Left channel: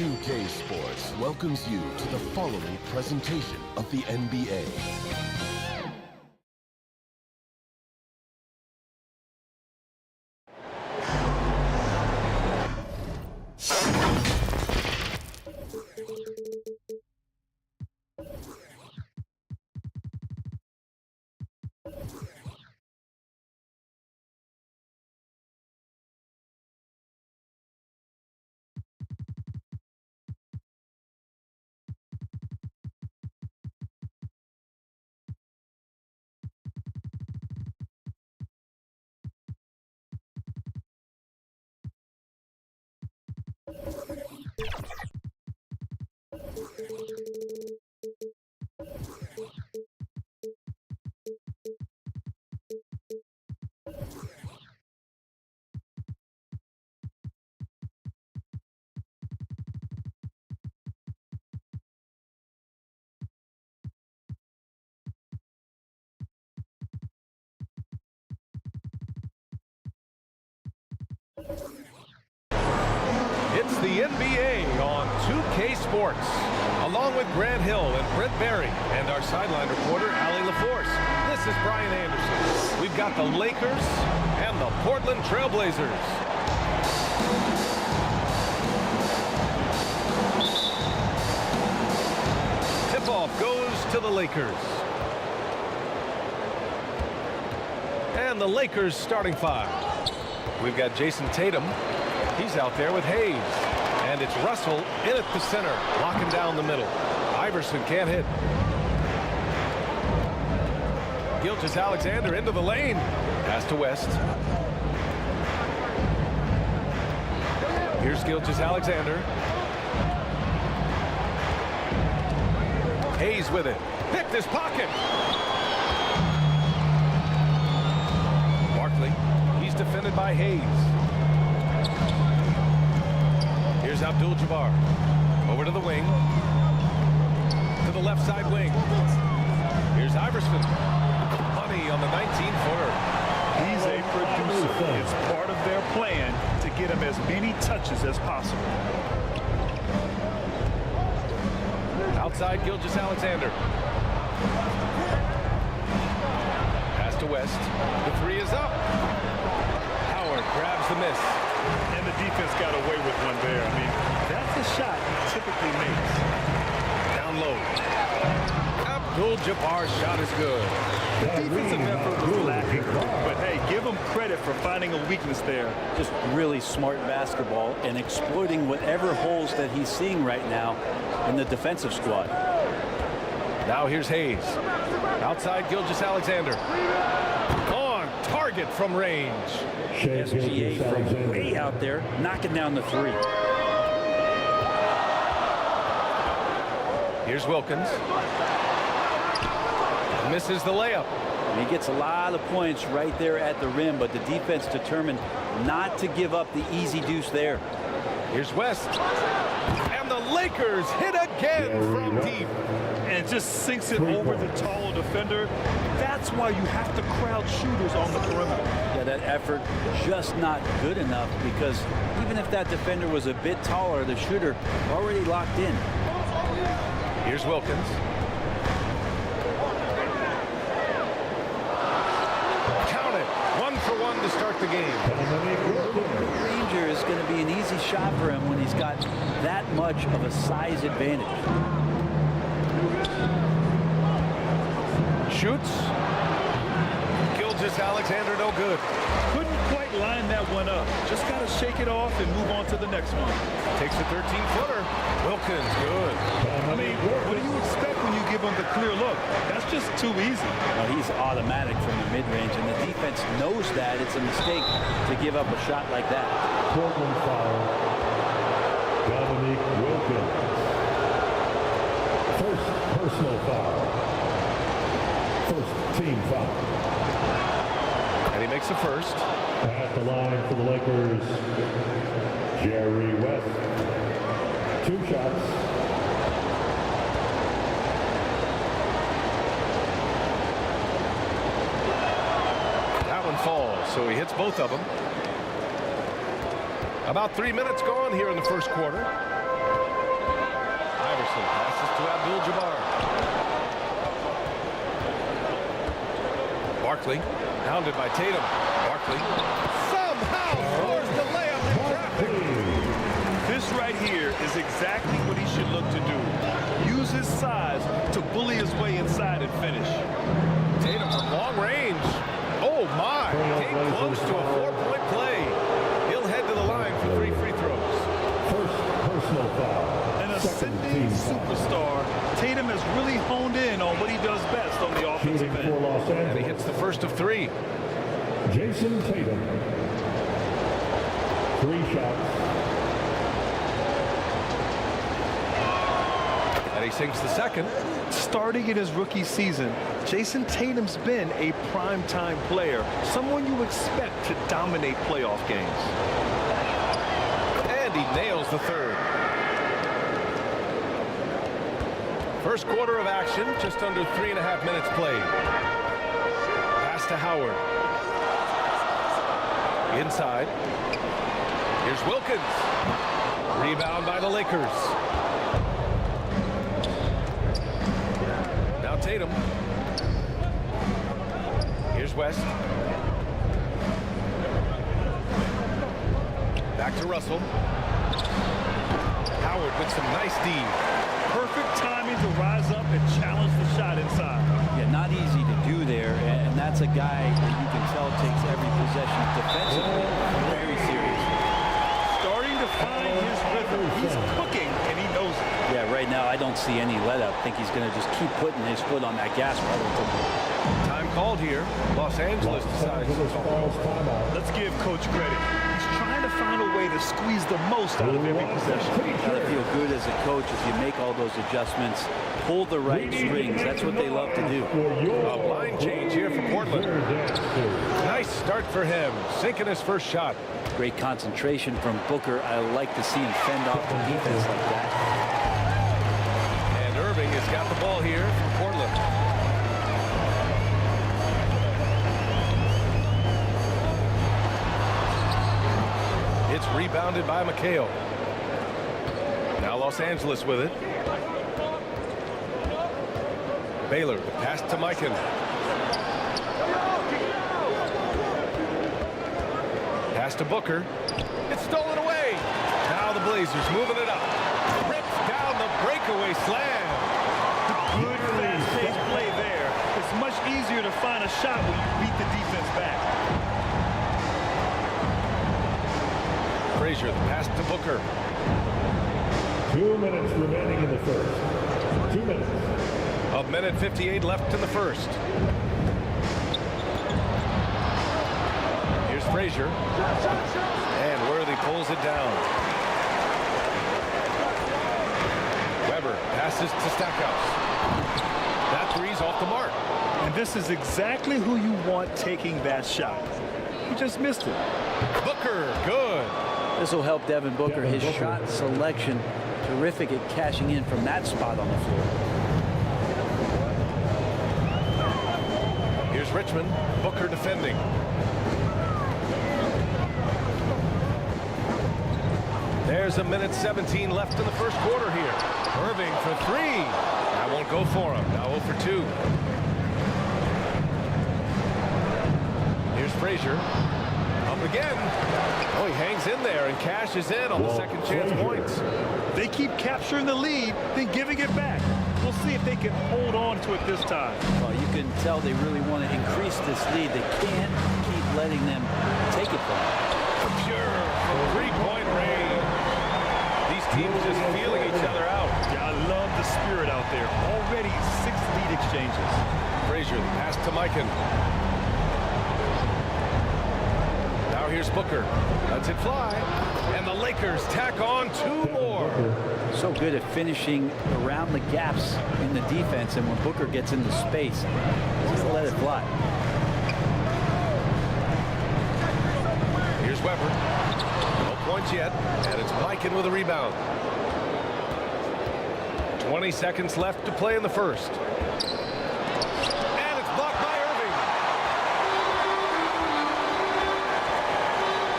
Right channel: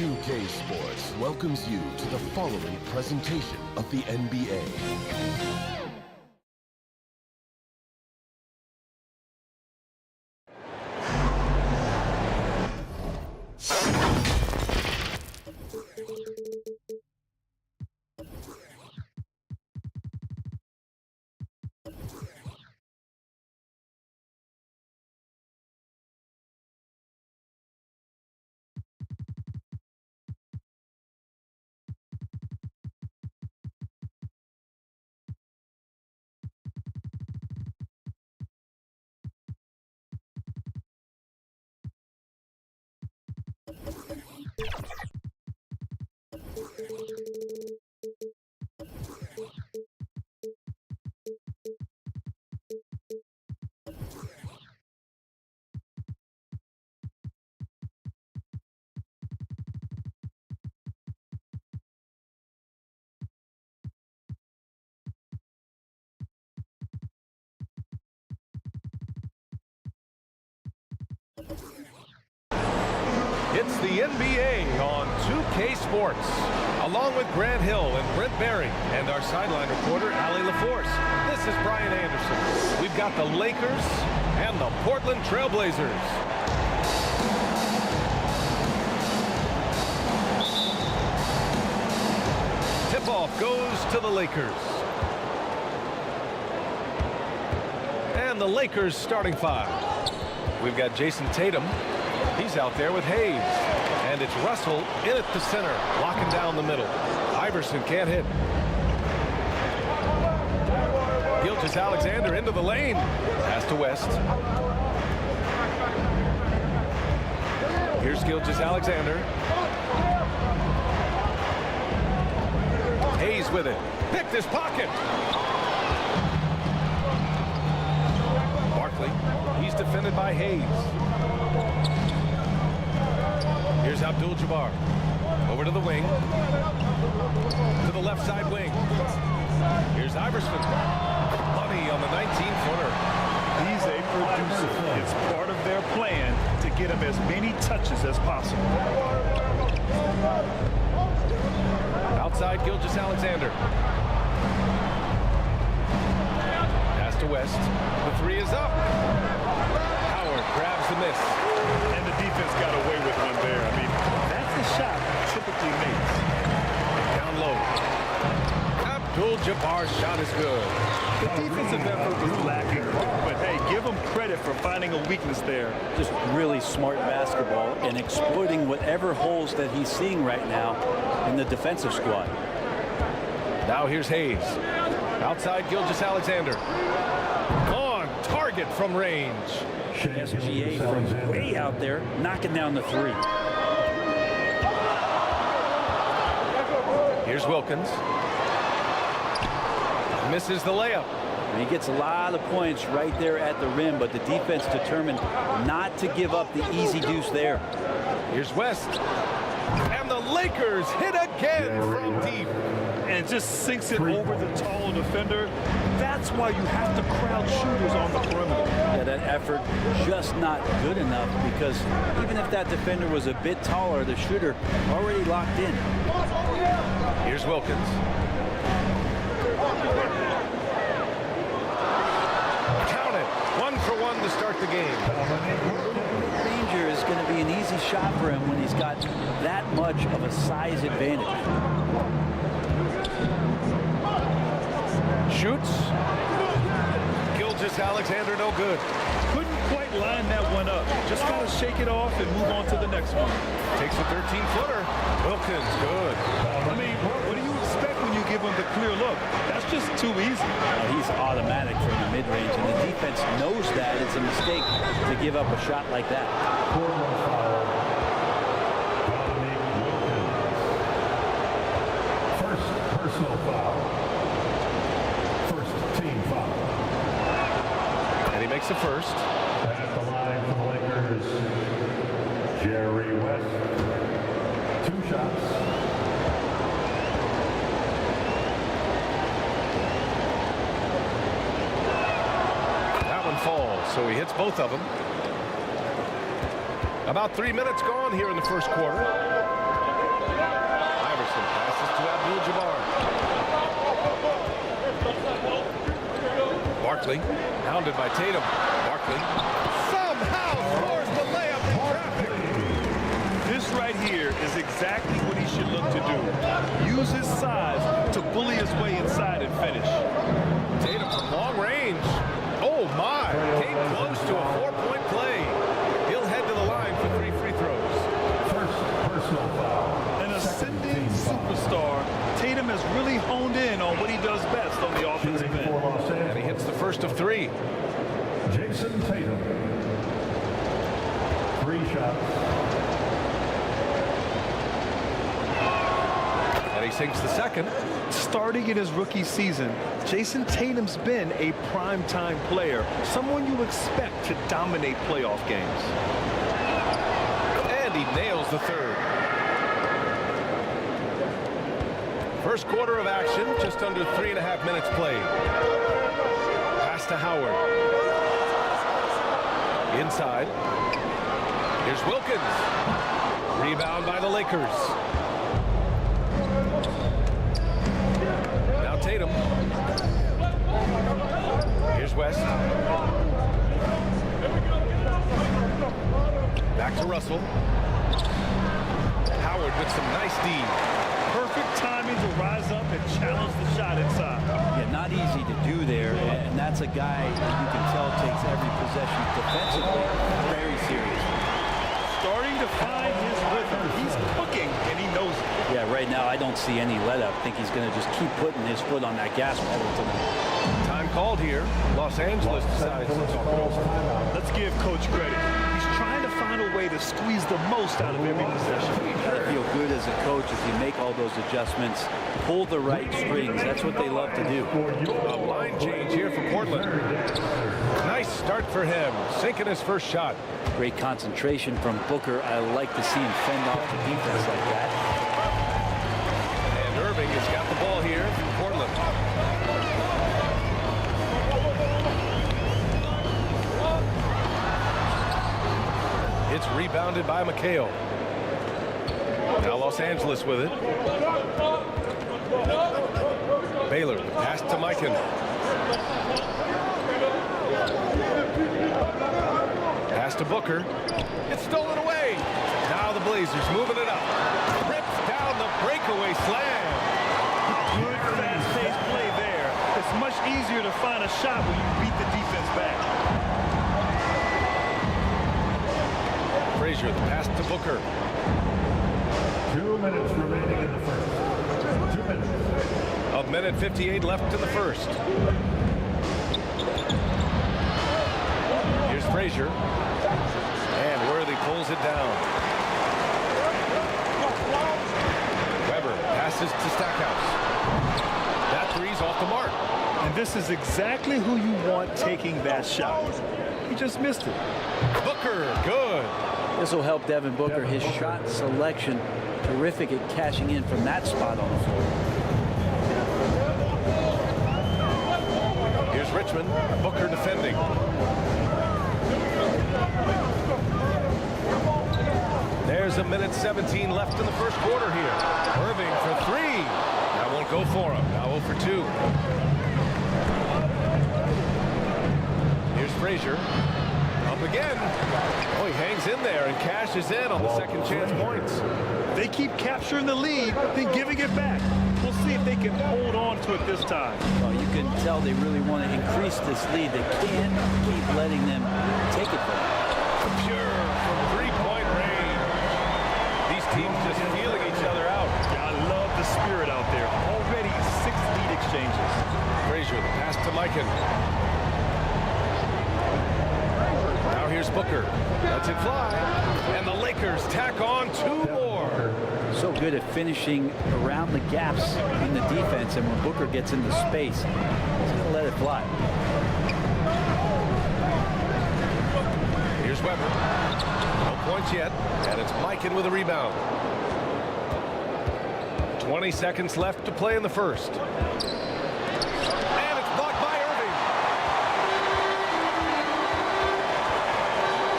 2K Sports welcomes you to the following presentation of the NBA. It's the NBA on 2K Sports, along with Grant Hill and Brent Berry, and our sideline reporter, Allie LaForce. This is Brian Anderson. We've got the Lakers and the Portland Trailblazers. Tip-off goes to the Lakers. And the Lakers starting five. We've got Jason Tatum. He's out there with Hayes. And it's Russell in at the center, locking down the middle. Iverson can't hit. Gilgeous-Alexander into the lane. Pass to West. Here's Gilgeous-Alexander. Hayes with it. Picked his pocket. Barkley. He's defended by Hayes. Here's Abdul-Jabbar. Over to the wing. To the left side wing. Here's Iverson. Money on the 19-footer. He's a producer. It's part of their plan to get him as many touches as possible. Outside Gilgeous-Alexander. Pass to West. The three is up. Howard grabs the miss. And the defense got away with one there. I mean, that's the shot he typically makes. Down low. Abdul-Jabbar's shot is good. The defensive effort was lacking, but hey, give him credit for finding a weakness there. Just really smart basketball and exploiting whatever holes that he's seeing right now in the defensive squad. Now here's Hayes. Outside Gilgeous-Alexander. On target from range. SGA from way out there, knocking down the three. Here's Wilkins. Misses the layup. He gets a lot of points right there at the rim, but the defense determined not to give up the easy deuce there. Here's West. And the Lakers hit again from deep. And just sinks it over the tall defender. That's why you have to crowd shooters on the perimeter. Yeah, that effort just not good enough, because even if that defender was a bit taller, the shooter already locked in. Here's Wilkins. Count it. 1-for-1 to start the game. Mid-ranger is going to be an easy shot for him when he's got that much of a size advantage. Shoots. Gilgeous-Alexander, no good. Couldn't quite line that one up. Just got to shake it off and move on to the next one. Takes a 13-footer. Wilkins, good. I mean, what do you expect when you give him the clear look? That's just too easy. He's automatic from the mid-range, and the defense knows that it's a mistake to give up a shot like that. Portland foul. Wilkins. First personal foul. First team foul. And he makes a first. At the line for the Lakers, Jerry West. 2 shots. That one falls, so he hits both of them. About 3 minutes gone here in the first quarter. Iverson passes to Abdul-Jabbar. Barkley, hounded by Tatum. Barkley somehow scores the layup in traffic. This right here is exactly what he should look to do. Use his size to bully his way inside and finish. Tatum from long range. Oh my, came close to a 4-point play. He'll head to the line for 3 free throws. First personal foul. An Second ascending team foul. superstar, Tatum has really honed in on what he does best on the offensive Shooting for end. Los Angeles. And he hits the first of 3. Jason Tatum. 3 shots. And he sinks the second. Starting in his rookie season, Jason Tatum's been a prime-time player, someone you expect to dominate playoff games. And he nails the third. First quarter of action, just under 3.5 minutes played. Pass to Howard. Inside. Here's Wilkins. Rebound by the Lakers. Now Tatum. Here's West. Back to Russell. Howard with some nice D. Perfect timing to rise up and challenge the shot inside. Yeah, not easy to do there, and that's a guy that you can tell takes every possession defensively very seriously. Starting to find his rhythm. He's cooking, and he knows it. Yeah, right now I don't see any let up. I think he's going to just keep putting his foot on that gas pedal tonight. Time called here. Los Angeles decides to talk it over. Let's give Coach credit. He's trying to find a way to squeeze the most out of every possession. Got to feel good as a coach if you make all those adjustments, pull the right strings. That's what they love to do. A line change here for Portland. Nice start for him, sinking his first shot. Great concentration from Booker. I like to see him fend off the defense like that. And Irving has got the ball here for Portland. It's rebounded by McHale. Now Los Angeles with it. Baylor, the pass to Mikan. Pass to Booker. It's stolen away. Now the Blazers moving it up. Rips down the breakaway slam. Good fast-paced play there. It's much easier to find a shot when you beat the defense back. Frazier, the pass to Booker. 2 minutes remaining in the first. 2 minutes. A minute 58 left in the first. Here's Frazier. And Worthy pulls it down. Weber passes to Stackhouse. That three's off the mark. And this is exactly who you want taking that shot. He just missed it. Booker, good. This will help Devin Booker. His shot selection, terrific at cashing in from that spot on the floor. Here's Richmond. Booker defending. There's a minute 17 left in the first quarter here. Irving for 3. That won't go for him. Now 0 for 2. Here's Frazier. Up again. Oh, he hangs in there and cashes in on the second chance points. They keep capturing the lead, then giving it back. We'll see if they can hold on to it this time. Well, you can tell they really want to increase this lead. They can't keep letting them take it from them. Pure from 3-point range. These teams just feeling each other out. Yeah, I love the spirit out there. Already 6 lead exchanges. Frazier, the pass to Mikan. Now here's Booker. Lets it fly. And the Lakers tack on 2 more. So good at finishing around the gaps in the defense, and when Booker gets into space, he's going to let it fly. Here's Weber. No points yet, and it's Mikan with a rebound. 20 seconds left to play in the first. And it's blocked by Irving.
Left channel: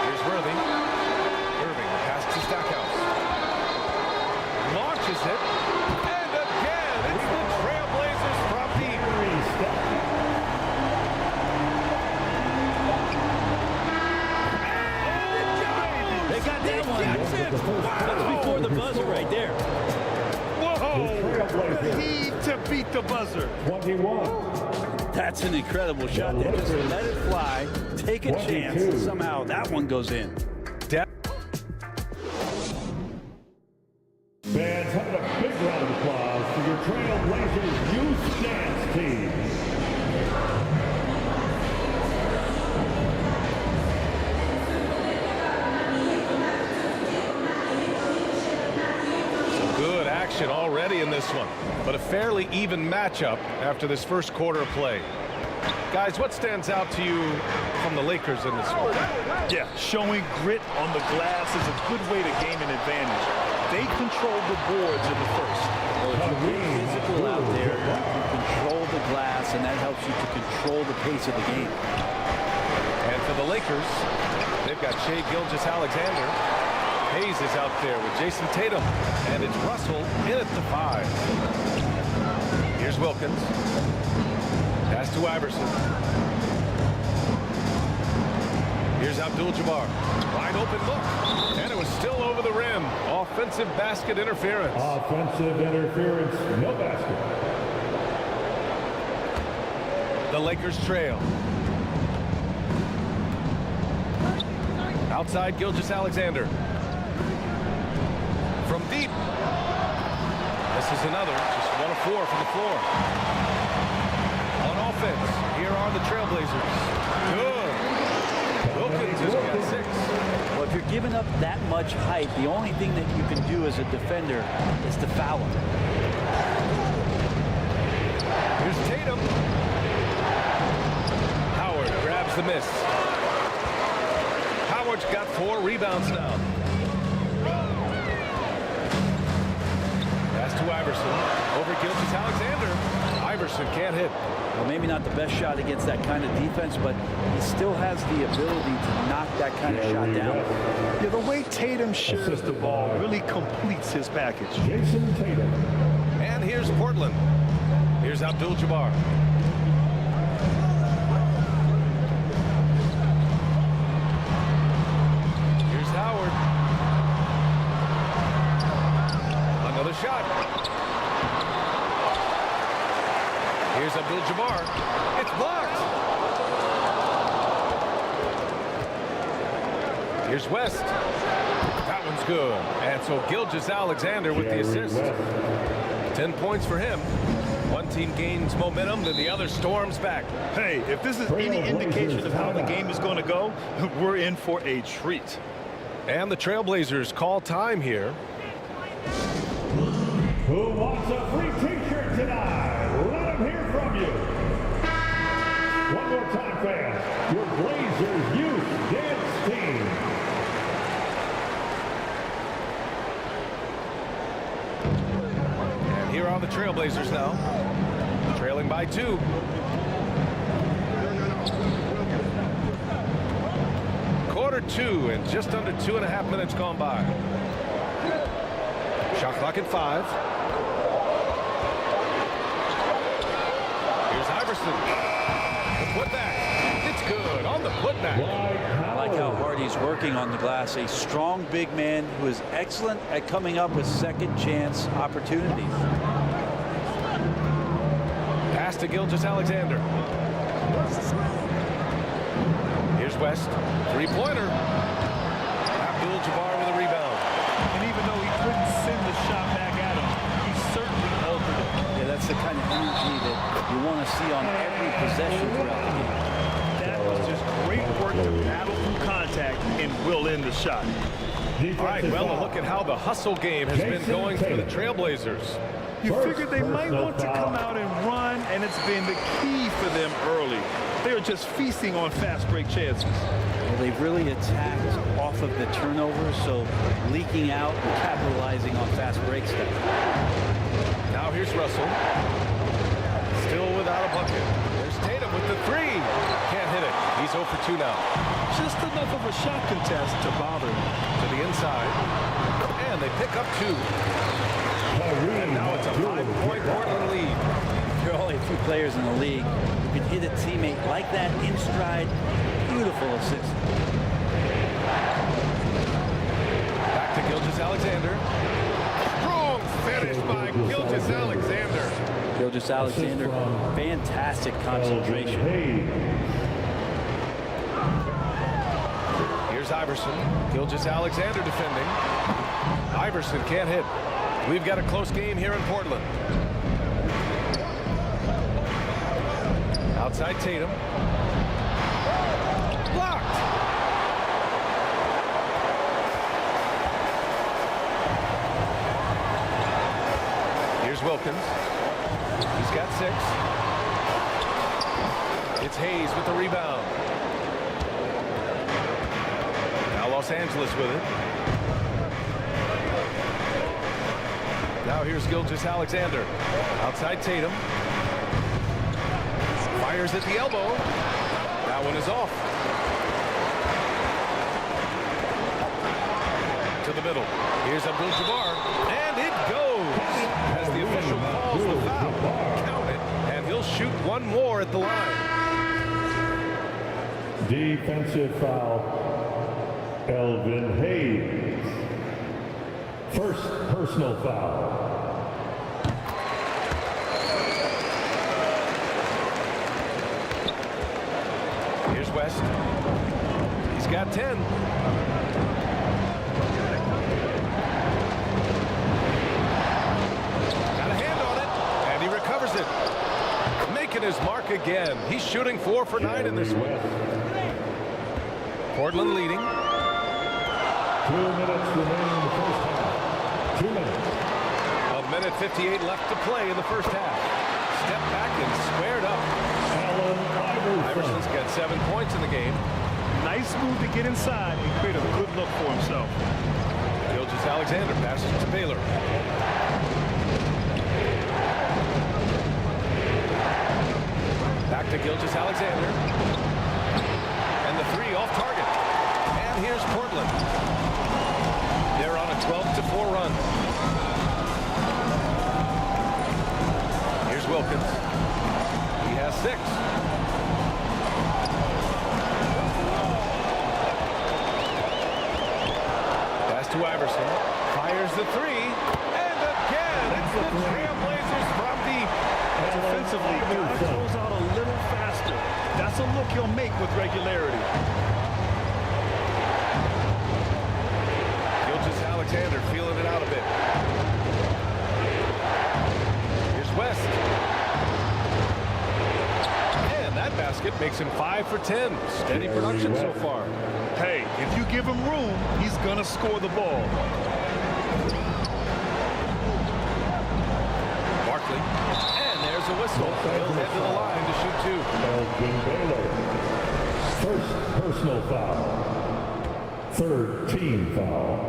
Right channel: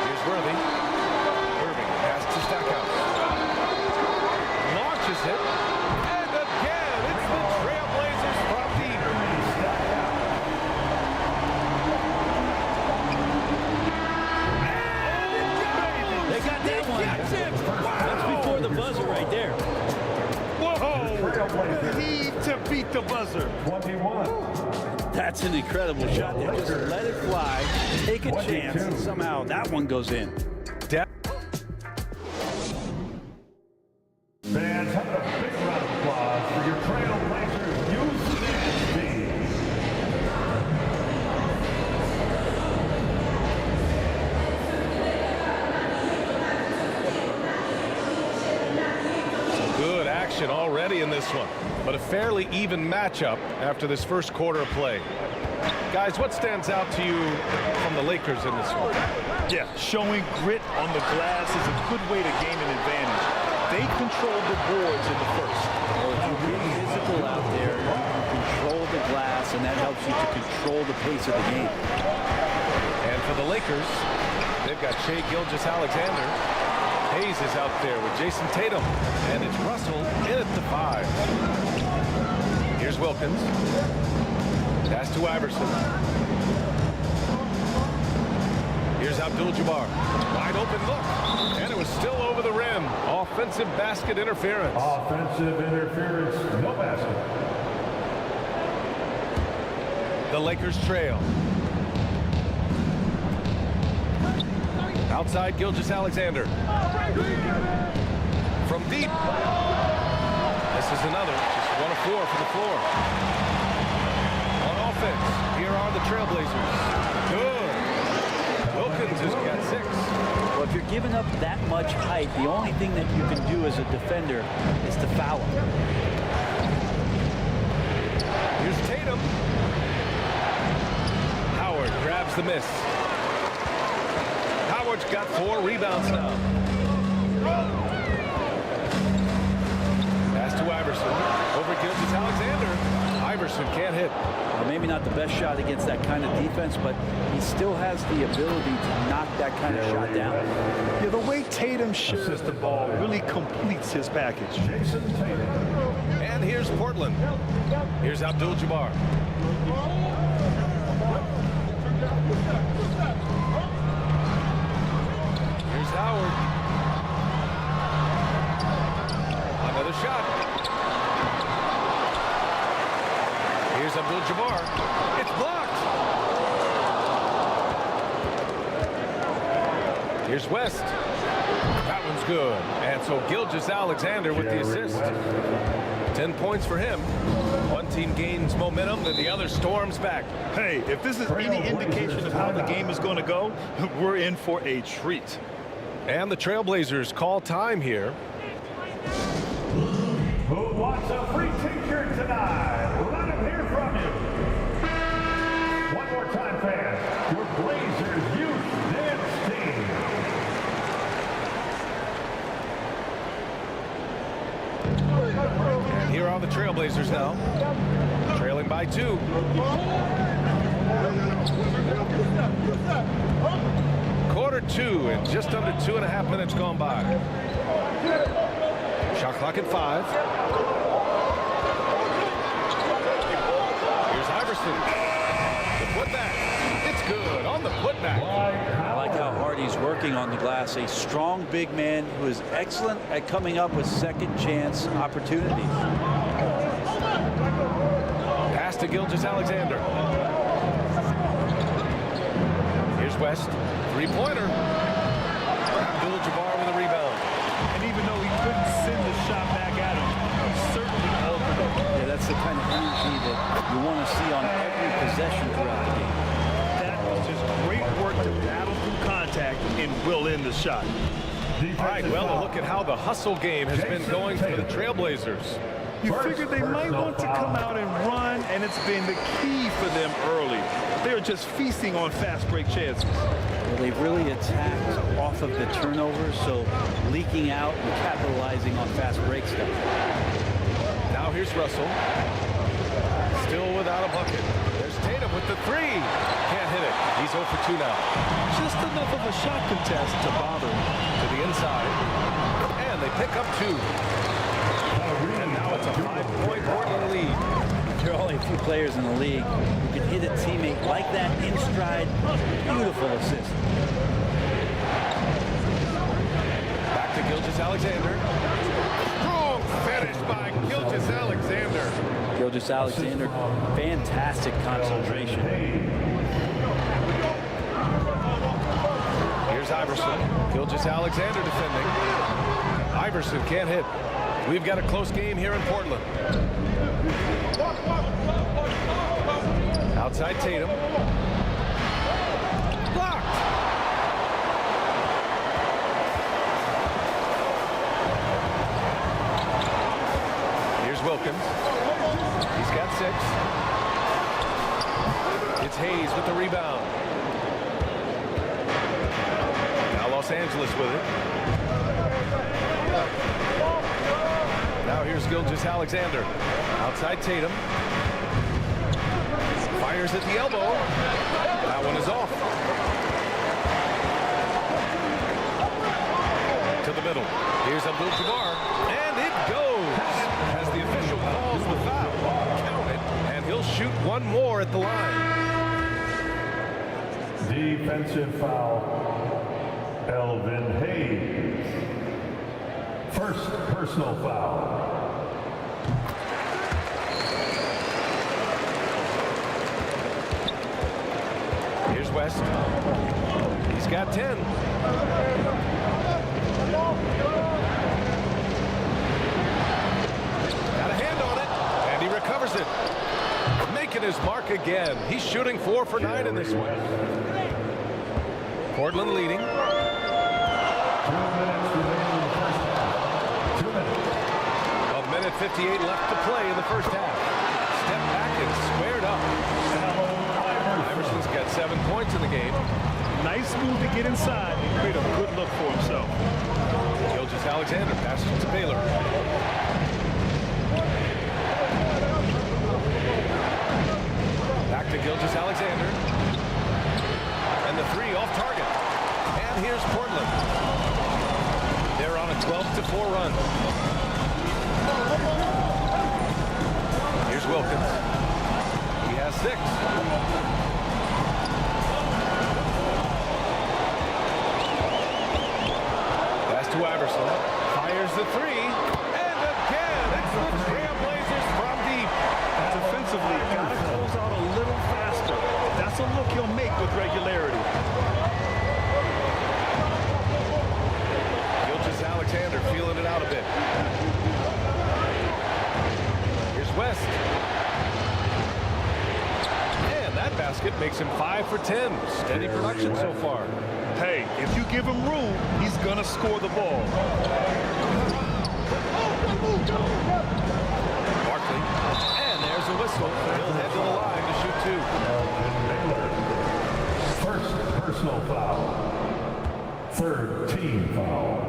Here's Worthy. Irving pass to Stackhouse. Launches it. got that one. That's before the buzzer right there. Whoa! The heave to beat the buzzer. 21. That's an incredible shot there. Just let it fly, take a chance, and somehow that one goes in. Fans, have a big round of applause for your Trailblazers youth dance team. Good action already in this one, but a fairly even matchup after this first quarter of play. Guys, what stands out to you from the Lakers in this one? Yeah, showing grit on the glass is a good way to gain an advantage. They controlled the boards in the first. Well, if you get physical out there, you can control the glass, and that helps you to control the pace of the game. And for the Lakers, they've got Shai Gilgeous-Alexander. Hayes is out there with Jason Tatum, and it's Russell in at the 5. Here's Wilkins. Pass to Iverson. Here's Abdul-Jabbar. Wide open look, and it was still over the rim. Offensive basket interference. Offensive interference, no basket. The Lakers trail. Outside Gilgeous-Alexander. From deep. This is another, just 1 of 4 from the floor. On offense, here are the Trailblazers. Good. Wilkins has got 6. Well, if you're giving up that much height, the only thing that you can do as a defender is to foul him. Here's Tatum. Howard grabs the miss. Howard's got 4 rebounds now. Pass to Iverson. Over Gilgeous-Alexander. Iverson can't hit. Well, maybe not the best shot against that kind of defense, but he still has the ability to knock that kind of shot down. Yeah, the way Tatum shares the ball really completes his package. Jason Tatum. And here's Portland. Here's Abdul-Jabbar. Here's Howard. Another shot. Here's Abdul-Jabbar. It's blocked. Here's West. That one's good. And so Gilgeous-Alexander with the assist. 10 points for him. One team gains momentum, then the other storms back. Hey, if this is any indication of how the game is going to go, we're in for a treat. And the Trailblazers call time here. Who wants a free t-shirt tonight? Let him hear from you. One more time, fans. Your Blazers youth dance team. And here are the Trailblazers now, trailing by 2. Quarter 2 and just under 2.5 minutes gone by. Shot clock at 5. Here's Iverson. The putback. It's good on the putback. I like how hard he's working on the glass. A strong big man who is excellent at coming up with second chance opportunities. Pass to Gilgeous-Alexander. Here's West. 3-pointer. Abdul-Jabbar with a rebound. And even though he couldn't send the shot back at him, he certainly altered it. Yeah, that's the kind of energy that you want to see on every possession throughout the game. That was just great work to battle through contact and will in the shot. All right, well, a look at how the hustle game has been going for the Trailblazers. You figured they might want to come out and run, and it's been the key for them early. They're just feasting on fast break chances. Well, they've really attacked off of the turnovers, so leaking out and capitalizing on fast break stuff. Now here's Russell. Still without a bucket. There's Tatum with the 3. Can't hit it. He's 0 for 2 now. Just enough of a shot contest to bother him. To the inside. And they pick up 2. And now it's a 5-point Portland lead. There are only a few players in the league who can hit a teammate like that in stride. Beautiful assist. Gilgeous-Alexander. Strong finish by Gilgeous-Alexander. Gilgeous-Alexander, fantastic concentration. Here's Iverson. Gilgeous-Alexander defending. Iverson can't hit. We've got a close game here in Portland. Outside Tatum. Blocked. Here's Wilkins. He's got 6. It's Hayes with the rebound. Now Los Angeles with it. Now here's Gilgeous-Alexander. Outside Tatum. Fires at the elbow. That one is off. To the middle. Here's Abdul-Jabbar. And it goes. As the official calls the foul. Count it. And he'll shoot one more at the line. Defensive foul. Elvin Hayes. First personal foul. Here's West. He's got 10. Got a hand on it, and he recovers it. Making his mark again. He's shooting 4 for 9 in this one. Portland leading. 2 minutes remaining in the first half. 2 minutes. A minute 58 left to play in the first half. Step back and squared up. Iverson's got 7 points in the game. Nice move to get inside and create a good look for himself. Gilgeous-Alexander passes to Baylor. Back to Gilgeous-Alexander. And the 3 off target. And here's Portland. They're on a 12-4 run. Here's Wilkins. He has 6. Pass to Iverson. Fires the 3. And again, it's the Trailblazers from deep. Defensively, gotta close out a little faster. That's a look he'll make with regularity. Gilgeous-Alexander feeling it out a bit. Here's West. And that basket makes him 5 for 10. Steady production so far. Hey, if you give him room, he's gonna score the ball. Barkley. And there's a whistle. He'll head to the line to shoot 2. Elgin Baylor. First personal foul. Third team foul.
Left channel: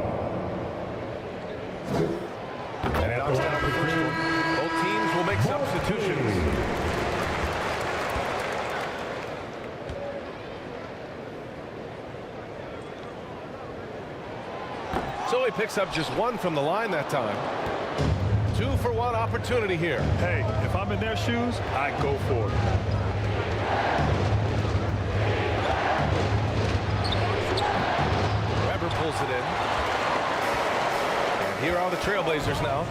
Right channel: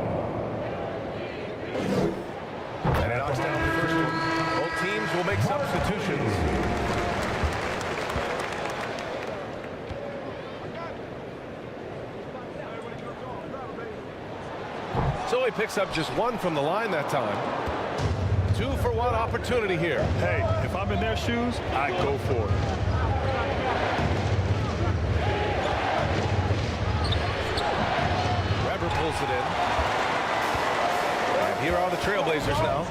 And he knocks down the first one. Both teams will make substitutions. So he picks up just 1 from the line that time. 2 for 1 opportunity here. Hey, if I'm in their shoes, I go for it. Weber pulls it in. And here are the Trailblazers now.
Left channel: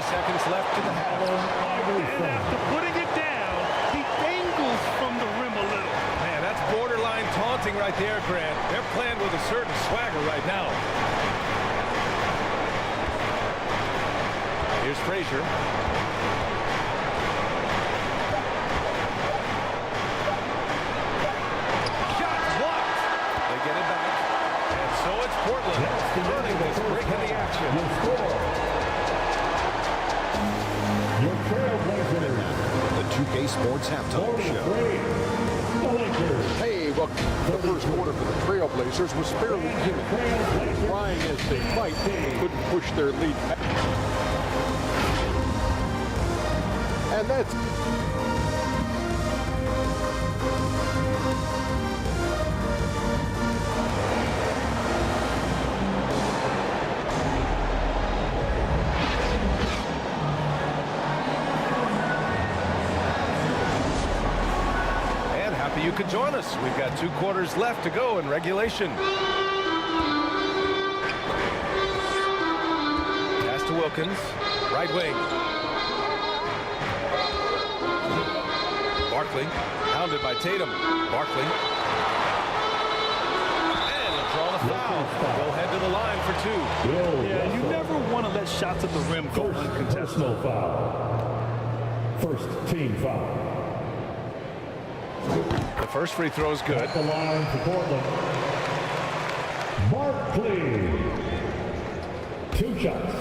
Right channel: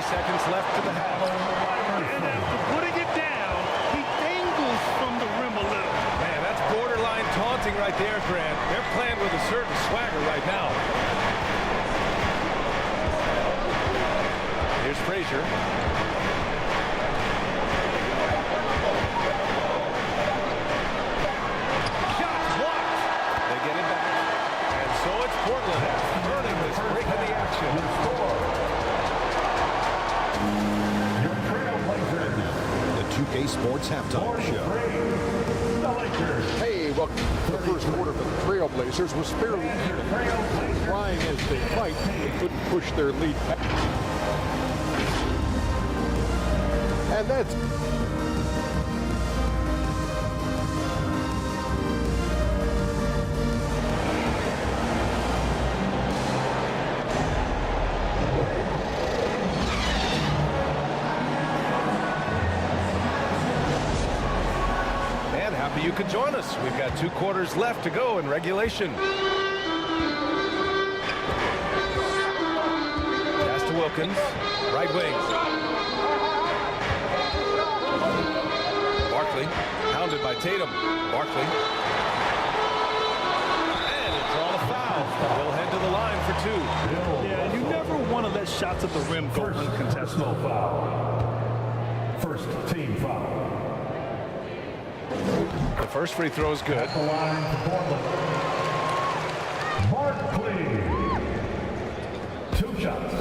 Seconds left in the half. And after putting it down, he dangles from the rim a little. Man, that's borderline taunting right there, Grant. They're playing with a certain swagger right now. Here's Frazier. Shots blocked. They get it back. And so it's Portland earning this break in the action. Your Trailblazers. The 2K Sports Halftime Show. The Lakers. Hey, well, the first quarter for the Trailblazers was fairly even. Trying as they might, they couldn't push their lead back. And that's And happy you could join us. We've got 2 quarters left to go in regulation. Pass to Wilkins, right wing. Barkley, hounded by Tatum. Barkley. And he'll draw the foul. He'll head to the line for 2. Yeah, you never want to let shots at the rim go uncontested. Personal foul. First team foul. The first free throw is good. At the line for Portland. Barkley. 2 shots.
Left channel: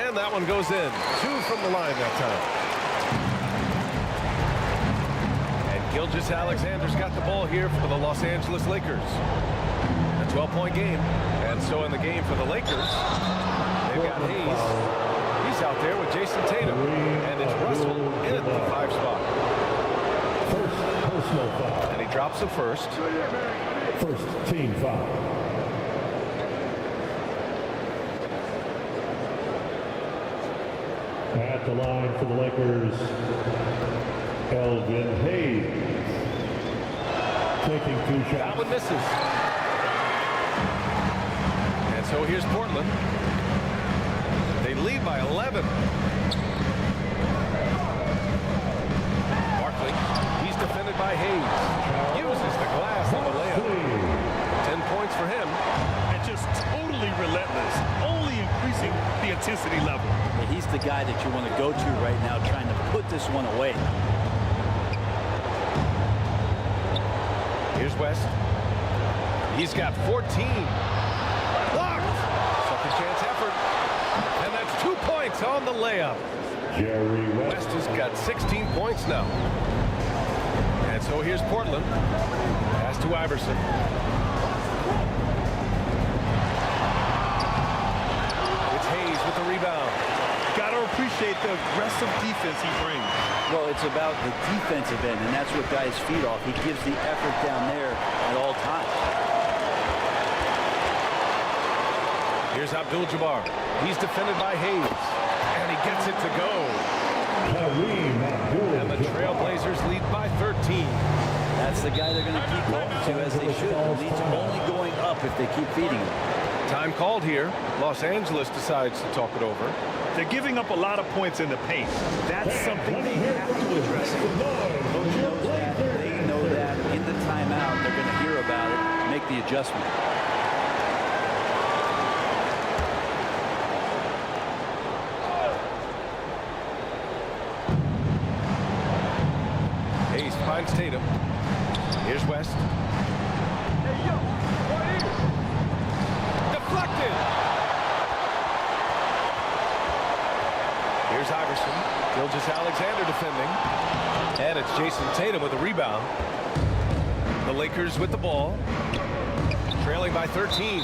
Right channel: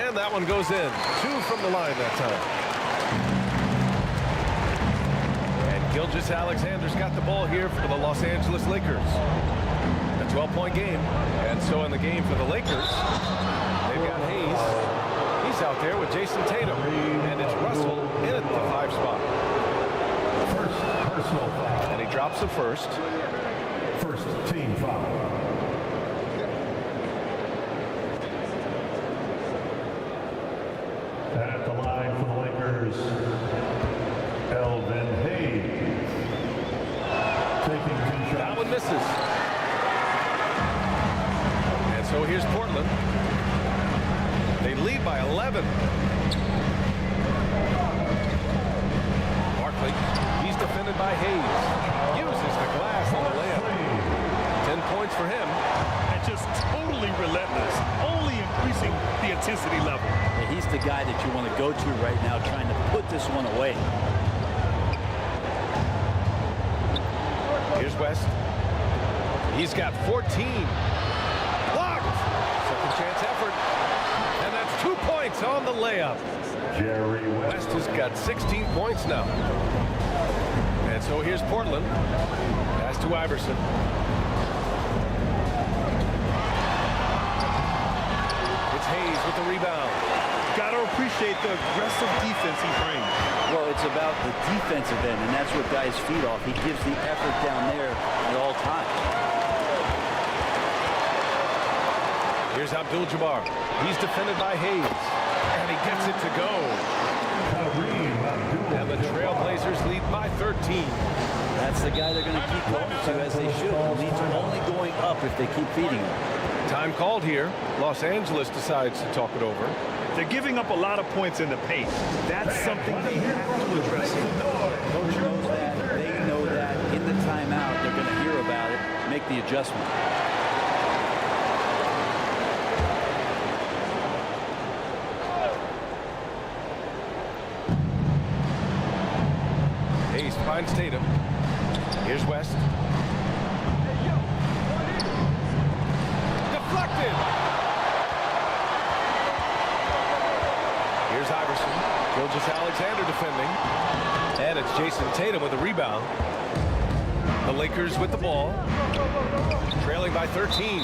And that one goes in. 2 from the line that time. And Gilgeous-Alexander's got the ball here for the Los Angeles Lakers. A 12-point game. And so in the game for the Lakers, they've got Hayes. He's out there with Jason Tatum. And it's Russell in at the 5 spot. First personal foul. And he drops the first. First team foul. At the line for the Lakers, Elvin Hayes. Taking 2 shots. That one misses. And so here's Portland. They lead by 11. Barkley, he's defended by Hayes. Uses the glass on the layup. 10 points for him. And just totally relentless, only increasing the intensity level. Yeah, he's the guy that you want to go to right now, trying to put this one away. Here's West. He's got 14. Blocked. Second chance effort. And that's 2 points on the layup. Jerry West has got 16 points now. And so here's Portland. Pass to Iverson. It's Hayes with the rebound. Got to appreciate the aggressive defense he brings. Well, it's about the defensive end, and that's what guys feed off. He gives the effort down there at all times. Here's Abdul-Jabbar. He's defended by Hayes. And he gets it to go. And the Trailblazers lead by 13. That's the guy they're going to keep going to, as they should. The lead's only going up if they keep feeding him. Time called here. Los Angeles decides to talk it over. They're giving up a lot of points in the paint. That's something they have to address. Coach knows that. They know that. In the timeout, they're going to hear about it, make the adjustment. Hayes finds Tatum. Here's West. Deflected. Here's Iverson. Gilgeous-Alexander defending. And it's Jason Tatum with a rebound. The Lakers with the ball. Trailing by 13.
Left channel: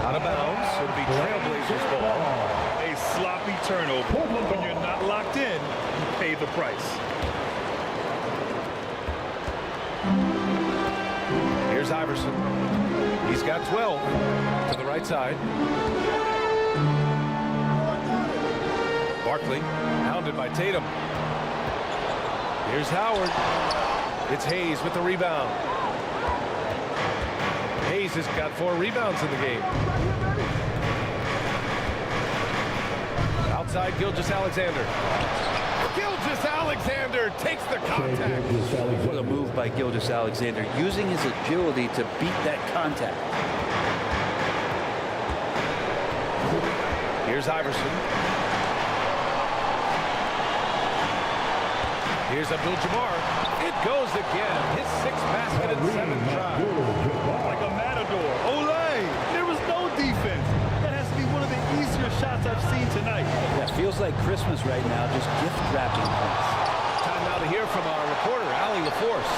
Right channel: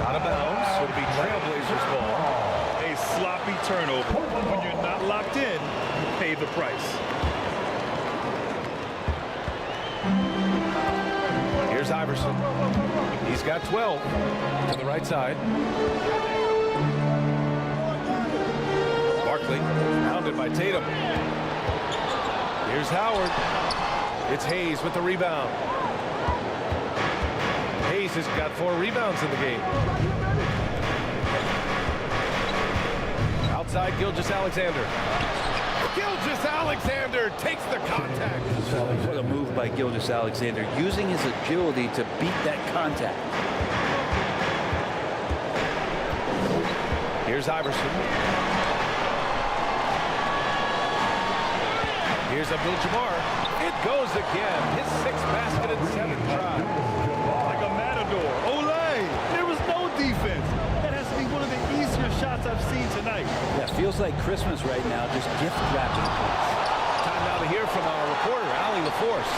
Out of bounds. It'll be Trailblazers ball. A sloppy turnover. When you're not locked in, you pay the price. Here's Iverson. He's got 12 to the right side. Barkley, hounded by Tatum. Here's Howard. It's Hayes with the rebound. Hayes has got 4 rebounds in the game. Outside, Gilgeous-Alexander. Gilgeous-Alexander takes the contact. What a move by Gilgeous-Alexander, using his agility to beat that contact. Here's Iverson. Here's Abdul-Jabbar. It goes again. His 6th basket in 7 tries. Like a matador. Olay! There was no defense. That has to be one of the easier shots I've seen tonight. Yeah, feels like Christmas right now, just gift wrapping points. Time now to hear from our reporter, Allie LaForce.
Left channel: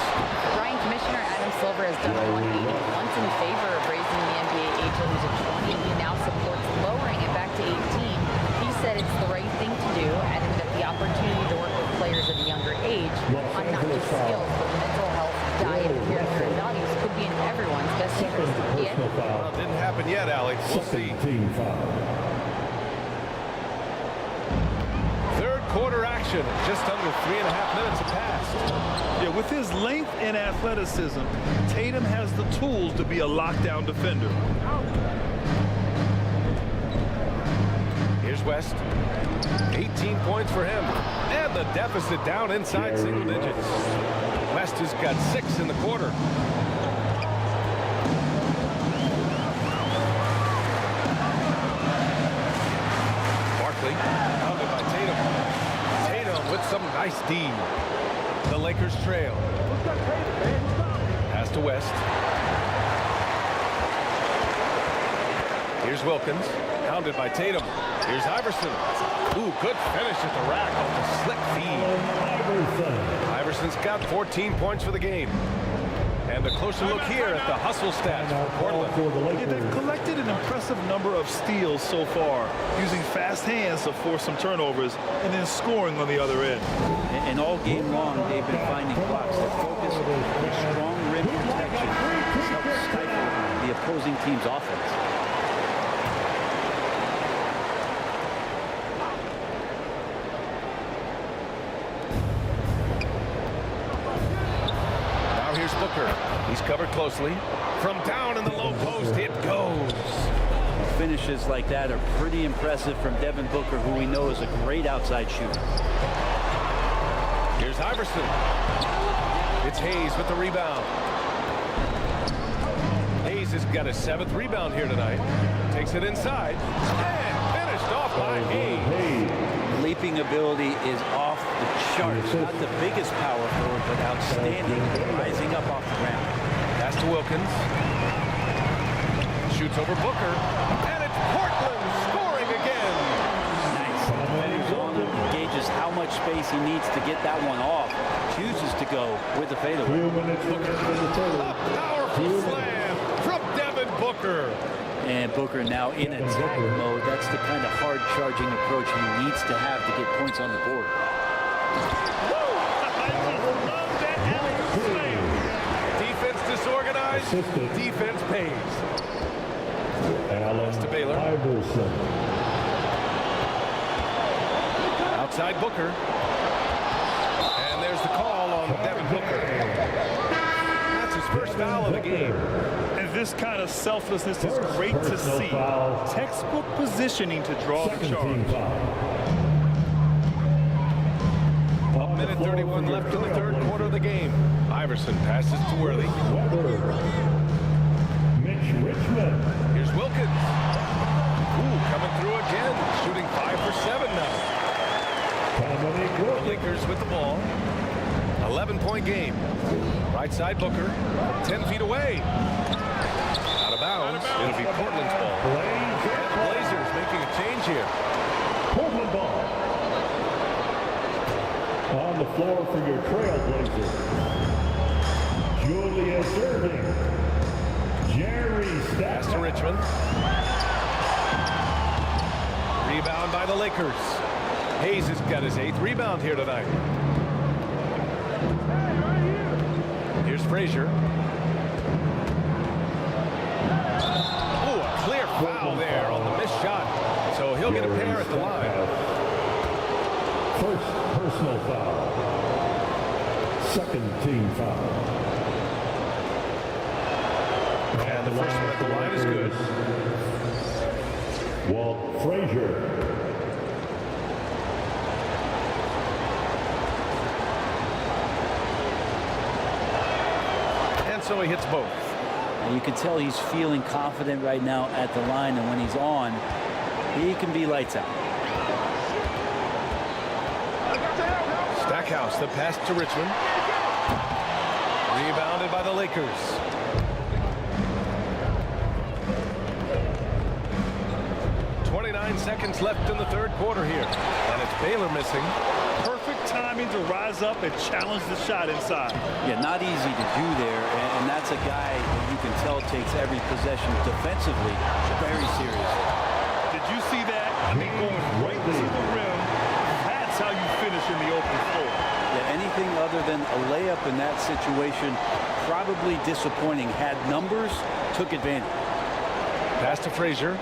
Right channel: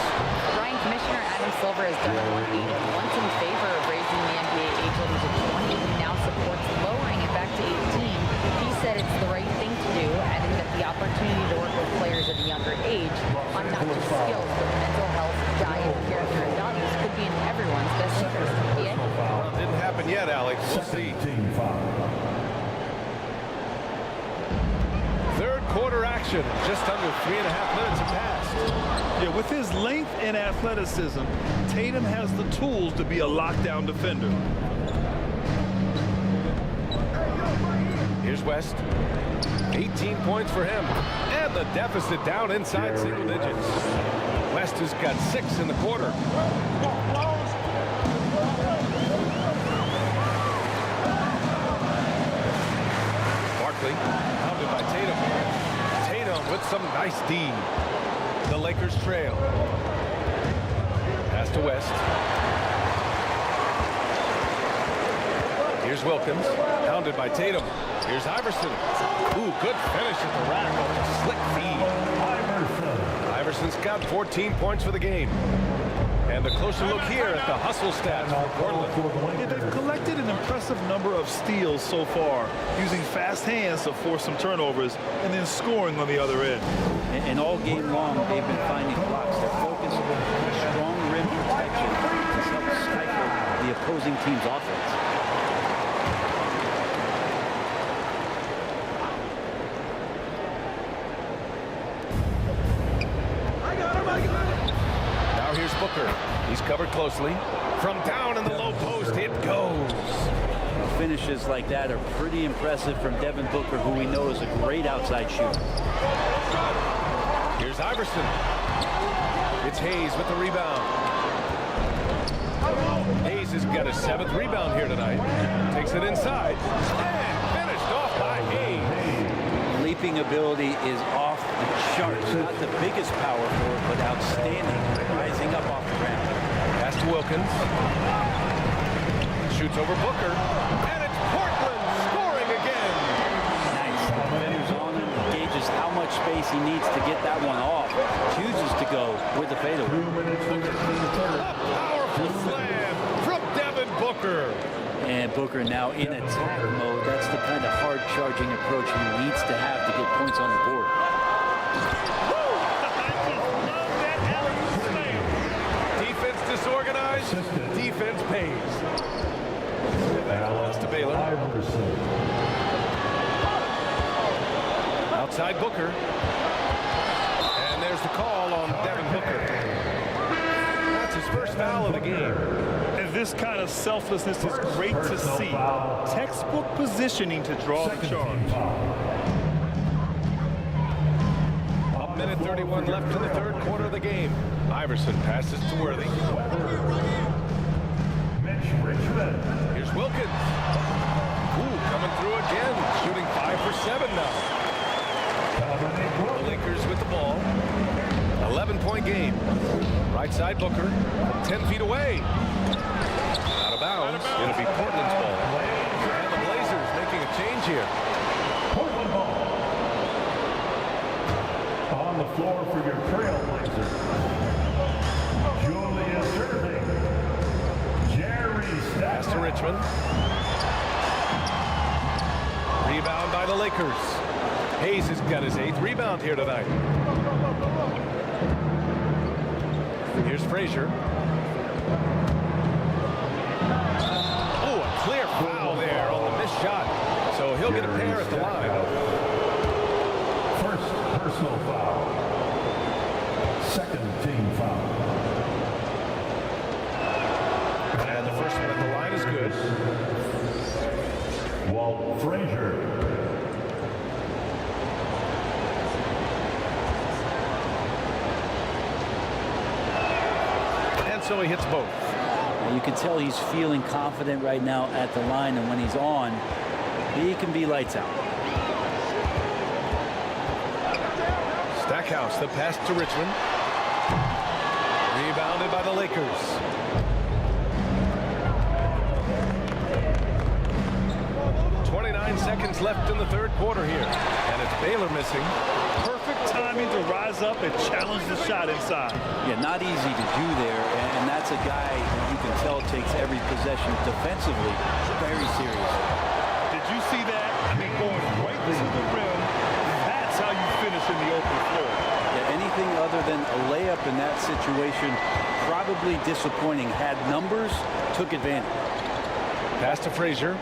Brian, Commissioner Adam Silver has done a 180 once in favor of raising the NBA age limit to 20. He now supports lowering it back to 18. He said it's the right thing to do, adding that the opportunity to work with players at a younger age on not just skills, but mental health, diet, character, and values could be in everyone's best interest. Yet, Well, it didn't happen yet, Allie. We'll see. Team foul. quarter action. Just under 3.5 minutes have passed. Yeah, with his length and athleticism, Tatum has the tools to be a lockdown defender. Here's West. 18 points for him. And the deficit down inside single digits. West has got 6 in the quarter. Barkley, pounded by Tatum. Tatum with some nice D. The Lakers trail. Pass to West. Here's Wilkins, pounded by Tatum. Here's Iverson. Ooh, good finish at the rack off the slick feed. Iverson's got 14 points for the game. And a closer look here at the hustle stats for Portland. Yeah, they've collected an impressive number of steals so far, using fast hands to force some turnovers and then scoring on the other end. And all game long, they've been finding blocks. Their focus on strong rim protection has helped stifle the opposing team's offense. Here's Booker. He's covered closely. From down in the low post, it goes. Finishes like that are pretty impressive from Devin Booker, who we know is a great outside shooter. Here's Iverson. It's Hayes with the rebound. Hayes has got his 7th rebound here tonight. Takes it inside. And finished off by Hayes. Leaping ability is off the charts. Not the biggest power forward, but outstanding at rising up off the ground. Pass to Wilkins. Shoots over Booker. And it's Portland scoring again. Nice. The defender's on him. He gauges how much space he needs to get that one off. Chooses to go with the fadeaway. A powerful slam from Devin Booker. And Booker now in attack mode. That's the kind of hard-charging approach he needs to have to get points on the board. I just love that alley-oop slam. Defense disorganized. Defense pays. Pass to Baylor. Outside Booker. And there's the call on Devin Booker. That's his first foul of the game. And this kind of selflessness is great to see. Textbook positioning to draw the charge. A minute 31 left in the third quarter of the game. Iverson passes to Worthy. Here's Wilkins. Ooh, coming through again. Shooting 5 for 7 now. The Lakers with the ball. 11-point game. Right side Booker. 10 feet away. Out of bounds. It'll be Portland's ball. And the Blazers making a change here. Portland ball. On the floor for your Trailblazers. Julius Erving. Jerry Pass to Richmond. Rebound by the Lakers. Hayes has got his 8th rebound here tonight. Here's Frazier. Oh, a clear foul there on the missed shot. So he'll get a pair at the line. First personal foul. Second team foul. And the first one at the line is good. Walt Frazier. And so he hits both. You can tell he's feeling confident right now at the line, and when he's on, he can be lights out. Stackhouse, the pass to Richmond. Rebounded by the Lakers. Seconds left in the third quarter here, and it's Baylor missing. Perfect timing to rise up and challenge the shot inside. Yeah, not easy to do there, and that's a guy that you can tell takes every possession defensively very seriously. Did you see that? I mean, going right to the rim. That's how you finish in the open floor. Yeah, anything other than a layup in that situation, probably disappointing. Had numbers, took advantage. Pass to Frazier.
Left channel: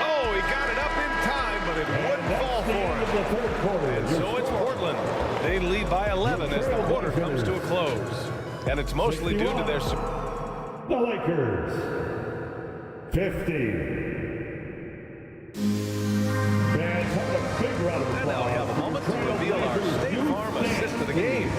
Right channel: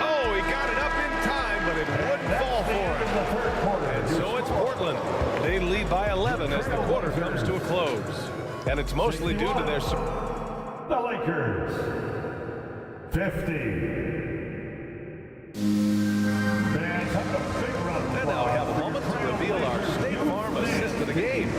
Oh, he got it up in time, but it wouldn't fall for him. And so it's Portland. They lead by 11 as the quarter comes to a close. And it's mostly due to their... The Lakers, 50. And now we have a moment to reveal our State Farm assist of the game.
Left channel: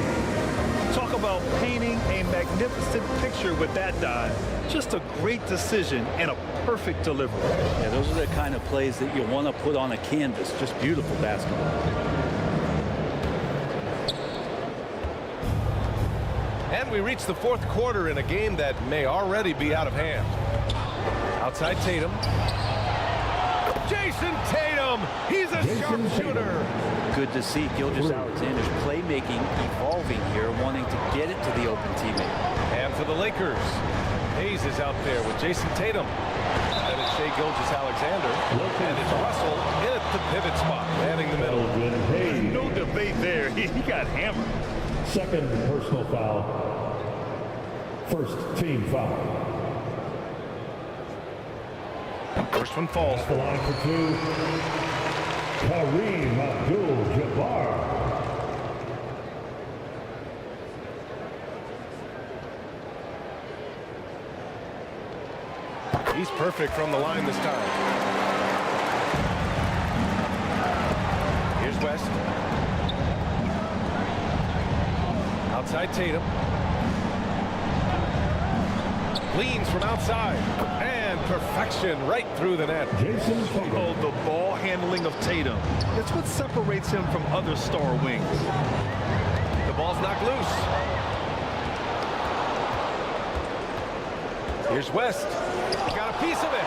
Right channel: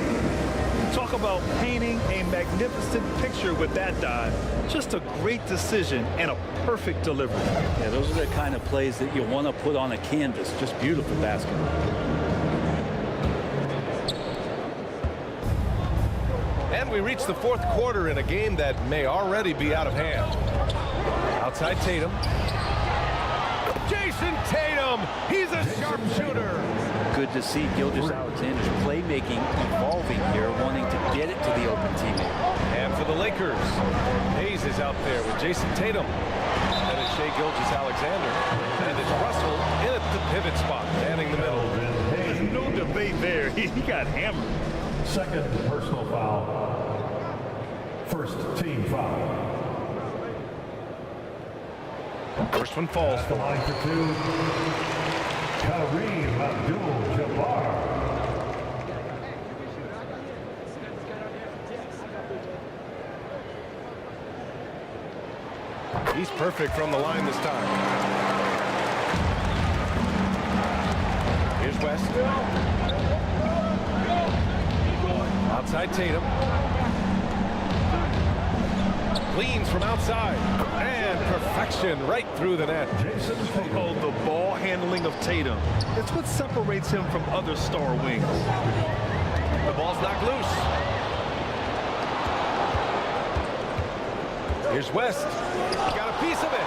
Talk about painting a magnificent picture with that dive. Just a great decision and a perfect delivery. Yeah, those are the kind of plays that you want to put on a canvas. Just beautiful basketball. And we reach the fourth quarter in a game that may already be out of hand. Outside Tatum. Jason Tatum! He's a sharpshooter! Good to see Gilgeous-Alexander's playmaking evolving here, wanting to get it to the open teammate. And for the Lakers, Hayes is out there with Jason Tatum. And it's Shai Gilgeous-Alexander. And it's Russell in at the pivot spot, manning the middle. No debate there. He got hammered. Second personal foul. First team foul. First one falls At the line for two. Kareem Abdul-Jabbar. He's perfect from the line this time. Here's West. Outside Tatum. Leans from outside. And perfection right through the net. Jason Tatum. Oh, the ball handling of Tatum. It's what separates him from other star wings. The ball's knocked loose. Here's West. He got a piece of it.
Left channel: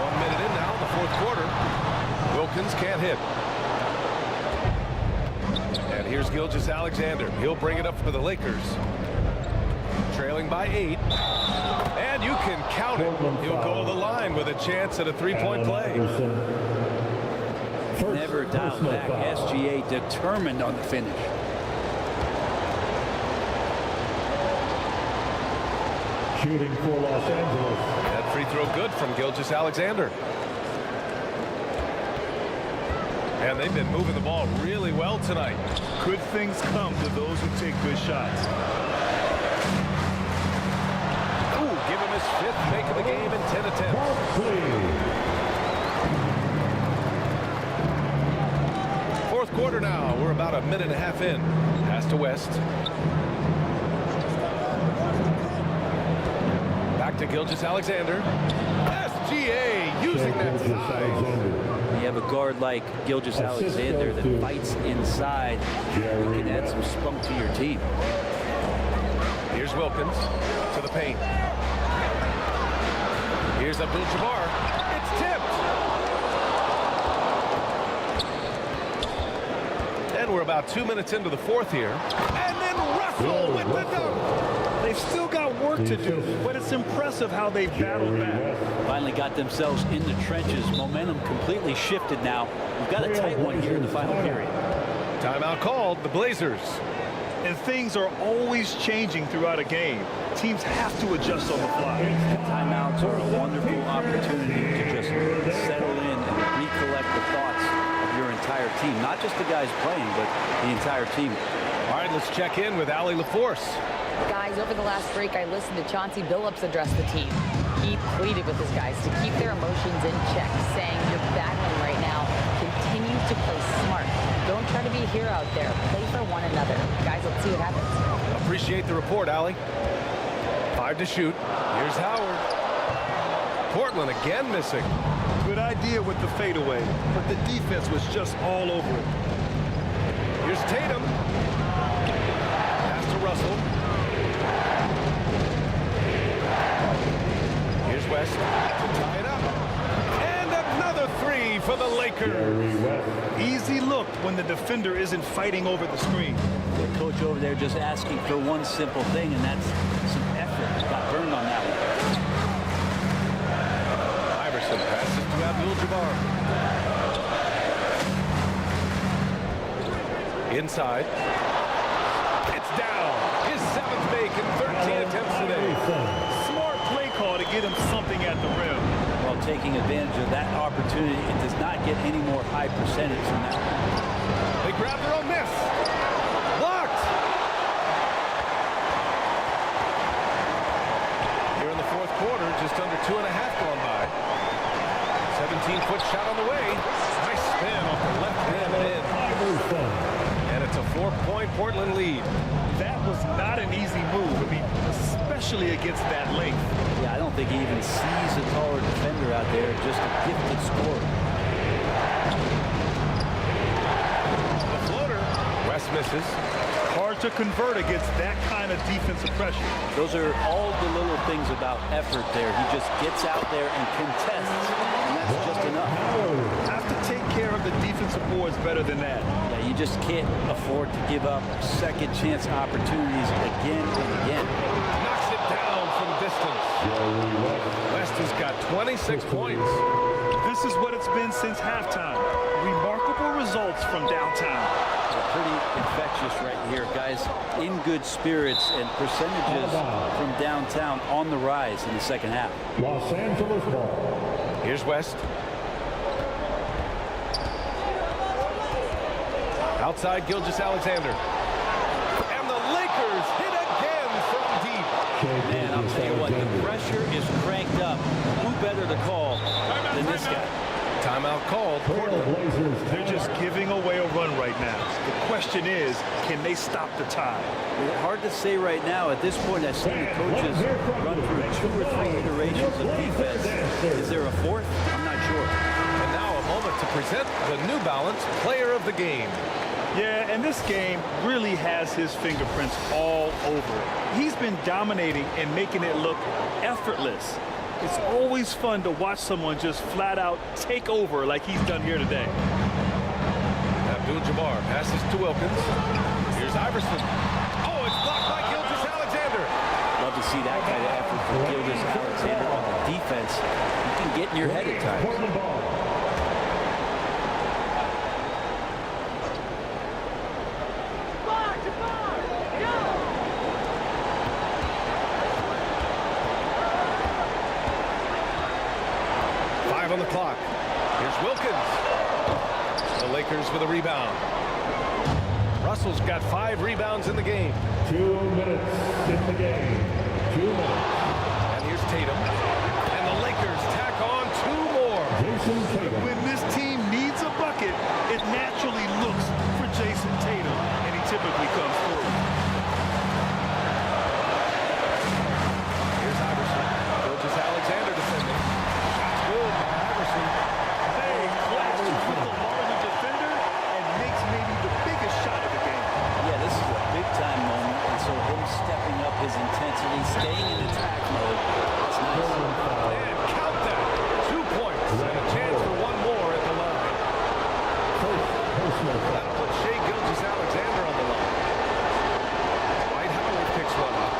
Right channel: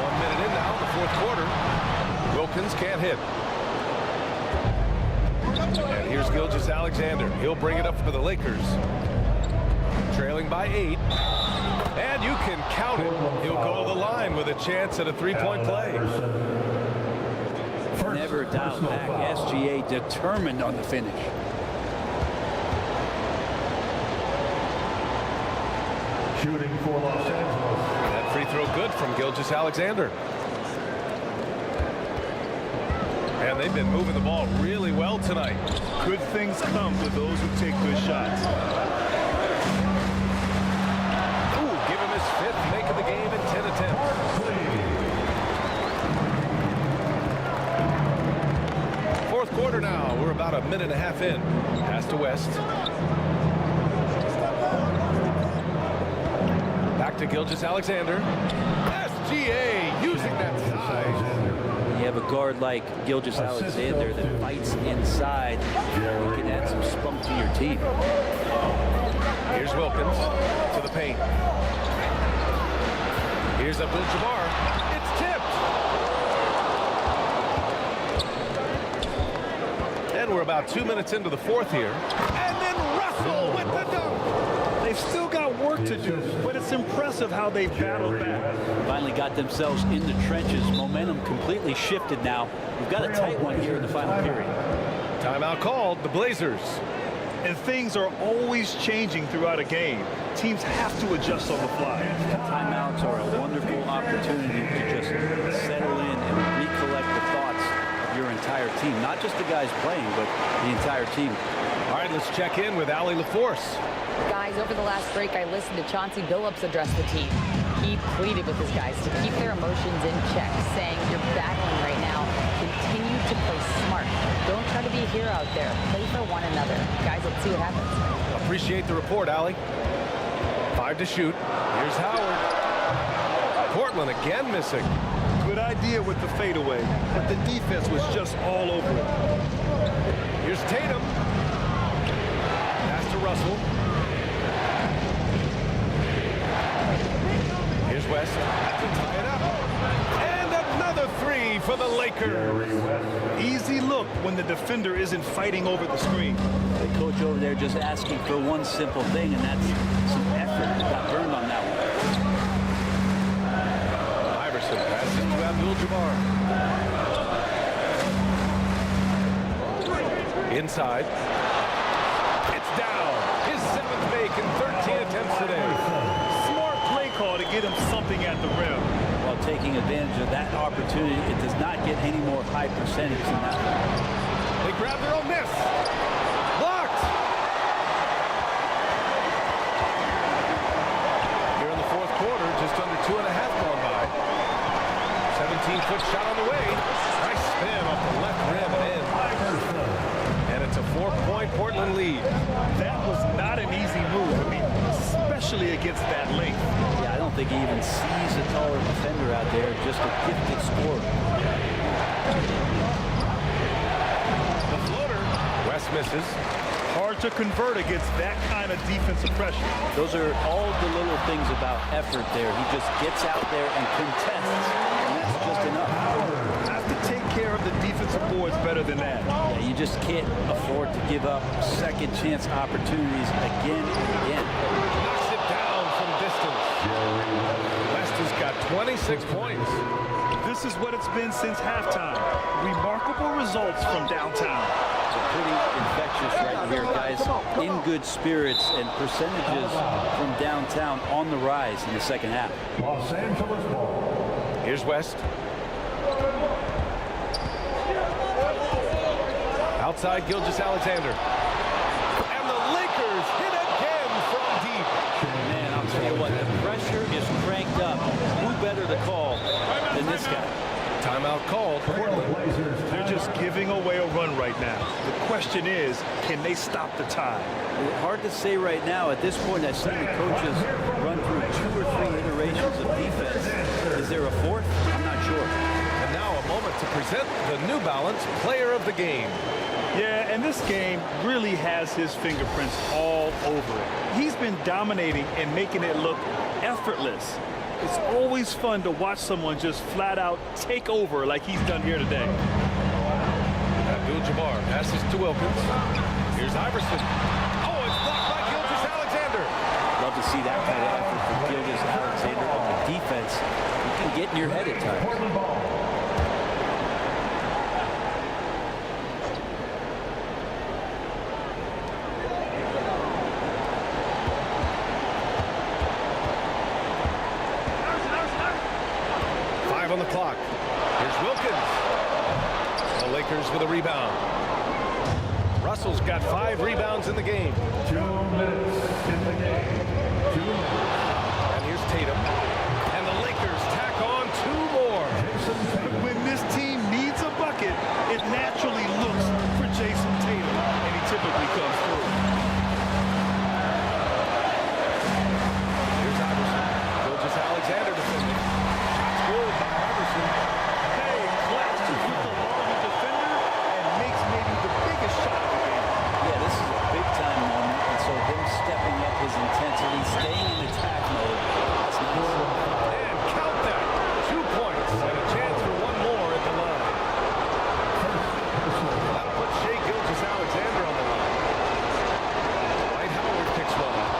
1 minute in now in the fourth quarter. Wilkins can't hit. And here's Gilgeous-Alexander. He'll bring it up for the Lakers. Trailing by 8. And you can count it. He'll go to the line with a chance at a three-point play. Never doubt back. SGA determined on the finish. Shooting for Los Angeles. That free throw good from Gilgeous-Alexander. And they've been moving the ball really well tonight. Good things come to those who take good shots. Ooh, give him his 5th make of the game in 10 attempts. Fourth quarter now. We're about a minute and a half in. Pass to West. Back to Gilgeous-Alexander. SGA using that size. You have a guard like Gilgeous-Alexander that fights inside. You can add some spunk to your team. Here's Wilkins to the paint. Here's Abdul-Jabbar. It's tipped. And we're about 2 minutes into the fourth here. And then Russell with the dunk. They've still got work to do, but it's impressive how they battled back. Finally got themselves in the trenches. Momentum completely shifted now. We've got a tight one here in the final period. Timeout called, the Blazers. And things are always changing throughout a game. Teams have to adjust on the fly. Timeouts are a wonderful opportunity to just settle in and recollect the thoughts of your entire team. Not just the guys playing, but the entire team. All right, let's check in with Allie LaForce. Guys, over the last break, I listened to Chauncey Billups address the team. He pleaded with his guys to keep their emotions in check, saying, you're battling right now. Continue to play smart. Don't try to be a hero out there. Play for one another. Guys, let's see what happens. Appreciate the report, Allie. 5 to shoot. Here's Howard. Portland again missing. Good idea with the fadeaway, but the defense was just all over it. Here's Tatum. Pass to Russell. Here's West to tie it up. And another 3 for the Lakers. Easy look when the defender isn't fighting over the screen. The coach over there just asking for one simple thing, and that's some effort. Got burned on that one. Iverson passes to Abdul-Jabbar. Inside. It's down. His 7th make in 13 attempts today. Smart play call to get him something at the rim. Well, taking advantage of that opportunity, it does not get any more high percentage than that one. They grab their own miss. Blocked. Here in the fourth quarter, just under 2.5 gone by. 17-foot shot on the way. Nice spin off the left rim and in. And it's a 4-point Portland lead. That was not an easy move. I mean, especially against that length. Yeah, I don't think he even sees a taller defender out there, just a gifted scorer. The floater. West misses. Hard to convert against that kind of defensive pressure. Those are all the little things about effort there. He just gets out there and contests, and that's just enough. Have to take care of the defensive boards better than that. Yeah, you just can't afford to give up second chance opportunities again and again. Knocks it down from distance. West has got 26 points. This is what it's been since halftime. Remarkable results from downtown. Pretty infectious right here, guys. In good spirits and percentages from downtown on the rise in the second half. Los Angeles ball. Here's West. Outside Gilgeous-Alexander. And the Lakers hit again from deep. Man, I'll tell you what, the pressure is cranked up. Who better to call than this guy? Timeout called. Portland. They're just giving away a run right now. The question is, can they stop the tide? Hard to say right now. At this point, I've seen the coaches run through 2 or 3 iterations of defense. Is there a fourth? I'm not sure. And now a moment to present the New Balance Player of the Game. Yeah, and this game really has his fingerprints all over it. He's been dominating and making it look effortless. It's always fun to watch someone just flat out take over like he's done here today. Abdul-Jabbar passes to Wilkins. Here's Iverson. Oh, it's blocked by Gilgeous-Alexander. Love to see that kind of effort from Gilgeous-Alexander on the defense. You can get in your head at times. Portland ball. On the clock. Here's Wilkins. The Lakers with a rebound. Russell's got 5 rebounds in the game. 2 minutes in the game. 2 minutes. And here's Tatum. And the Lakers tack on 2 more. When this team needs a bucket, it naturally looks for Jason Tatum, and he typically comes through. Here's Iverson. Gilgeous-Alexander defending. Good by Iverson. They clashes with the larger defender and makes maybe the biggest shot of the game. Yeah, this is a big-time moment, and so him stepping up his intensity, staying in attack mode, that's nice. And count that. 2 points and a chance for 1 more at the line. That'll put Shai Gilgeous-Alexander on the line. Dwight Howard picks one up.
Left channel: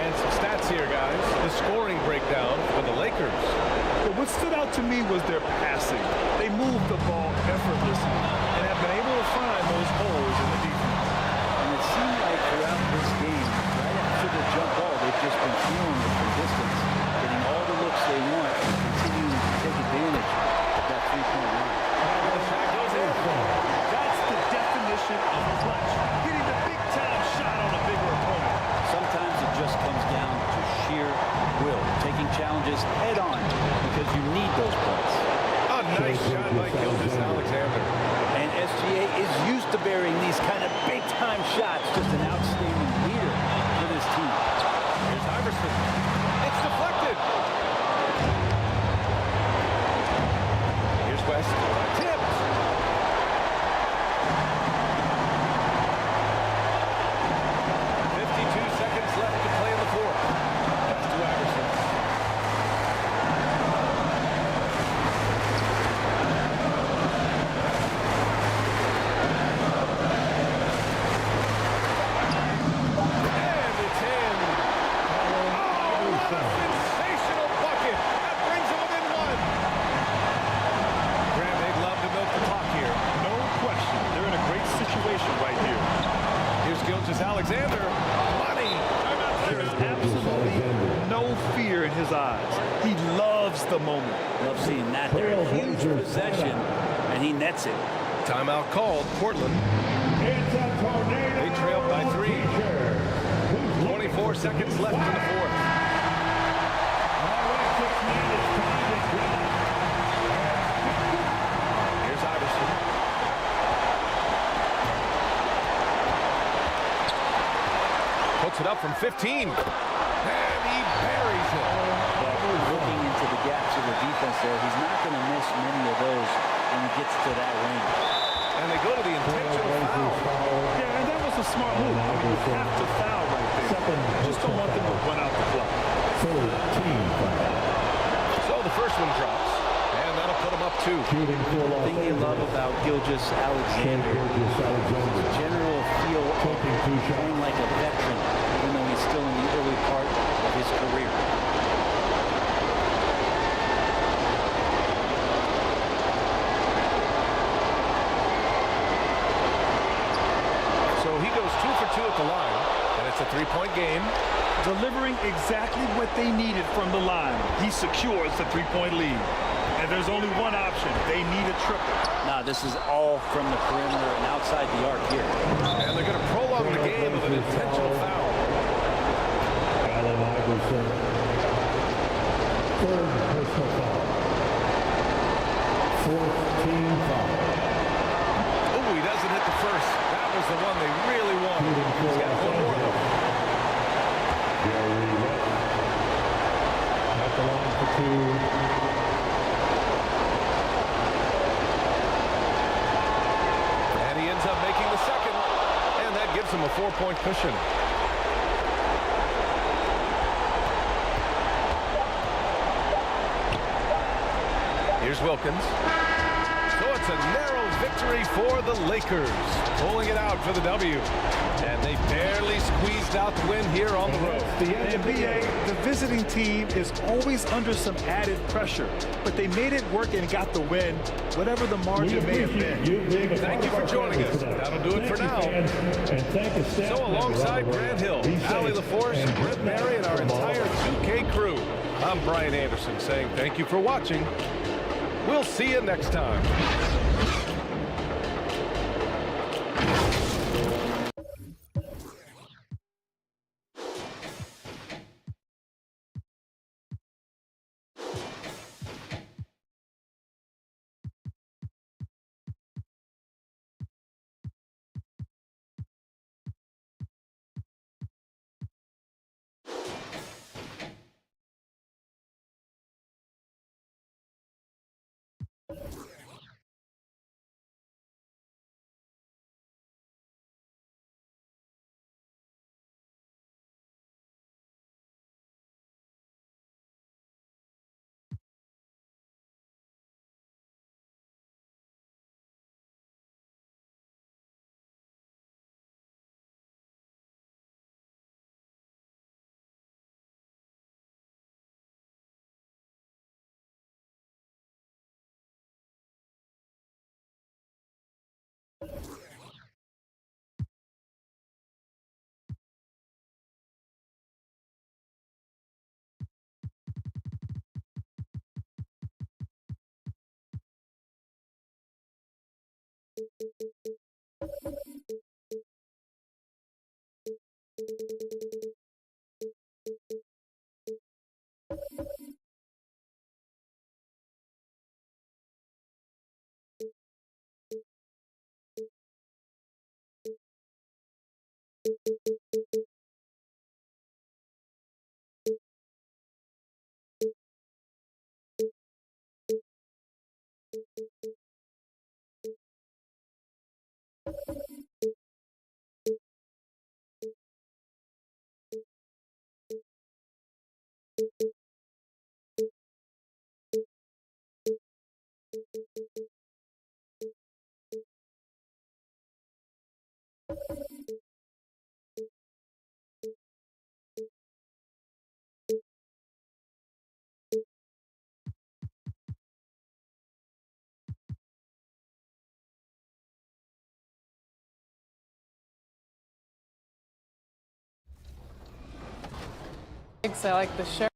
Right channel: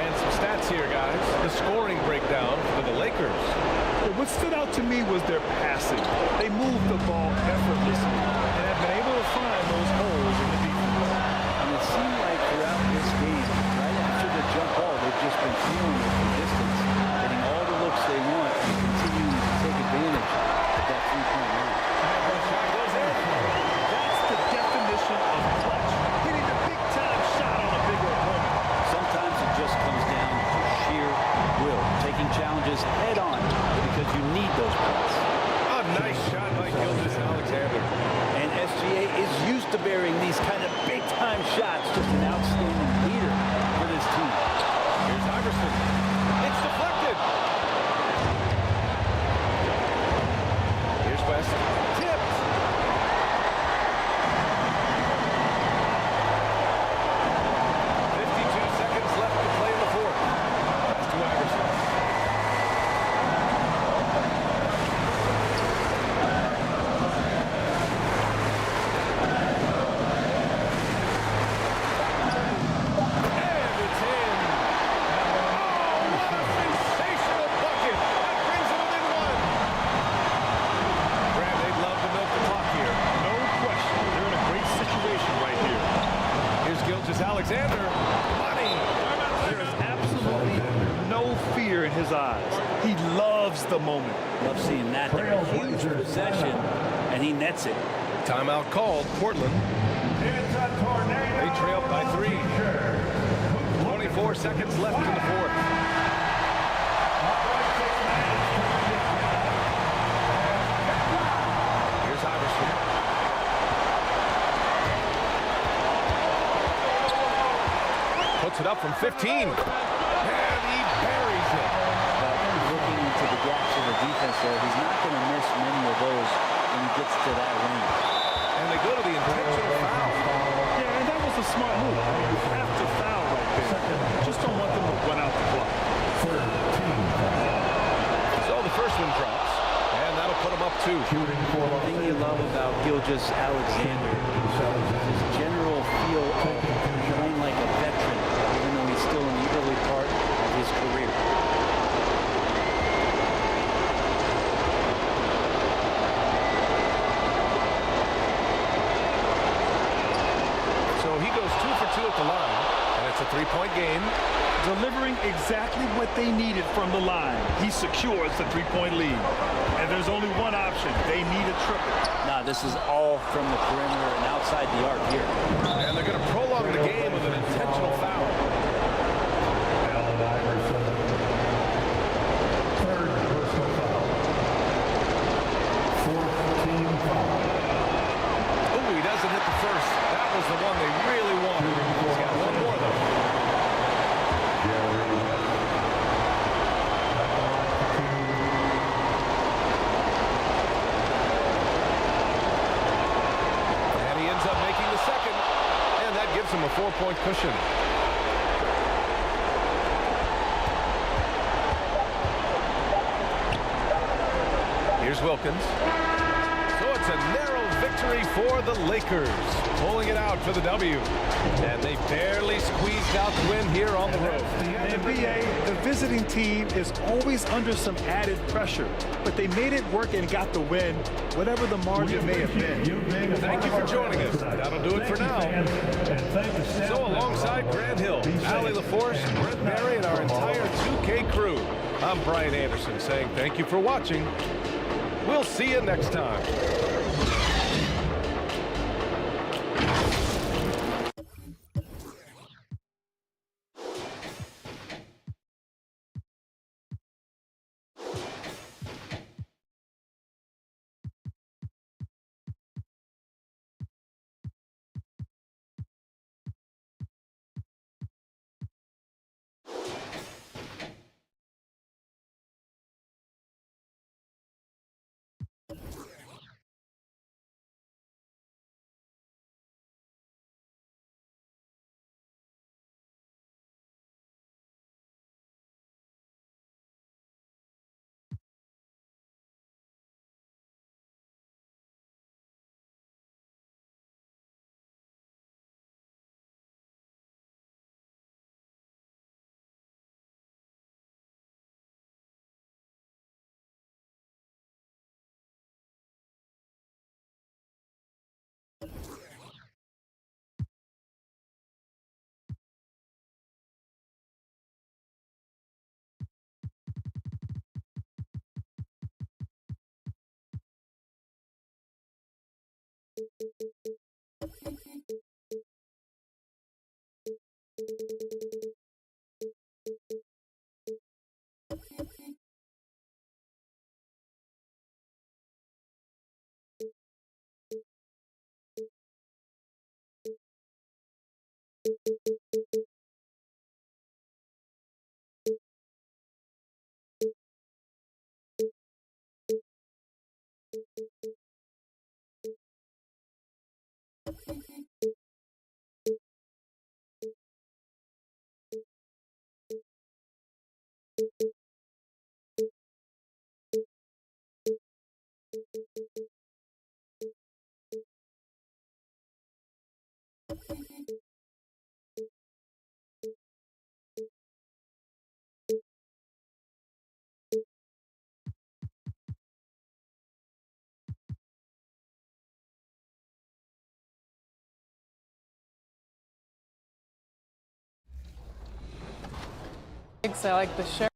And some stats here, guys. The scoring breakdown for the Lakers. What stood out to me was their passing. They moved the ball effortlessly and have been able to find those holes in the defense. And it seemed like throughout this game, right after the jump ball, they've just been feeling it from distance, getting all the looks they want and continuing to take advantage of that 3-point line. And the shot goes in. That's the definition of clutch. Hitting the big-time shot on a bigger opponent. Sometimes it just comes down to sheer will, taking challenges head on because you need those points. A nice shot by Gilgeous-Alexander. And SGA is used to bearing these kind of big-time shots. Just an outstanding leader for this team. Here's Iverson. It's deflected. Here's West. Tipped. Seconds left to play in the fourth. That's to Iverson. And it's in. Oh, what a sensational bucket. That brings it within 1. Graham, they'd love to milk the clock here. No question. They're in a great situation right here. Here's Gilgeous-Alexander. Money. There is absolutely no fear in his eyes. He loves the moment. Love seeing that. They're a huge possession, and he nets it. Timeout called, Portland. They trail by 3. 24 seconds left in the fourth. Here's Iverson. Puts it up from 15. And he buries it. But looking into the gaps of the defense there, he's not going to miss many of those when he gets to that range. And they go to the intentional foul. Yeah, and that was a smart move. I mean, you have to foul right there. Just don't want them to run out the clock. So the first one drops, and that'll put him up 2. The thing you love about Gilgeous-Alexander is his general feel of playing like a veteran, even though he's still in the early part of his career. So he goes 2 for 2 at the line, and it's a 3-point game. Delivering exactly what they needed from the line. He secures the 3-point lead. And there's only one option. They need a triple. Nah, this is all from the perimeter and outside the arc here. And they're going to prolong the game with an intentional foul. Allen Iverson. Third personal foul. Fourth team foul. Oh, he doesn't hit the first. That was the one they really wanted. He's got one more, though. Jerry West. At the line for 2. And he ends up making the second. And that gives him a 4-point cushion. Here's Wilkins. So it's a narrow victory for the Lakers, pulling it out for the W. And they barely squeezed out the win here on the road. And BA, the visiting team is always under some added pressure, but they made it work and got the win, whatever the margin may have been. Thank you for joining us. That'll do it for now. So alongside Grant Hill, Ali LaForce, Brent Barry, and our entire 2K crew, I'm Brian Anderson saying thank you for watching. We'll see you next time. I like the shirt.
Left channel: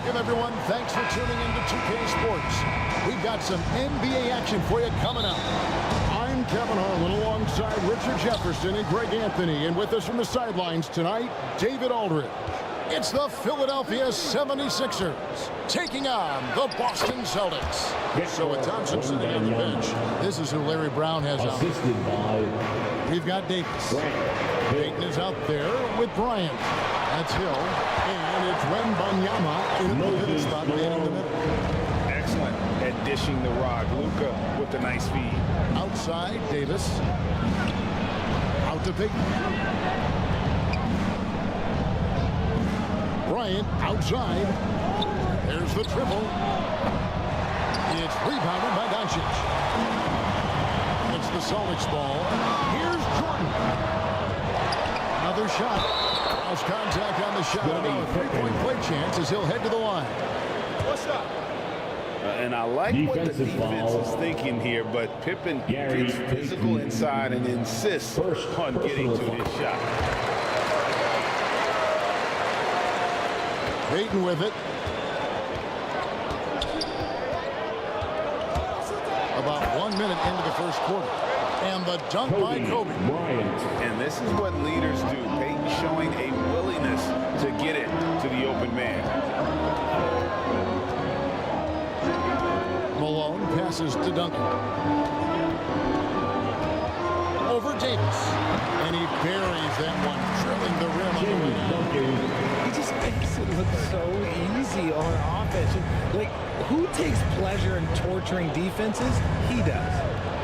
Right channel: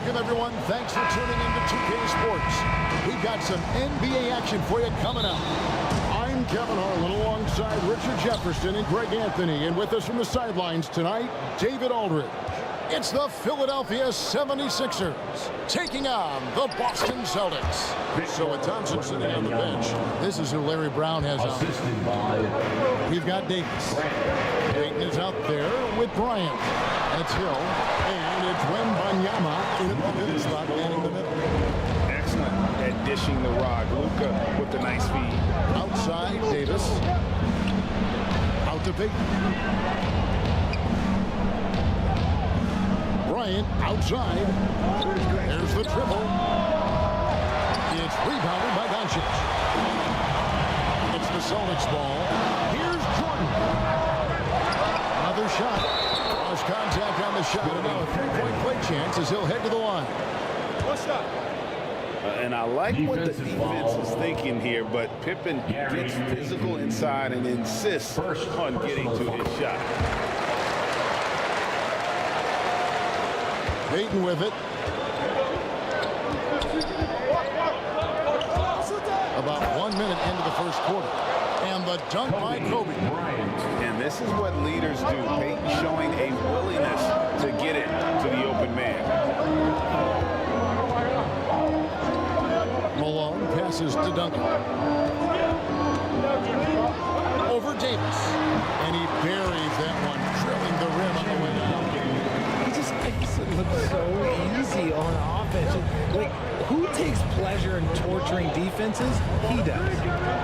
Welcome, everyone. Thanks for tuning in to 2K Sports. We've got some NBA action for you coming up. I'm Kevin Harlan alongside Richard Jefferson and Greg Anthony. And with us from the sidelines tonight, David Aldridge. It's the Philadelphia 76ers taking on the Boston Celtics. So with Thompson sitting on the bench, this is who Larry Brown has out. We've got Davis. Payton is out there with Bryant. That's Hill. And it's WEMBANYAMA in a pivot spot manning the middle. Excellent at dishing the rock. LUKA with the nice feed. Outside, Davis. Out to Payton. Bryant outside. There's the triple. It's rebounded by DONCIC. It's the Celtics ball. Here's Jordan. Another shot. Cross contact on the shot. And now a three-point play chance as he'll head to the line. What's up? And I like what the defense is thinking here, but PIPPEN gets physical inside and insists on getting to his shot. Payton with it. About 1 minute into the first quarter. And the dunk by Kobe. And this is what leaders do. Payton showing a willingness to get it to the open man. Malone passes to Duncan. Over Davis. And he buries that one, drilling the rim on the way down. He just makes it look so easy on offense. Like, who takes pleasure in torturing defenses? He does.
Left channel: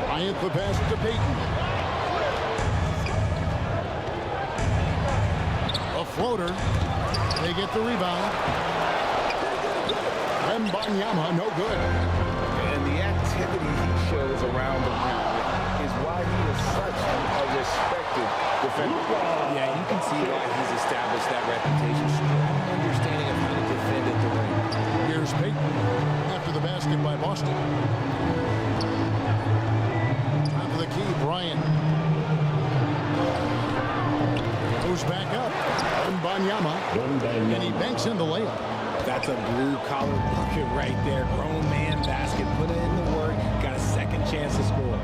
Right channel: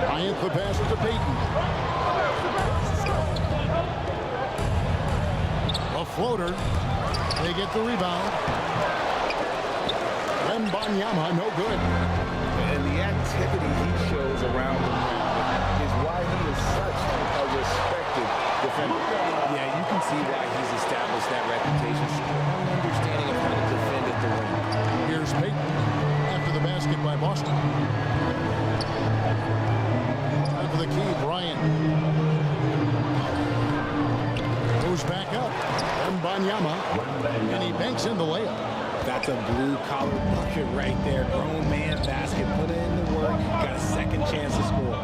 Bryant the pass to Payton. A floater. They get the rebound. WEMBANYAMA, no good. And the activity he shows around the rim is why he is such a respected defender. Yeah, you can see why he's established that reputation. Strong understanding of how to defend at the rim. Here's Payton after the basket by Boston. Time for the key, Bryant. Goes back up. WEMBANYAMA. And he banks in the layup. That's a blue-collar bucket right there. Grown man basket. Put in the work. Got a second chance to score.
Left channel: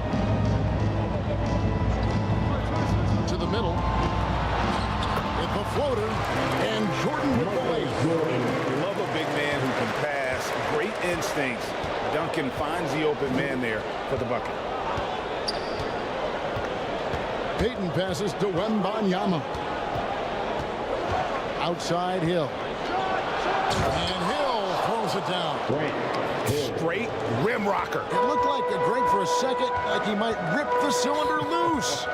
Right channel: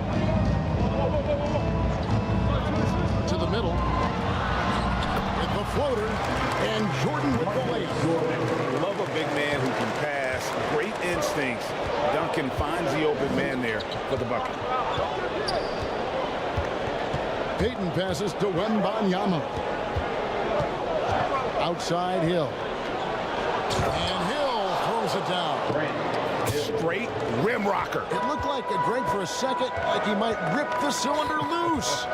To the middle. With the floater. And Jordan with the layup. Love a big man who can pass. Great instincts. Duncan finds the open man there for the bucket. Payton passes to WEMBANYAMA. Outside Hill. And Hill throws it down. Straight rim rocker. It looked like a Greg for a second, like he might rip the cylinder loose.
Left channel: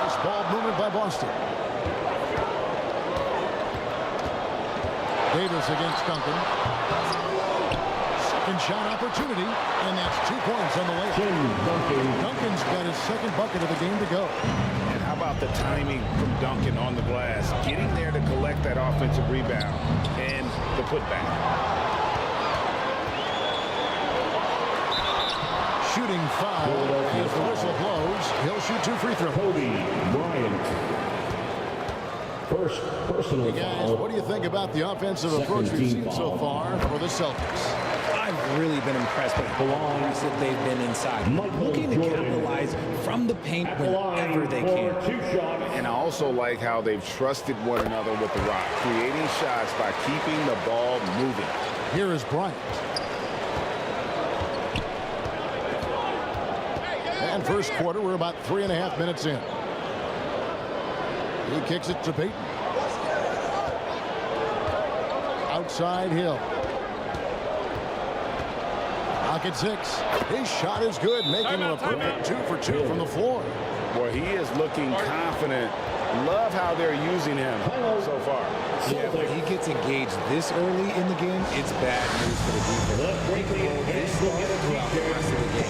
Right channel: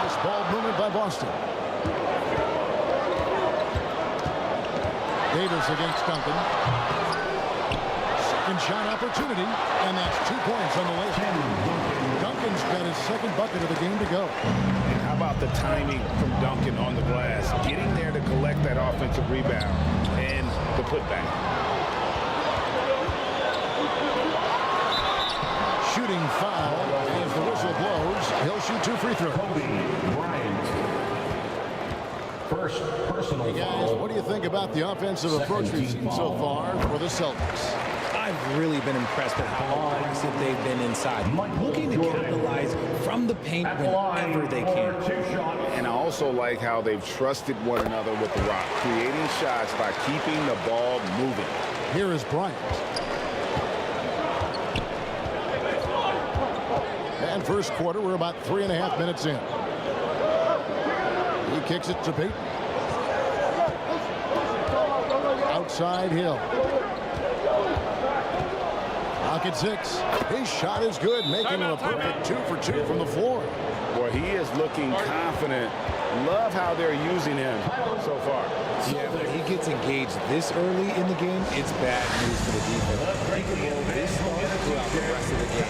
Nice ball movement by Boston. Davis against Duncan. Second shot opportunity, and that's 2 points on the layup. Duncan's got his second bucket of the game to go. And how about the timing from Duncan on the glass? Getting there to collect that offensive rebound and the putback. Shooting foul as the whistle blows. He'll shoot 2 free throws. BRYANT. First personal Hey guys, what do you think about the offensive approach we've seen so far for the Celtics? I've really been impressed with how aggressive they've been inside. Looking to capitalize from the paint whenever they can. And I also like how they've trusted one another with the rock, creating shots by keeping the ball moving. Here is Bryant. And first quarter, we're about 3.5 minutes in. He kicks it to Payton. outside Hill. Pocket 6. His shot is good, making him a perfect 2 for 2 from the floor. Boy, he is looking confident. Love how they're using him so far. Yeah, when he gets engaged this early in the game, it's bad news for the defense. He can roll this long throughout the rest of the game.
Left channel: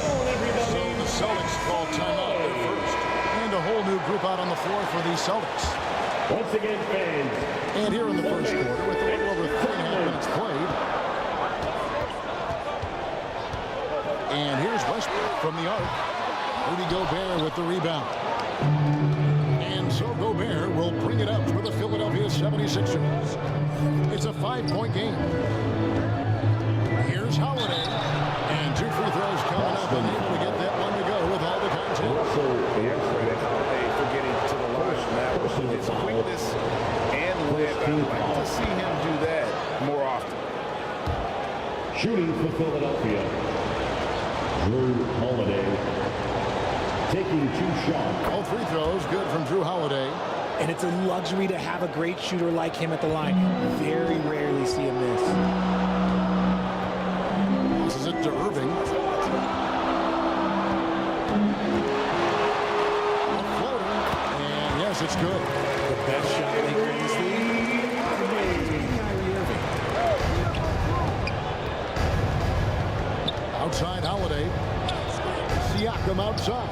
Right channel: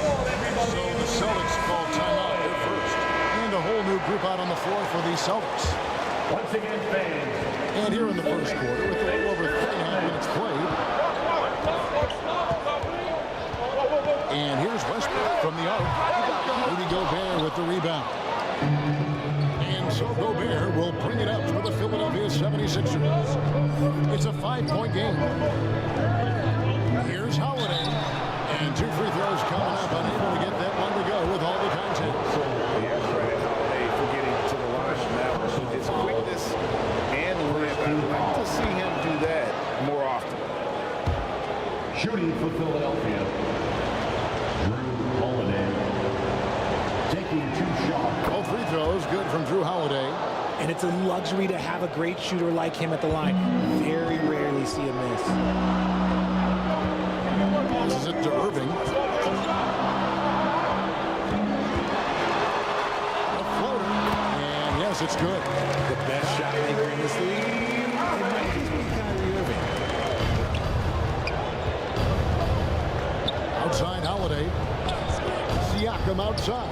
So the Celtics call timeout there first. And a whole new group out on the floor for the Celtics. Once again, fans. And here in the first quarter, with a little over 3.5 minutes played. And here's Westbrook from the arc. Rudy Gobert with the rebound. And so Gobert will bring it up for the Philadelphia 76ers. It's a 5-point game. Here's Holiday. And 2 free throws coming up, unable to get that one to go with all the content. Credit Holiday for getting to the line from that one. With his quickness and length, I'd like to see him do that more often. Shooting for Philadelphia. Jrue Holiday taking 2 shots. All free throws good from Jrue Holiday. And it's a luxury to have a great shooter like him at the line. Very rarely see him miss. Passes it to Irving. A floater. And yes, it's good. The best shot maker in this league. It might just be KYRIE Irving. Outside Holiday. Siakam outside.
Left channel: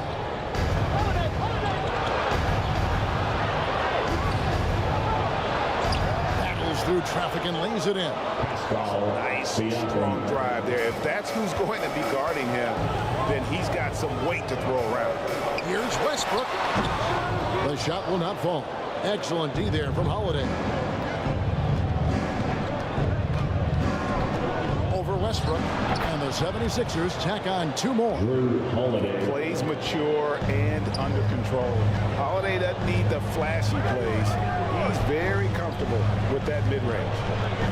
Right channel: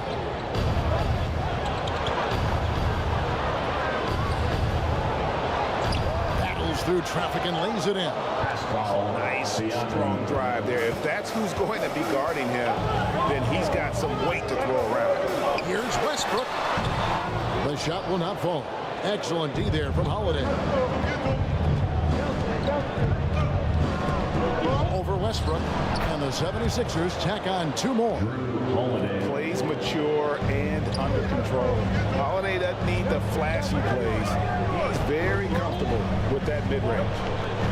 Battles through traffic and lays it in. Nice, strong drive there. If that's who's going to be guarding him, then he's got some weight to throw around. Here's Westbrook. The shot will not fall. Excellent D there from Holiday. Over Westbrook. And the 76ers tack on 2 more. Jrue Holiday. Plays mature and under control. Holiday doesn't need the flashy plays. He's very comfortable with that mid-range.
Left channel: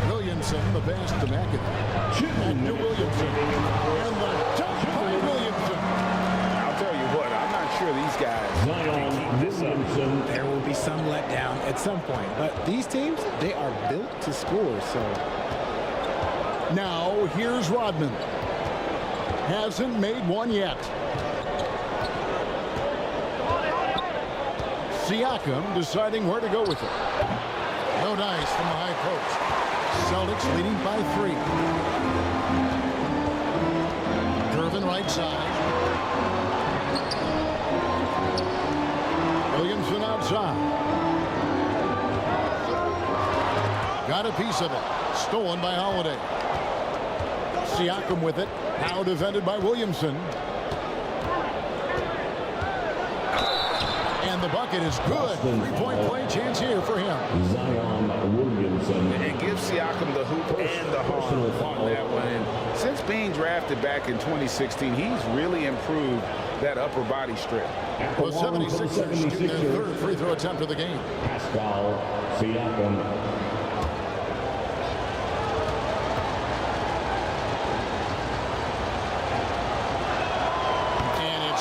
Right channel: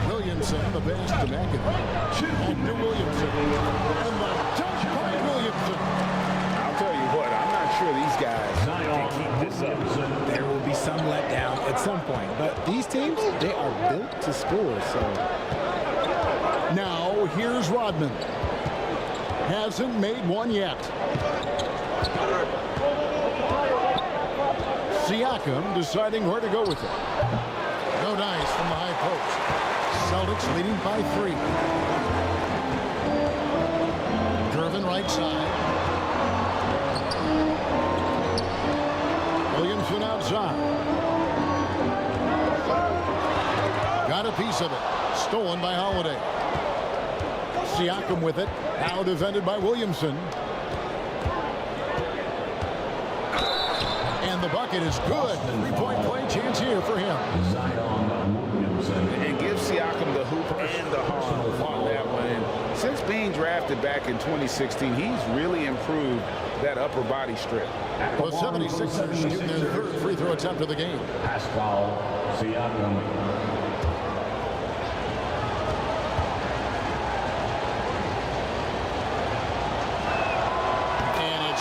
Williamson, the pass to McAdoo. And to Williamson. And the dunk by Williamson. I'll tell you what, I'm not sure these guys can keep this up. There will be some letdown at some point. But these teams, they are built to score, so... Now, here's Rodman. Hasn't made one yet. Siakam deciding where to go with it. No dice from the high post. Celtics leading by 3. Gervin right side. Williamson outside. Got a piece of it. Stolen by Holiday. Siakam with it. Now defended by Williamson. And the bucket is good. 3-point play chance here for him. And give Siakam the hoop and the harm on that one. And since being drafted back in 2016, he's really improved that upper body strip. The 76ers shooting their 3rd free throw attempt of the game. PASCAL, Siakam.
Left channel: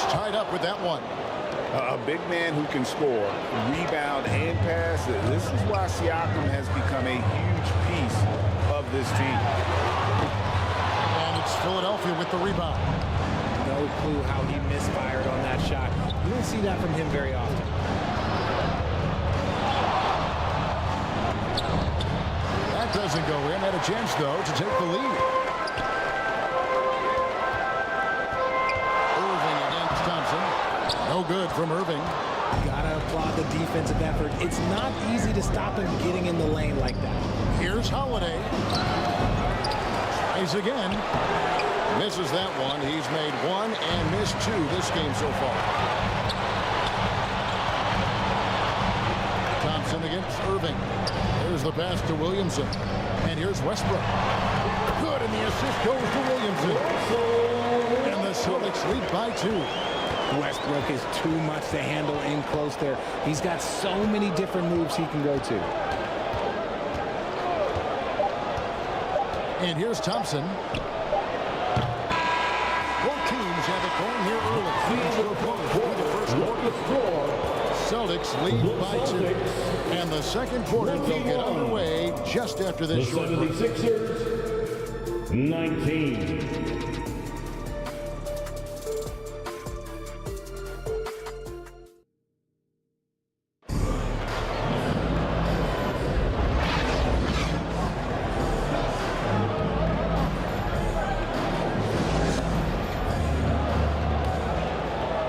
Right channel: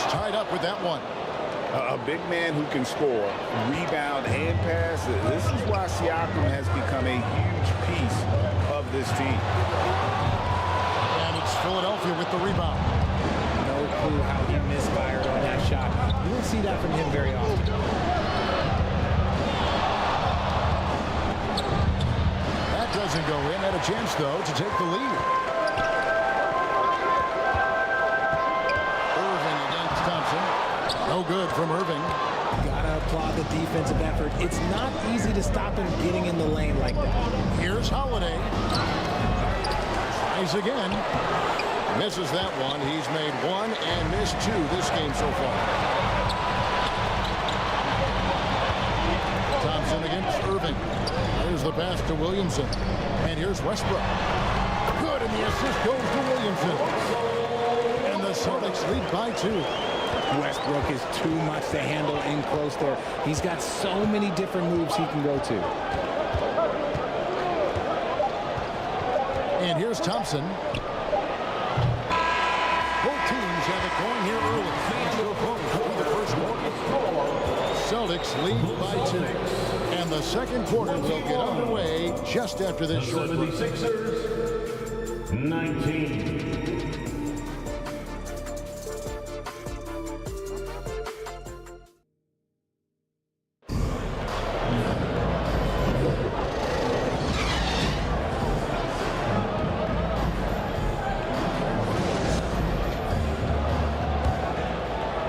Tied up with that one. A big man who can score, rebound, and pass. This is why Siakam has become a huge piece of this team. And it's Philadelphia with the rebound. No clue how he misfired on that shot. You don't see that from him very often. That doesn't go in. Had a chance, though, to take the lead. Thompson. No good from Irving. Gotta applaud the defensive effort. It's not easy to stop him getting in the lane like that. Here's Holiday. Tries again. Misses that one. He's made 1 and missed 2 this game so far. Thompson against Irving. There's the pass to Williamson. And here's Westbrook. Good, and the assist goes to Williamson. And the Celtics lead by 2. Westbrook is too much to handle in close there. He's got so many different moves he can go to. And here's Thompson. Both teams have it going here early. Through the first quarter. Celtics lead by 2. And the second quarter will get underway just after this short break. 76ers, 19.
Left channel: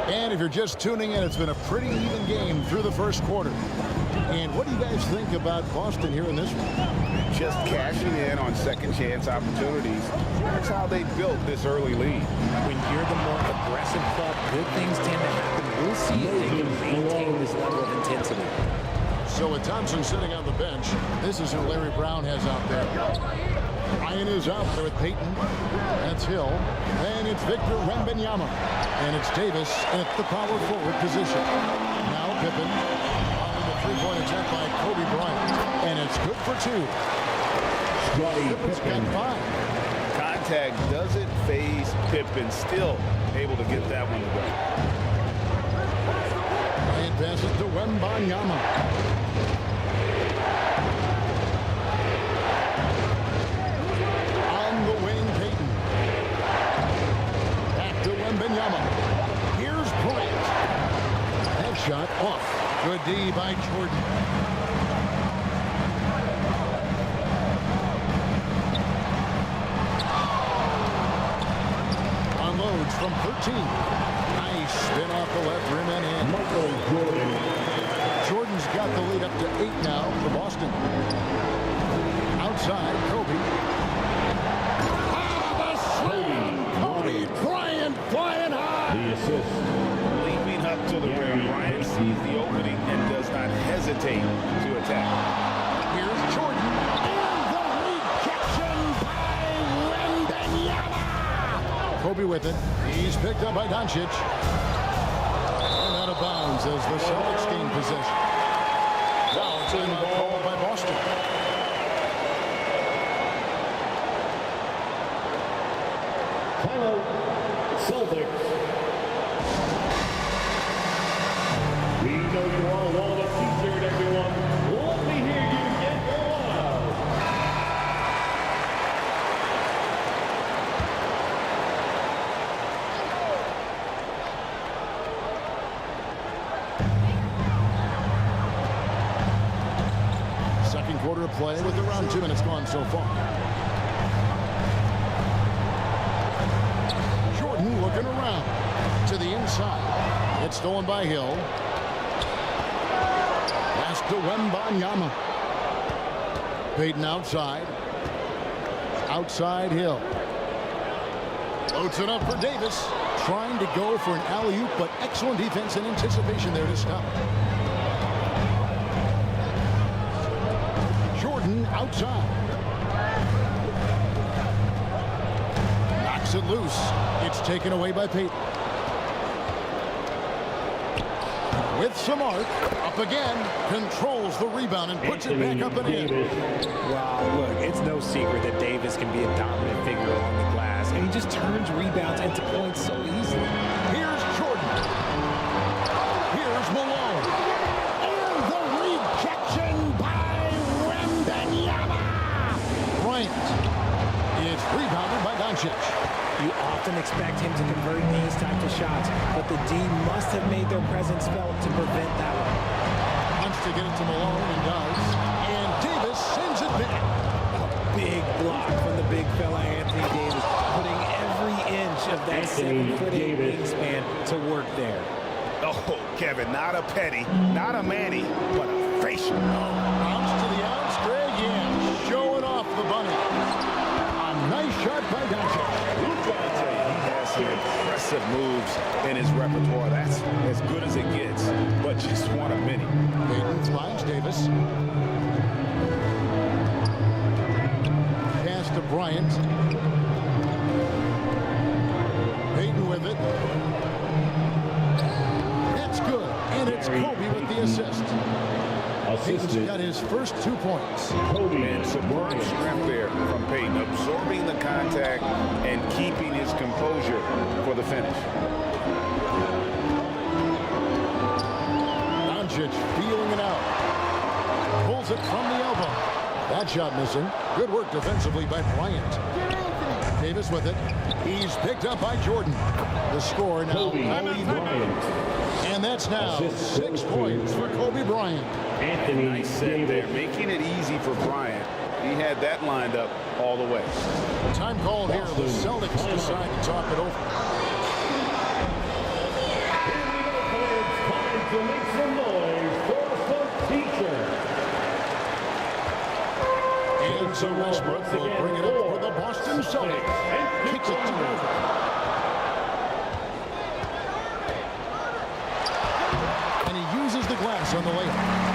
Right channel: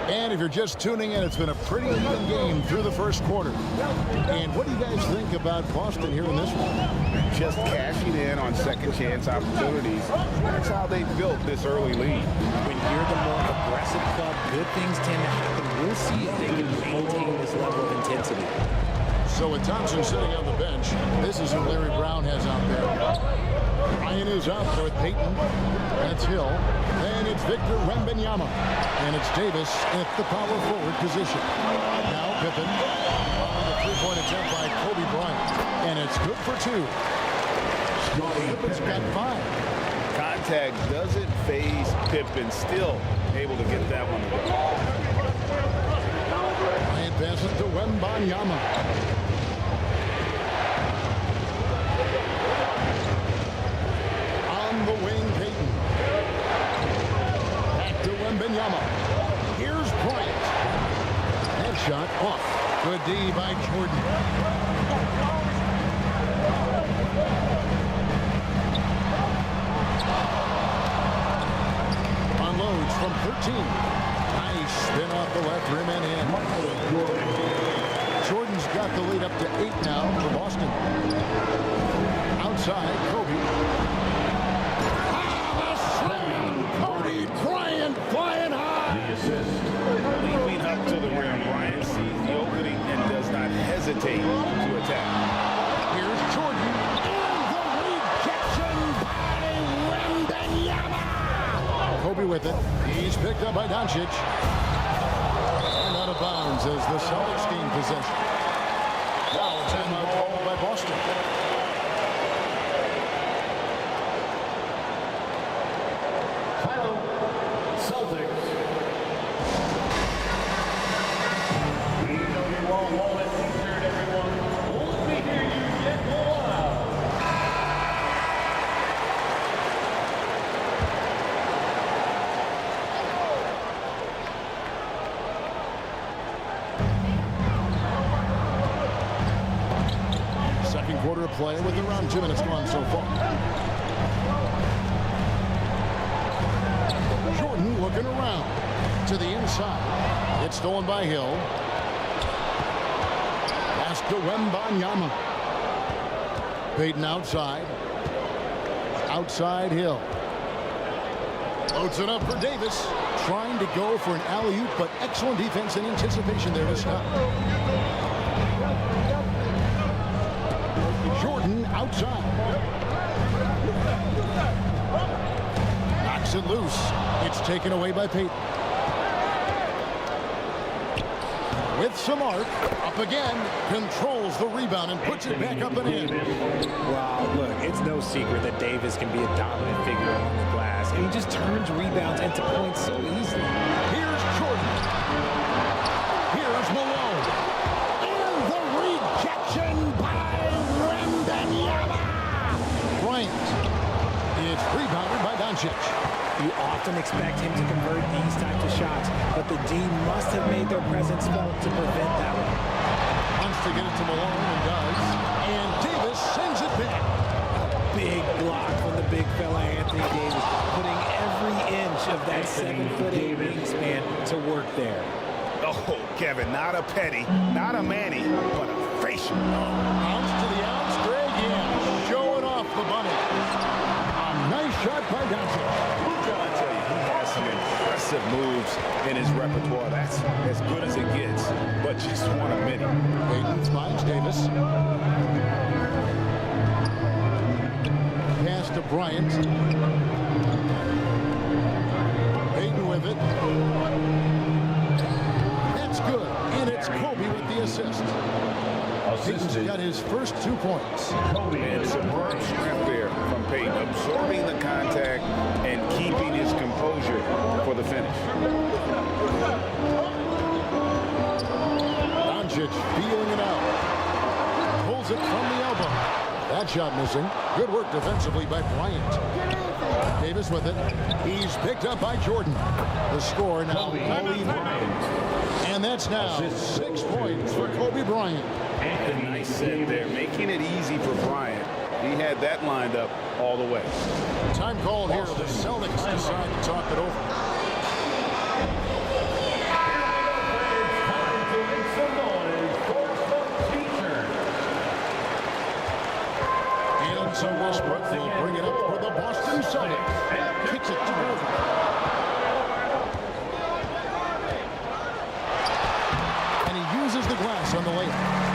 And if you're just tuning in, it's been a pretty even game through the first quarter. And what do you guys think about Boston here in this one? Just cashing in on second chance opportunities. That's how they built this early lead. When you're the more aggressive club, good things tend to happen. We'll see if they can maintain this level of intensity. So with Thompson sitting on the bench, this is who Larry Brown has out there. Ryan is out there with Payton. That's Hill. And it's Victor Wembanyama. And it's Davis at the power forward position. Now Pippen following the three-point attempt by Kobe Bryant. And it's good for two. Pippen's got 5. Contact doesn't phase Pippen. Still able to get that one to go. Bryant passes to Wembanyama. On the wing, Payton. Back to Wembanyama. Here's Bryant. Headshot off. Good D by Jordan. Unloads from 13. Nice spin off the left rim and in. Jordan's got the lead up to 8 now for Boston. Outside, Kobe. The slam! Kobe Bryant flying high! The assist. Leaping up to the rim, Bryant sees the opening and does not hesitate to attack. Here's Jordan. And the rejection by Wembanyama! Kobe with it. He's picked up by DONCIC. And out of bounds as the Celtics gain possession. Now a timeout called by Boston. Celtics. We know you all want a t-shirt, everyone. Let me hear you get go loud. Second quarter of play with around 2 minutes gone so far. Jordan looking around to the inside. It's stolen by Hill. Pass to Wembanyama. Payton outside. Outside Hill. Loads it up for Davis. Trying to go for an alley-oop, but excellent defense and anticipation there to stop. Jordan outside. Knocks it loose. It's taken away by Payton. With some arc, up again, controls the rebound and puts it back up and in. Wow, look, it's no secret that Davis can be a dominant figure on the glass, and he just turns rebounds into points so easily. Here's Jordan. Here's Malone. And the rejection by Wembanyama. Bryant. It's rebounded by DONCIC. You often expect him to convert these types of shots, but the D must have made their presence felt to prevent that one. Wants to get it to Malone and does. And Davis sends it back. A big block from the big fella Anthony Davis, putting every inch of that 7'8" wingspan to work there. Oh, Kevin, not a petty, not a Manny, but a facial. Bounce to the outs, Greg, yeah. Showing off the bunny. A nice shot by DONCIC. I tell you, he has some impressive moves in his repertoire. That's as good as it gets, but just one of many. Payton finds Davis. Pass to Bryant. Payton with it. That's good. And it's Kobe with the assist. Payton's got his first 2 points. And superb strength there from Payton, absorbing the contact and keeping his composure for the finish. DONCIC feeling it out. Pulls it from the elbow. That shot missing. Good work defensively by Bryant. Davis with it. He's picked up by Jordan. The score now, and that's now 6 points for Kobe Bryant. Nice set there, making it easy for Bryant. He had that lined up all the way. Time called here. The Celtics decide to talk it over. Time to make some noise for some teacher. And so Westbrook will bring it up for the Boston Celtics. Kicks it to Gervin. And he uses the glass on the layup.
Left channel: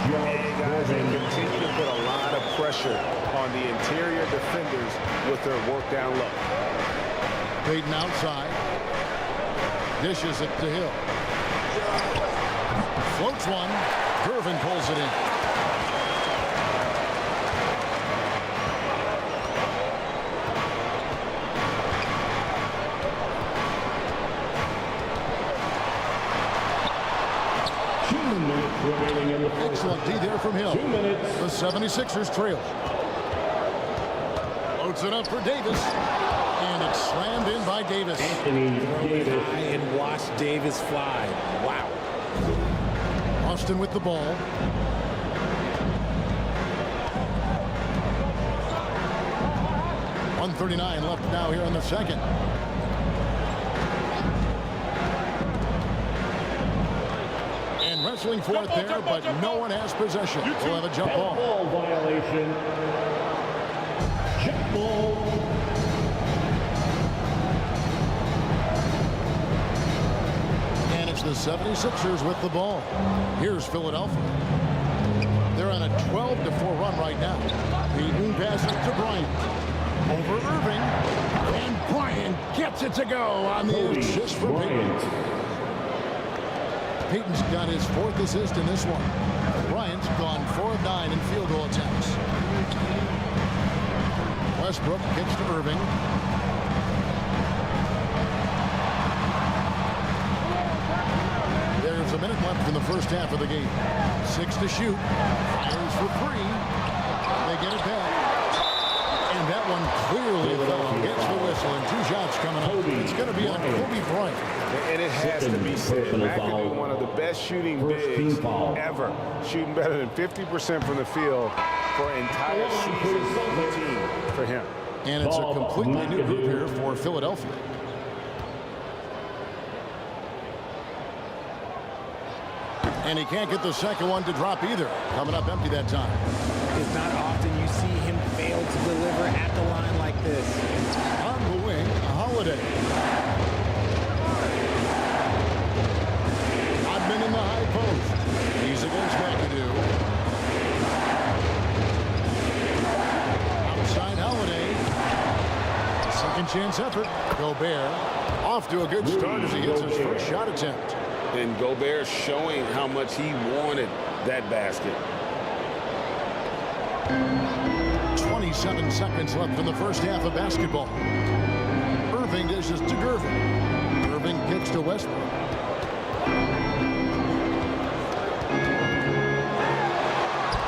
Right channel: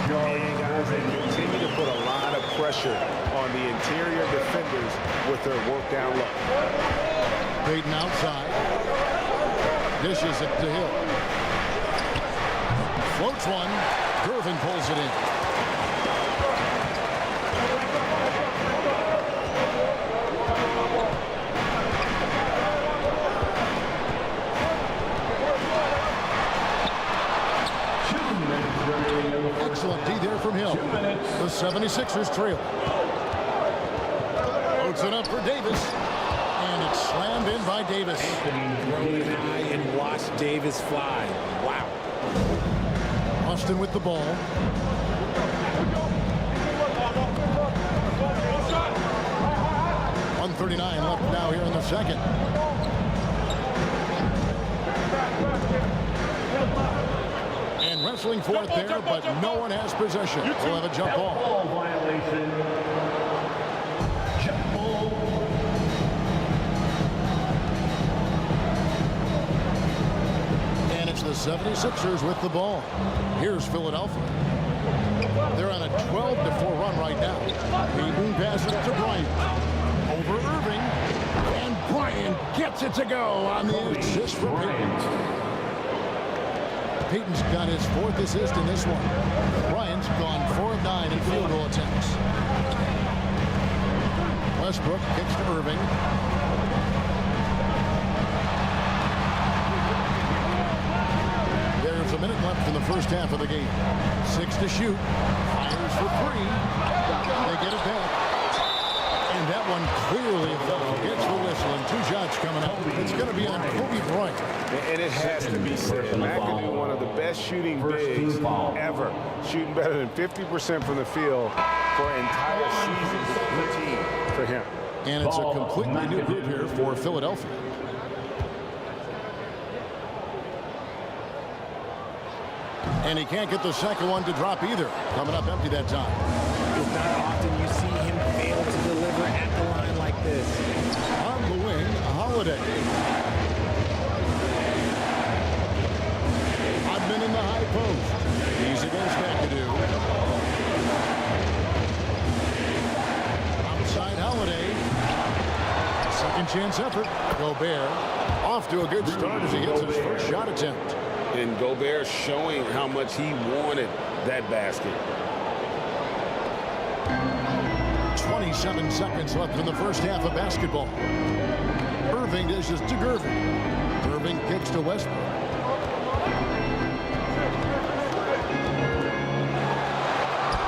And guys, they continue to put a lot of pressure on the interior defenders with their work down low. Payton outside. Dishes it to Hill. Floats one. Gervin pulls it in. Excellent D there from Hill. 2 minutes. The 76ers trail. Loads it up for Davis. And it's slammed in by Davis. Throw it high and watch Davis fly. Wow. Austin with the ball. .139 left now here in the second. And wrestling for it there, but no one has possession. We'll have a jump ball. Violation. Jump ball. And it's the 76ers with the ball. Here's Philadelphia. They're on a 12-4 run right now. Payton passes to Bryant. Over Irving. And Bryant gets it to go on the assist for Payton. Payton's got his 4th assist in this one. Bryant's gone 4 of 9 in field goal attempts. Westbrook kicks to Irving. There's a minute left in the first half of the game. 6 to shoot. Fires for 3. They get it back. And that one clearly a foul. Gets the whistle and 2 shots coming up. It's going to be on Kobe Bryant. And it has to be said, McAdoo, one of the best shooting bigs ever. Shooting better than 50% from the field for an entire season routine for him. And it's a completely new group here for Philadelphia. And he can't get the second one to drop either. Coming up empty that time. It's not often you see him fail to deliver at the line like this. On the wing, Holiday. Rodman in the high post. He's against McAdoo. Outside Holiday. Second chance effort. Gobert off to a good start as he hits his first shot attempt. And Gobert showing how much he wanted that basket. 27 seconds left in the first half of basketball. Irving dishes to Gervin. Irving kicks to Westbrook.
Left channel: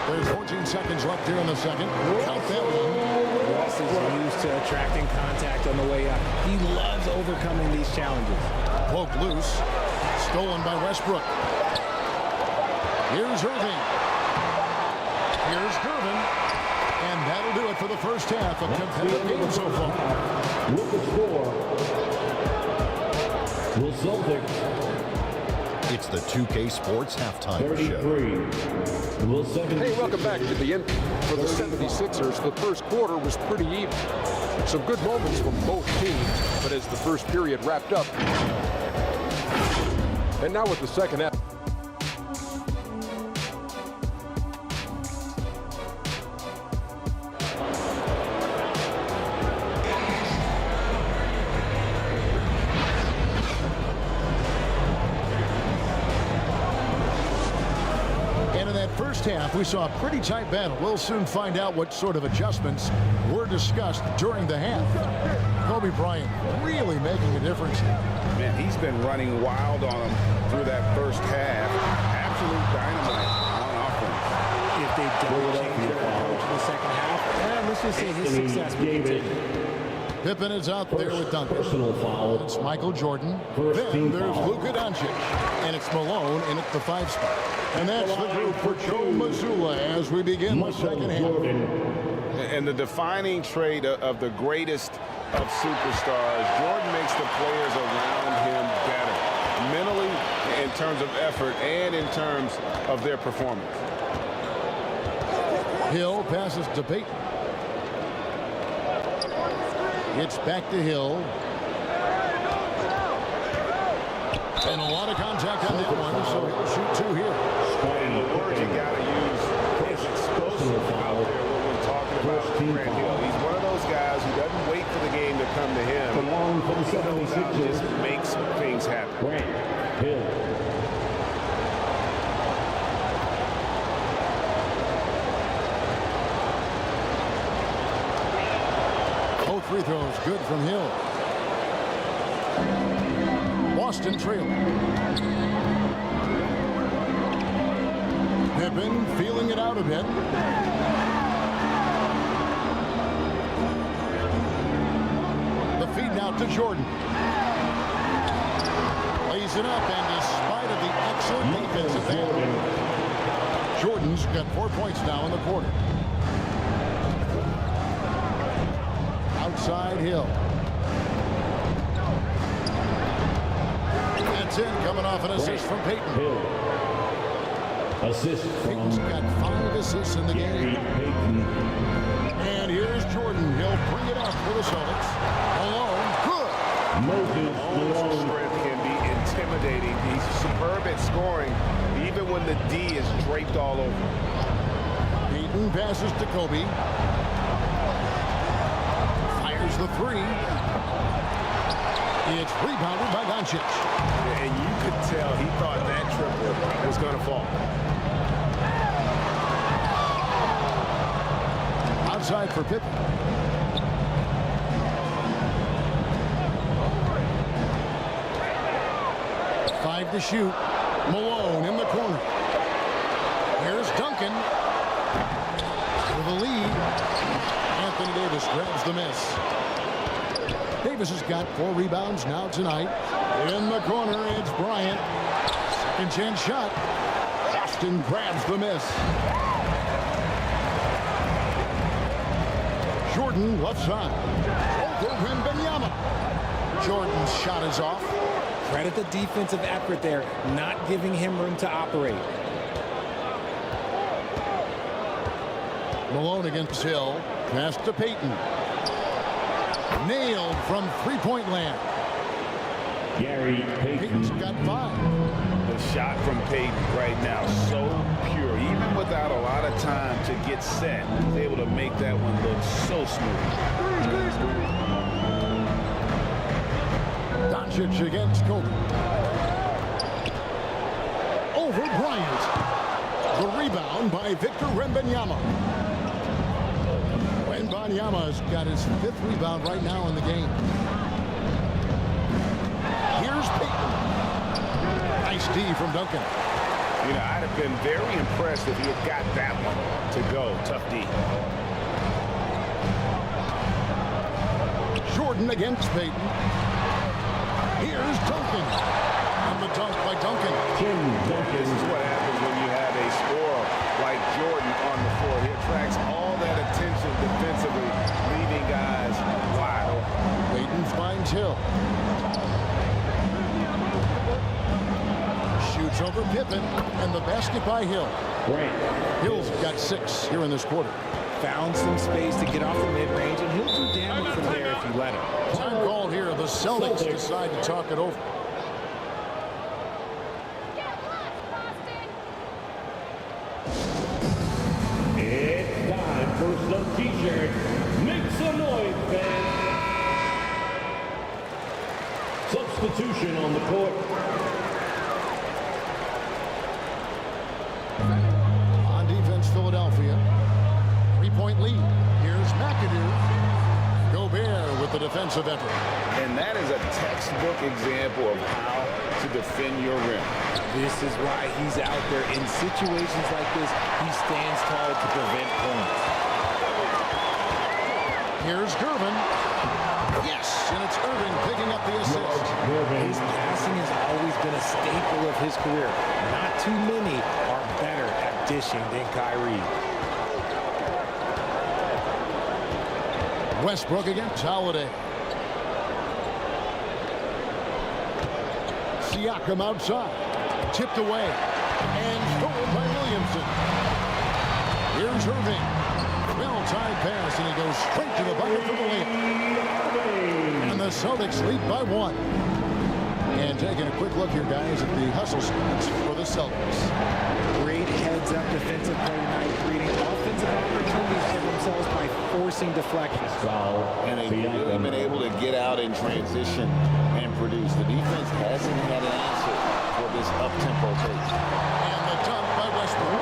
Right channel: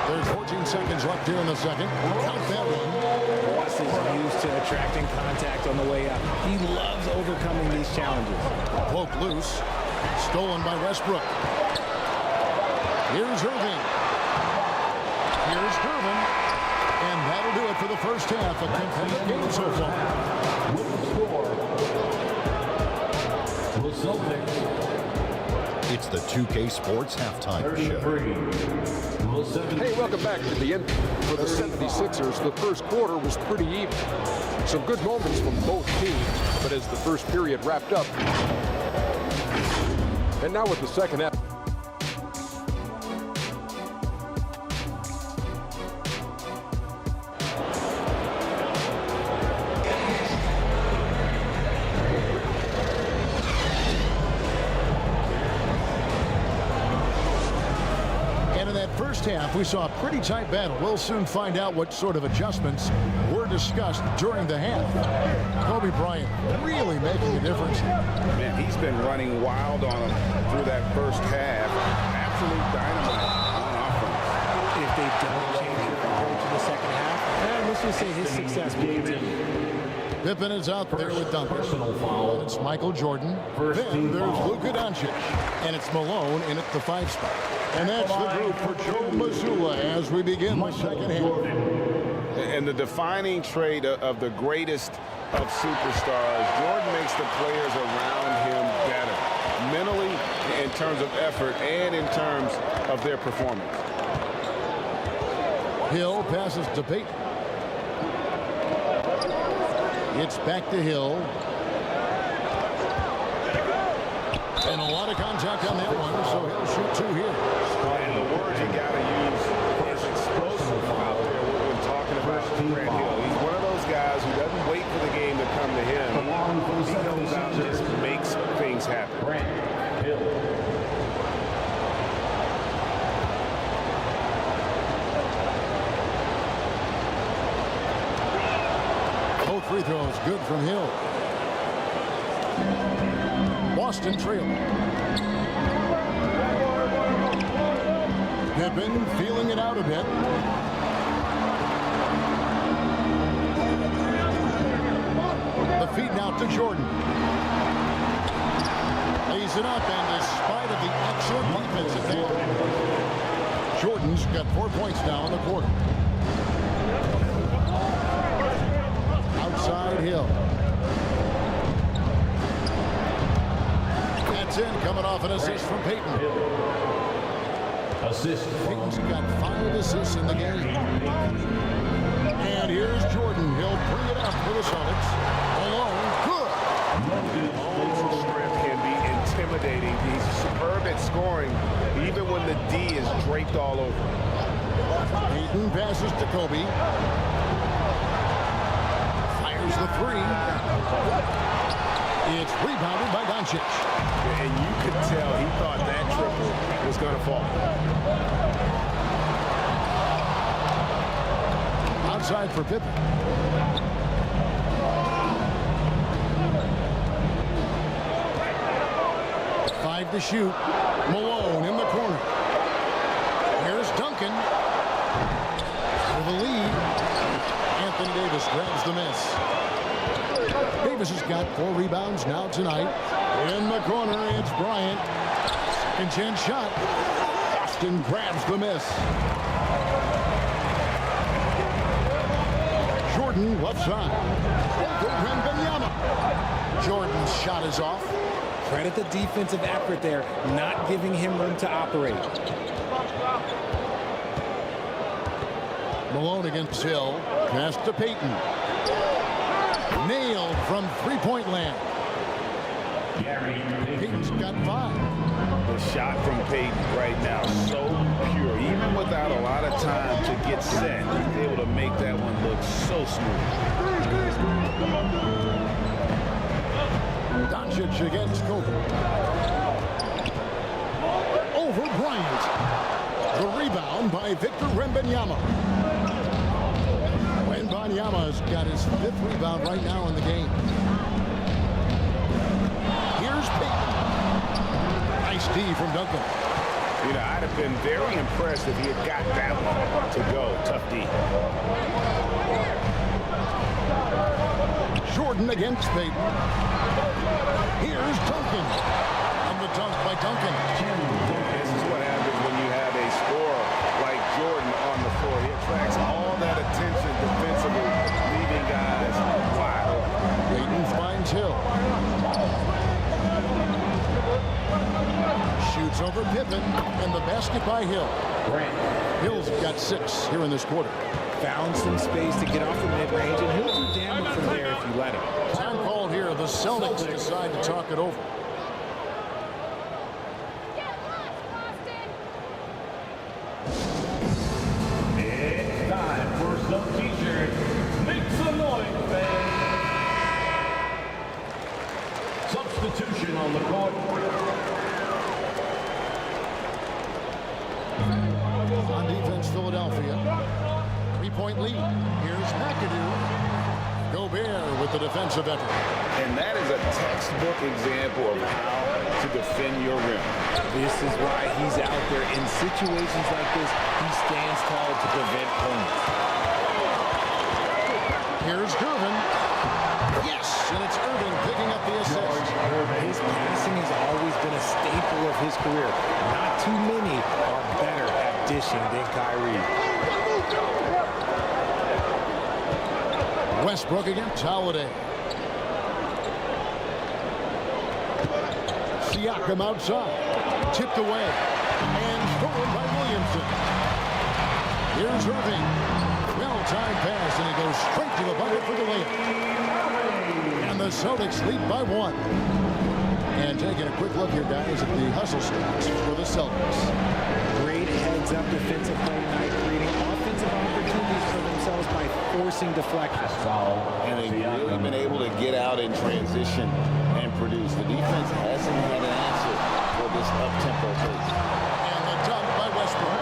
There's 14 seconds left here in the second. Count that one. Russ is used to attracting contact on the way up. He loves overcoming these challenges. Poked loose. Stolen by Westbrook. Here's Irving. Here's Gervin. And that'll do it for the first half. A competitive game so far. With the score, the Celtics. It's the 2K Sports Halftime Show. Hey, welcome back to the end. For the 76ers, the first quarter was pretty even. Some good moments from both teams, but as the first period wrapped up, and now with the second half. First half, we saw a pretty tight battle. We'll soon find out what sort of adjustments were discussed during the half. Kobe Bryant really making a difference. Man, he's been running wild on him through that first half. Absolute dynamite on offense. If If they don't change their approach in the second half, let's just say his success will continue. Pippen is out there with Duncan. Personal foul. And it's Michael Jordan. First Then there's foul. LUKA Doncic. And it's Malone in at the 5 spot. And that's the group for Joe Mazzulla as we begin the second half. And the defining trait of the greatest of superstars, Jordan makes the players around him better, mentally, in terms of effort, and in terms of their performance. Hill passes to Payton. It's back to Hill. And a lot of contact on that one, so he'll shoot 2 here. And the word you got to use is explosive out there when talking about Grant Hill. He's one of those guys who doesn't wait for the game to come to him. He goes out and just makes things happen. Grant Hill. Both free throws good from Hill. Boston trailing. Pippen feeling it out a bit. The feed now to Jordan. Lays it up, and despite of the excellent defensive end, Jordan's got 4 points now in the quarter. Outside Hill. That's in, coming off an assist from Payton. Hill. Assist from Payton's got 5 assists in the game. And here's Jordan. He'll bring it up for the Celtics. Alone, good. Malone's strength can be intimidating. He's superb at scoring, even when the D is draped all over him. Payton passes to Kobe. Fires the 3. It's rebounded by Doncic. And you could tell he thought that triple was going to fall. Outside for Pippen. Five to shoot. Malone in the corner. Here's Duncan. With a lead. Anthony Davis grabs the miss. Davis has got 4 rebounds now tonight. In the corner, it's Bryant. Second chance shot. Boston grabs the miss. Jordan left side. Over WEMBANYAMA. Jordan's shot is off. Credit the defensive effort there, not giving him room to operate. Malone against Hill. Pass to Payton. Nailed from 3-point land. Gary Payton's got 5. The shot from Payton right now, so pure. Even without a lot of time to get set, he's able to make that one look so smooth. Doncic against Kobe. Over Bryant. The rebound by Victor WEMBANYAMA. WEMBANYAMA's got his 5th rebound right now in the game. Here's Payton. Nice D from Duncan. You know, I'd have been very impressed if he had got that one to go. Tough D. Jordan against Payton. Here's Duncan. And the dunk by Duncan. This is what happens when you have a scorer like Jordan on the floor. He attracts all that attention defensively, leaving guys wide open. Payton finds Hill. Shoots over Pippen, and the basket by Hill. Hill's got 6 here in this quarter. Found some space to get off the mid-range, and he'll do damage from there if you let him. Time called here. The Celtics decide to talk it over. It's time for some t-shirts. Make some noise, fans. Substitution on the court. On defense, Philadelphia. 3-point lead. Here's MCADOO. Gobert with the defensive effort. And that is a textbook example of how to defend your rim. This is why he's out there. In situations like this, he stands tall to prevent points. Here's GERVIN. Yes, and it's Irving picking up the assist. His passing has always been a staple of his career. Not too many are better at dishing than KYRIE. Westbrook against Holiday. Siakam outside. Tipped away. And stolen by Williamson. Here's Irving. Well-timed pass, and he goes straight to the bucket for the layup. And the Celtics lead by 1. And taking a quick look here, guys, at the hustle stats for the Celtics. Great heads-up defensive play tonight, creating offensive opportunities for themselves by forcing deflections. And they've really been able to get out in transition and produce. The defense hasn't had an answer for this up-tempo pace. And the dunk by Westbrook.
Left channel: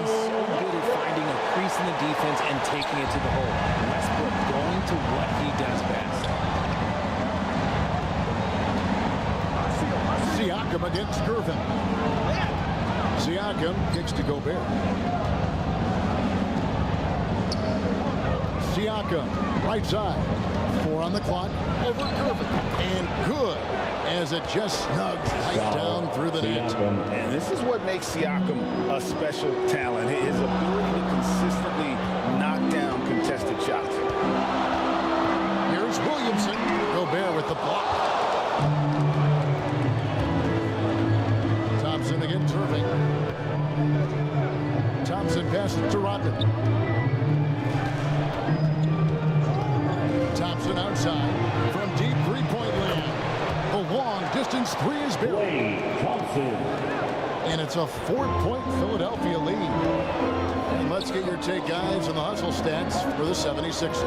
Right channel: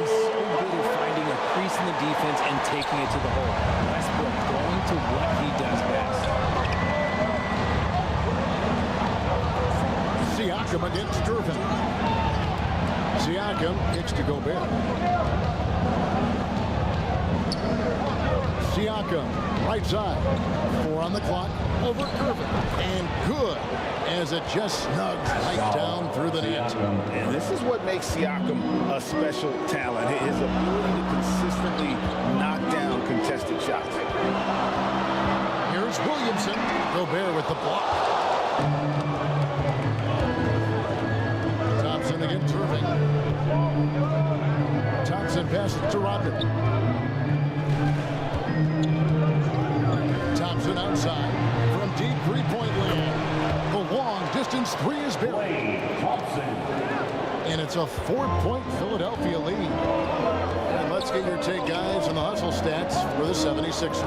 He's so good at finding a crease in the defense and taking it to the hole. Westbrook going to what he does best. Siakam against GERVIN. Siakam kicks to Gobert. Siakam, right side. 4 on the clock. Over GERVIN. And good, as it just snugs right down through the net. And this is what makes Siakam a special talent. His ability to consistently knock down contested shots. Here's Williamson. Gobert with the block. Thompson against Irving. Thompson passes to RODMAN. Thompson outside from deep three-point land. The long distance 3 is buried. And it's a 4-point Philadelphia lead. And let's get your take, guys, on the hustle stats for the 76ers.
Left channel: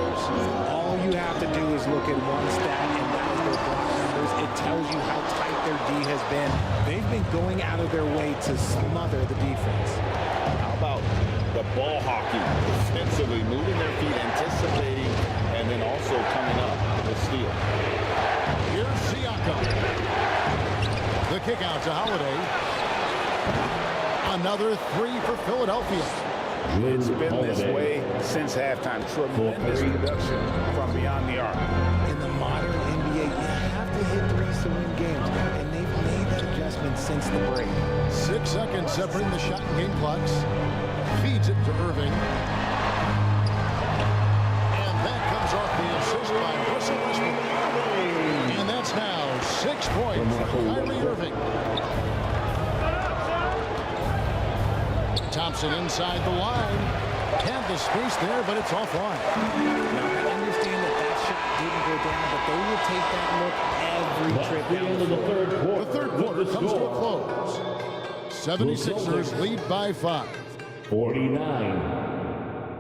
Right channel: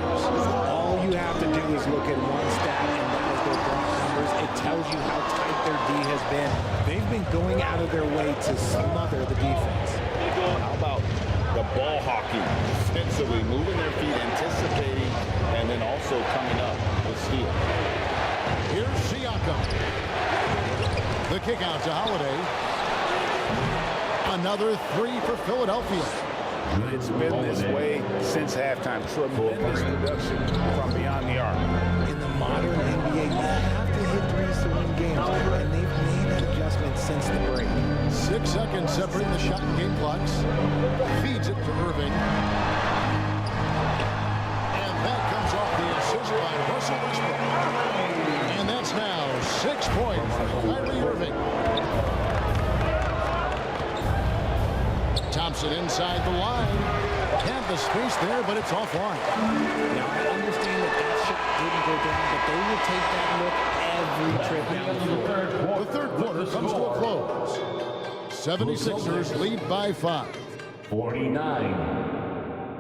All you have to do is look at one stat, and that is their block numbers. It tells you how tight their D has been. They've been going out of their way to smother the defense. How about the ball hockey defensively, moving their feet, anticipating, and then also coming up with steal. Here's Siakam. The kick out to Holiday. Another 3 for Philadelphia. It's been this way since halftime. Tremendous production from beyond the arc. In the modern NBA, you have to hit threes to win games, and they've made that adjustment since the break. 6 seconds separating the shot and game clocks. Feeds it to Irving. And that comes off the assist by Russell Westbrook. And that's now 6 points for Kyrie Irving. Thompson inside the line. Had the space there, but it's offline. Now, I understand that that shot didn't go down, but they will take that look every trip down the floor. The third quarter comes to a close. 76ers lead by 5. 49.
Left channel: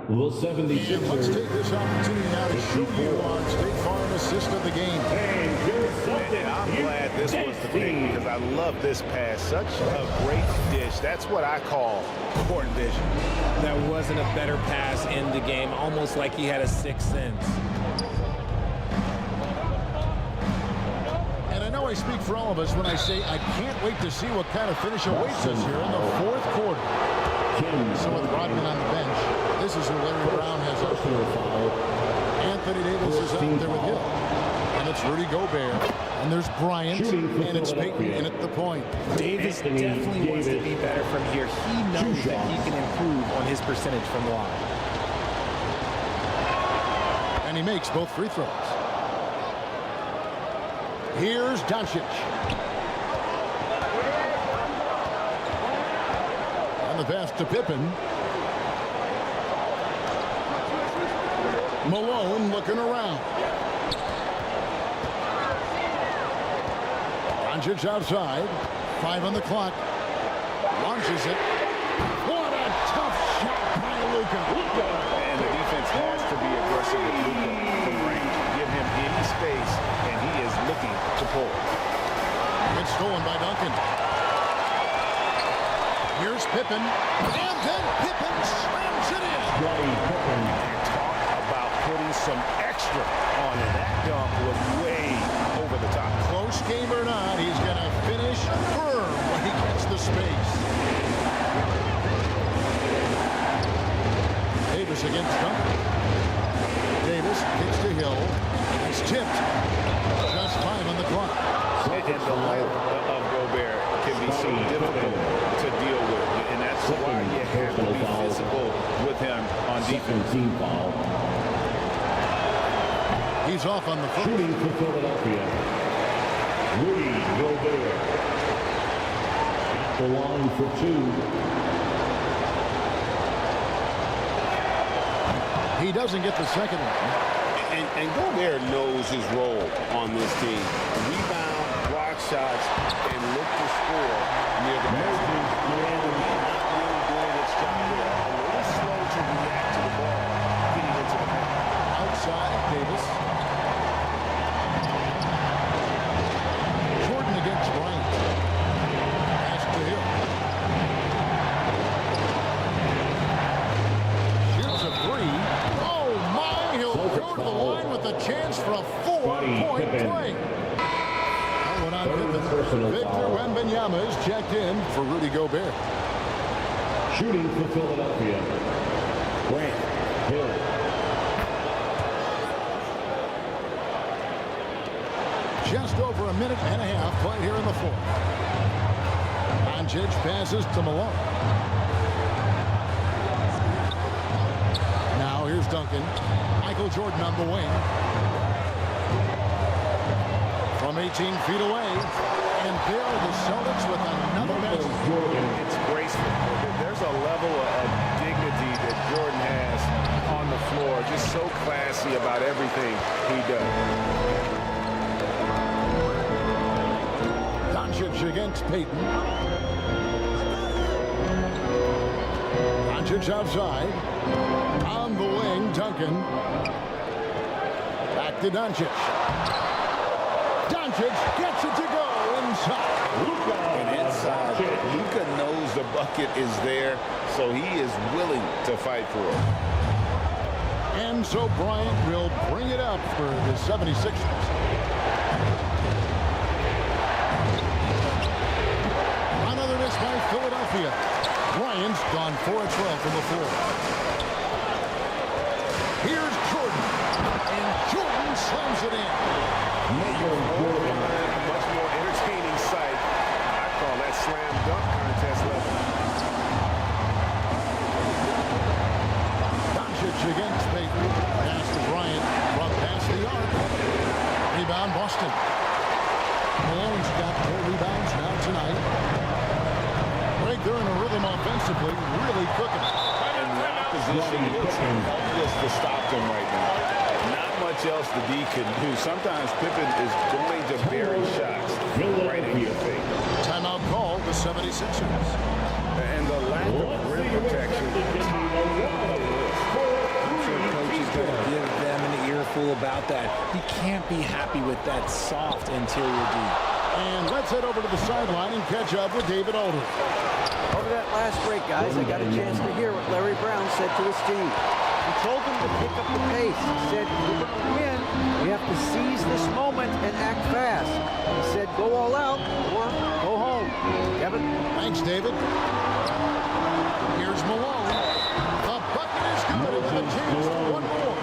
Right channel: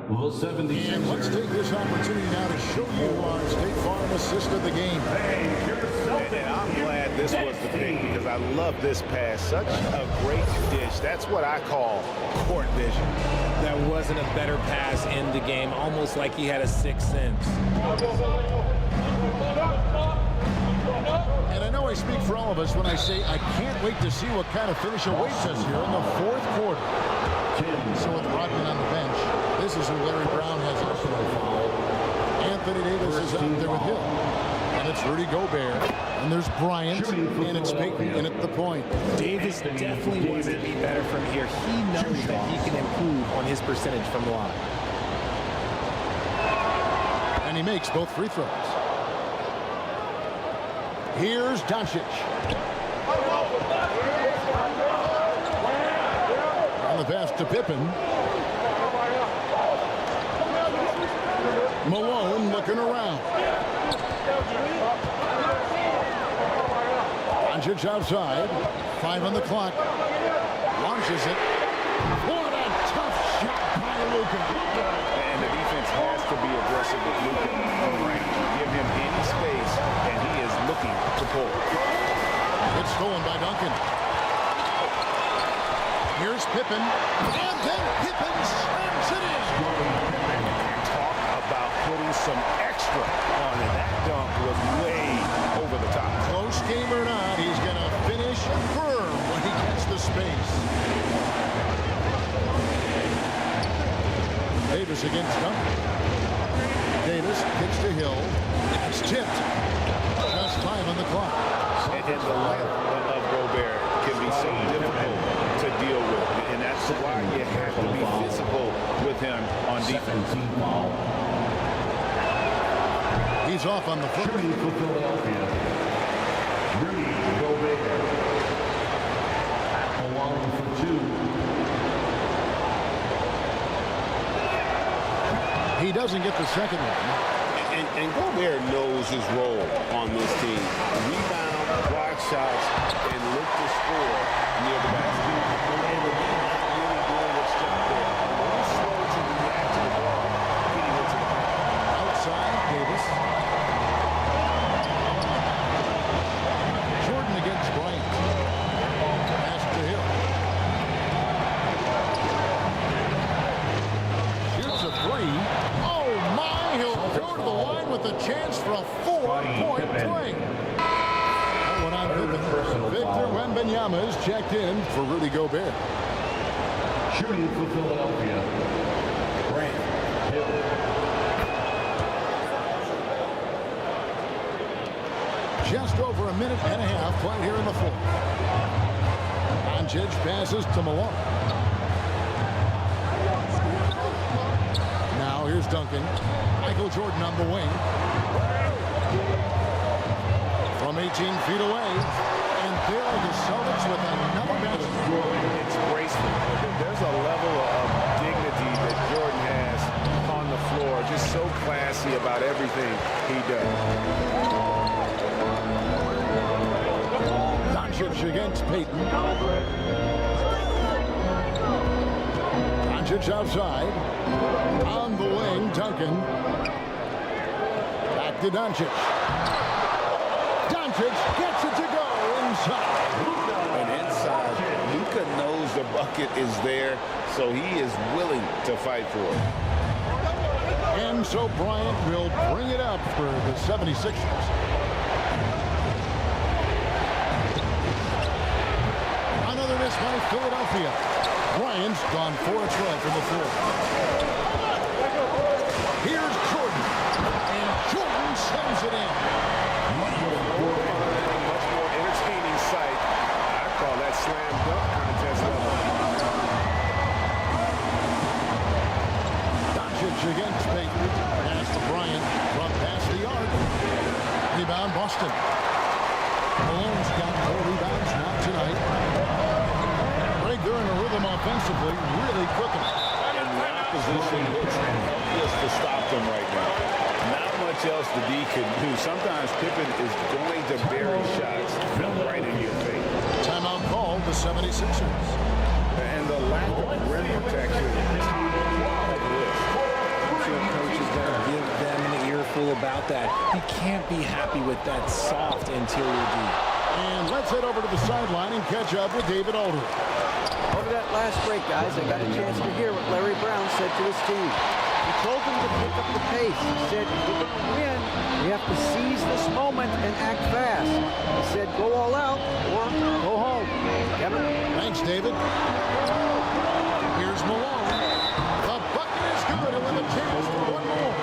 The 76ers. And let's take this opportunity now to show you our State Farm assist of the game. And I'm glad this was the pick because I love this pass. Such a great dish. That's what I call court vision. That wasn't a better pass in the game, almost like he had a sixth sense. And I know I speak for all of us when I say I can't wait to see what kind of finish awaits us here in the fourth quarter. So with Rodman on the bench, this is who Larry Brown has up there. Anthony Davis is out there with Hill. And it's Rudy Gobert. And there's Bryant. And it's Payton in at the point. Davis definitely wants to be better from here. He knows that he can improve on his percentage from the line. And he makes both free throws. Here's DONCIC. On the pass to Pippen. Malone looking around. DONCIC outside. 5 on the clock. Launches it. What a tough shot by LUKA. And the defense has to be aggressive with LUKA from range. Give him any space, and he is looking to pull. It's stolen by Duncan. Here's Pippen. And then Pippen slams it in. And talk about putting some extra on it. That dunk was way over the top. Close game or not, he's going to finish firm when he gets the space. Davis against Duncan. Davis kicks to Hill. It's tipped. Just 5 on the clock. And the length of Gobert can be so difficult to deal with. And that's why you have to be physical with him on defense. He's off on the foot. Shooting for Philadelphia, Rudy Gobert. At the line for 2. He doesn't get the second one. And Gobert knows his role on this team. Rebound, block shots, and look to score near the basket. And the lead not really doing its job there. A little slow to react to the ball getting into the paint. Outside, Davis. Jordan against Bryant. Pass to Hill. Shoots a 3. Oh my! He'll go to the line with a chance for a 4-point play. That one on Pippen. Victor Wembanyama is checked in for Rudy Gobert. Shooting for Philadelphia, Grant Hill. Just over a minute and a half played here in the fourth. Doncic passes to Malone. Now here's Duncan. Michael Jordan on the wing. From 18 feet away. And there are the Celtics with another basket. It's graceful. There's a level of dignity that Jordan has on the floor. Just so classy about everything he does. Doncic against Payton. Doncic outside. On the wing, Duncan. Back to Doncic. Doncic gets it to go inside. And inside, Luka knows the bucket is there, so he is willing to fight for it. And so Bryant will bring it up for the 76ers. Another miss by Philadelphia. Bryant's gone 4 of 12 from the floor. Here's Jordan. And Jordan slams it in. A much more entertaining sight. I call that slam dunk contest level. Doncic against Payton. Pass to Bryant from past the arc. Rebound Boston. Malone's got 4 rebounds now tonight. Greg, they're in a rhythm offensively, really cooking. And the opposition looks helpless to stop them right now. Not much else the D can do. Sometimes Pippen is going to bury shots right in your face. Timeout called the 76ers. And the lack of rim protection is top of the list. I'm sure coach is going to give them an earful about that. He can't be happy with that soft interior D. And let's head over to the sideline and catch up with David Aldridge. Over that last break, guys, I got a chance to hear what Larry Brown said to his team. He told them to pick up the pace. He said, if we're going to win, we have to seize this moment and act fast. He said, go all out or go home. Kevin? Thanks, David. Here's Malone. The bucket is good. He'll have a chance for one more.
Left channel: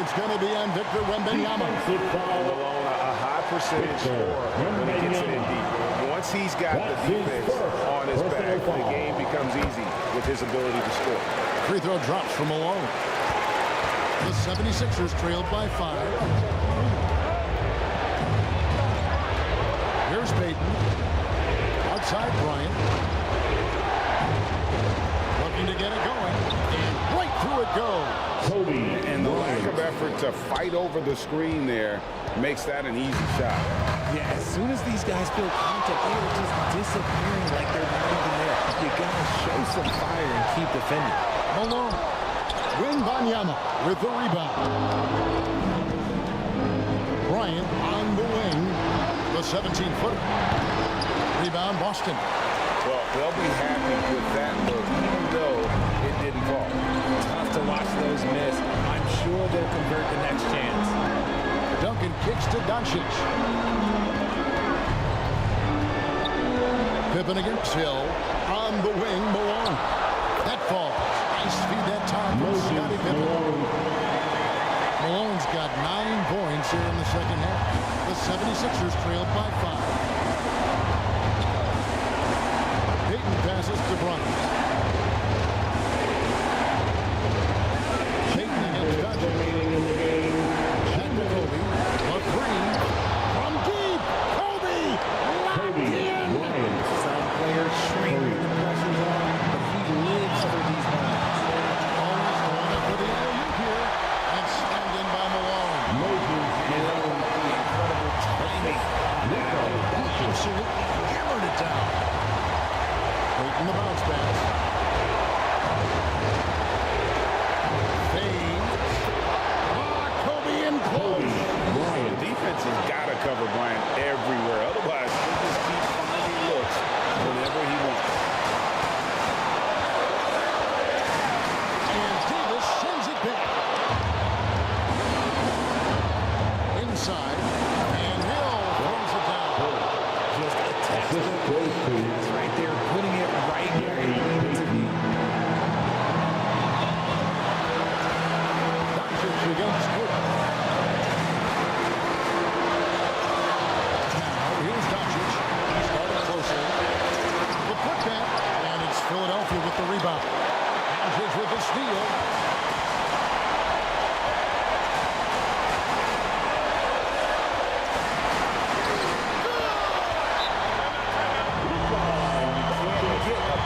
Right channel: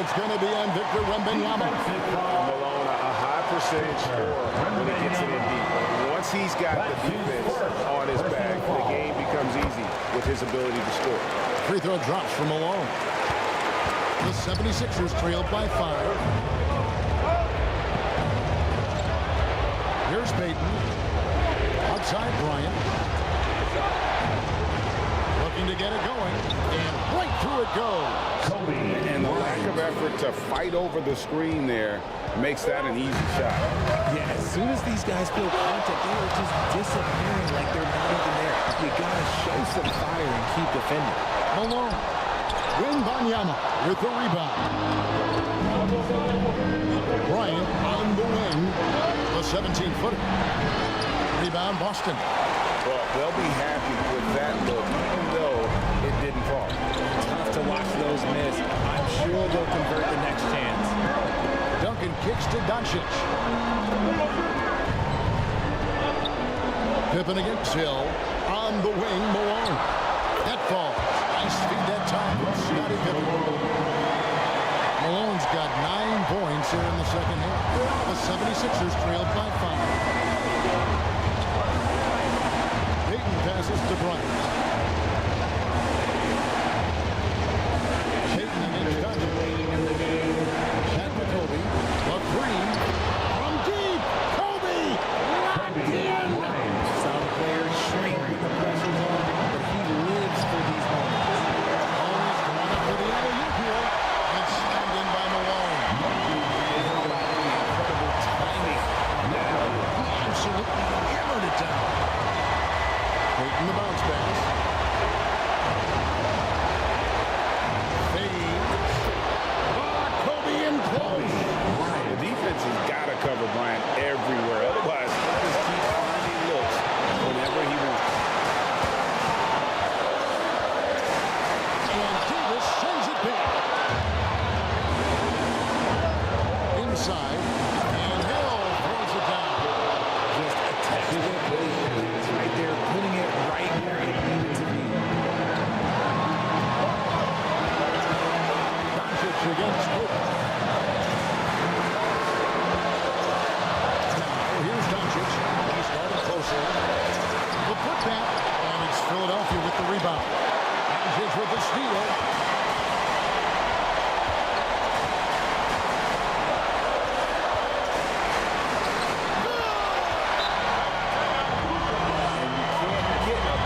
It's going to be on Victor Wembanyama. Malone, a high percentage scorer when he gets it in deep. Once he's got the defense on his back, the game becomes easy with his ability to score. Free throw drops from Malone. The 76ers trailed by 5. Here's Payton. Outside Bryant. Looking to get it going. And right through it goes. And the lack of effort to fight over the screen there makes that an easy shot. Yeah, as soon as these guys feel contact, they are just disappearing like they're not even there. You got to show some fire and keep defending. Malone. Wembanyama with the rebound. Bryant on the wing. The 17-footer. Rebound Boston. Well, they'll be happy with that look, even though it didn't fall. Tough tough to watch those miss. I'm sure they'll convert the next chance. Duncan kicks to DUNCIC. Pippen against Hill. On the wing, Malone. That falls. Nice feed that time from Scottie Pippen. Malone's got 9 points here in the second half. The 76ers trailed by 5. Payton passes to Bryant. Payton against DUNCIC. Back to Kobe. A three from deep. Kobe locked in. Some players shrink when the pressure's on, but he lives for these moments. Always going up for the alley-oop here. And slammed in by Malone. And how about the incredible timing on that alley-oop? He absolutely hammered it down. Payton the bounce pass. Fades. Kobe in close. The defense has got to cover Bryant everywhere. Otherwise, he'll just keep finding looks whenever he wants. And Davis sends it back. Inside. And Hill throws it down. Just a textbook pass right there, putting it right where it needed to be. DUNCIC against Kobe. Now, here's DUNCIC. He started closely. The putback, and it's Philadelphia with the rebound. DUNCIC with the steal.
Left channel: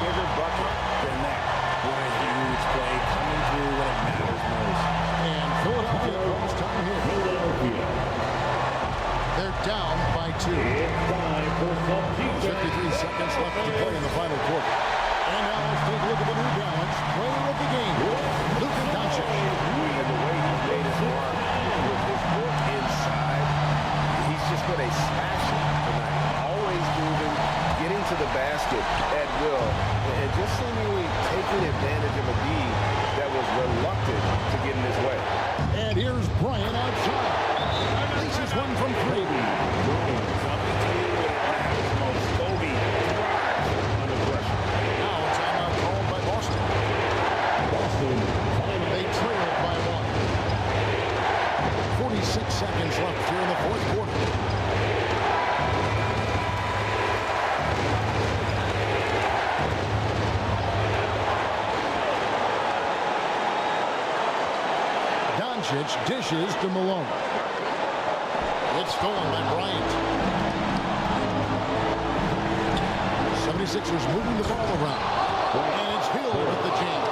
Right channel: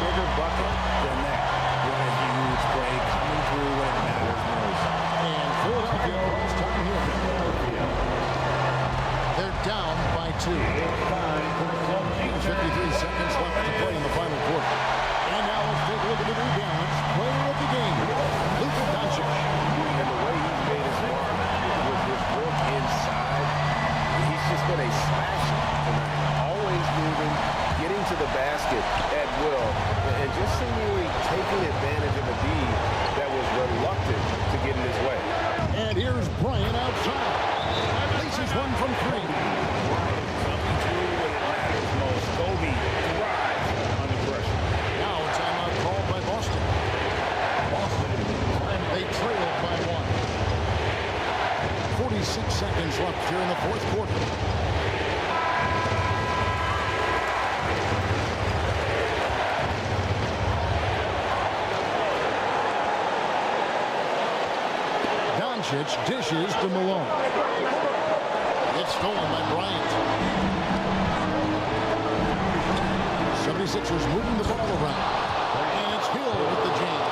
Bigger bucket than that. What a huge play coming through when it matters most. And Philadelphia calls time here. They're down by 2. 53 seconds left to play in the final quarter. And now let's take a look at the New Balance player of the game, Luka Doncic. And the way he's made his mark with his work inside, he's just been a smasher tonight. Always moving, getting to the basket at will, and just seemingly taking advantage of a D that was reluctant to get in his way. And here's Bryant outside. Leases one from 3. Coming through when it matters most. Kobe thrives under pressure. Now a timeout called by Boston. They trailed by 1. 46 seconds left here in the fourth quarter. Doncic dishes to Malone. It's stolen by Bryant. 76ers moving the ball around. And it's Hill with the jam.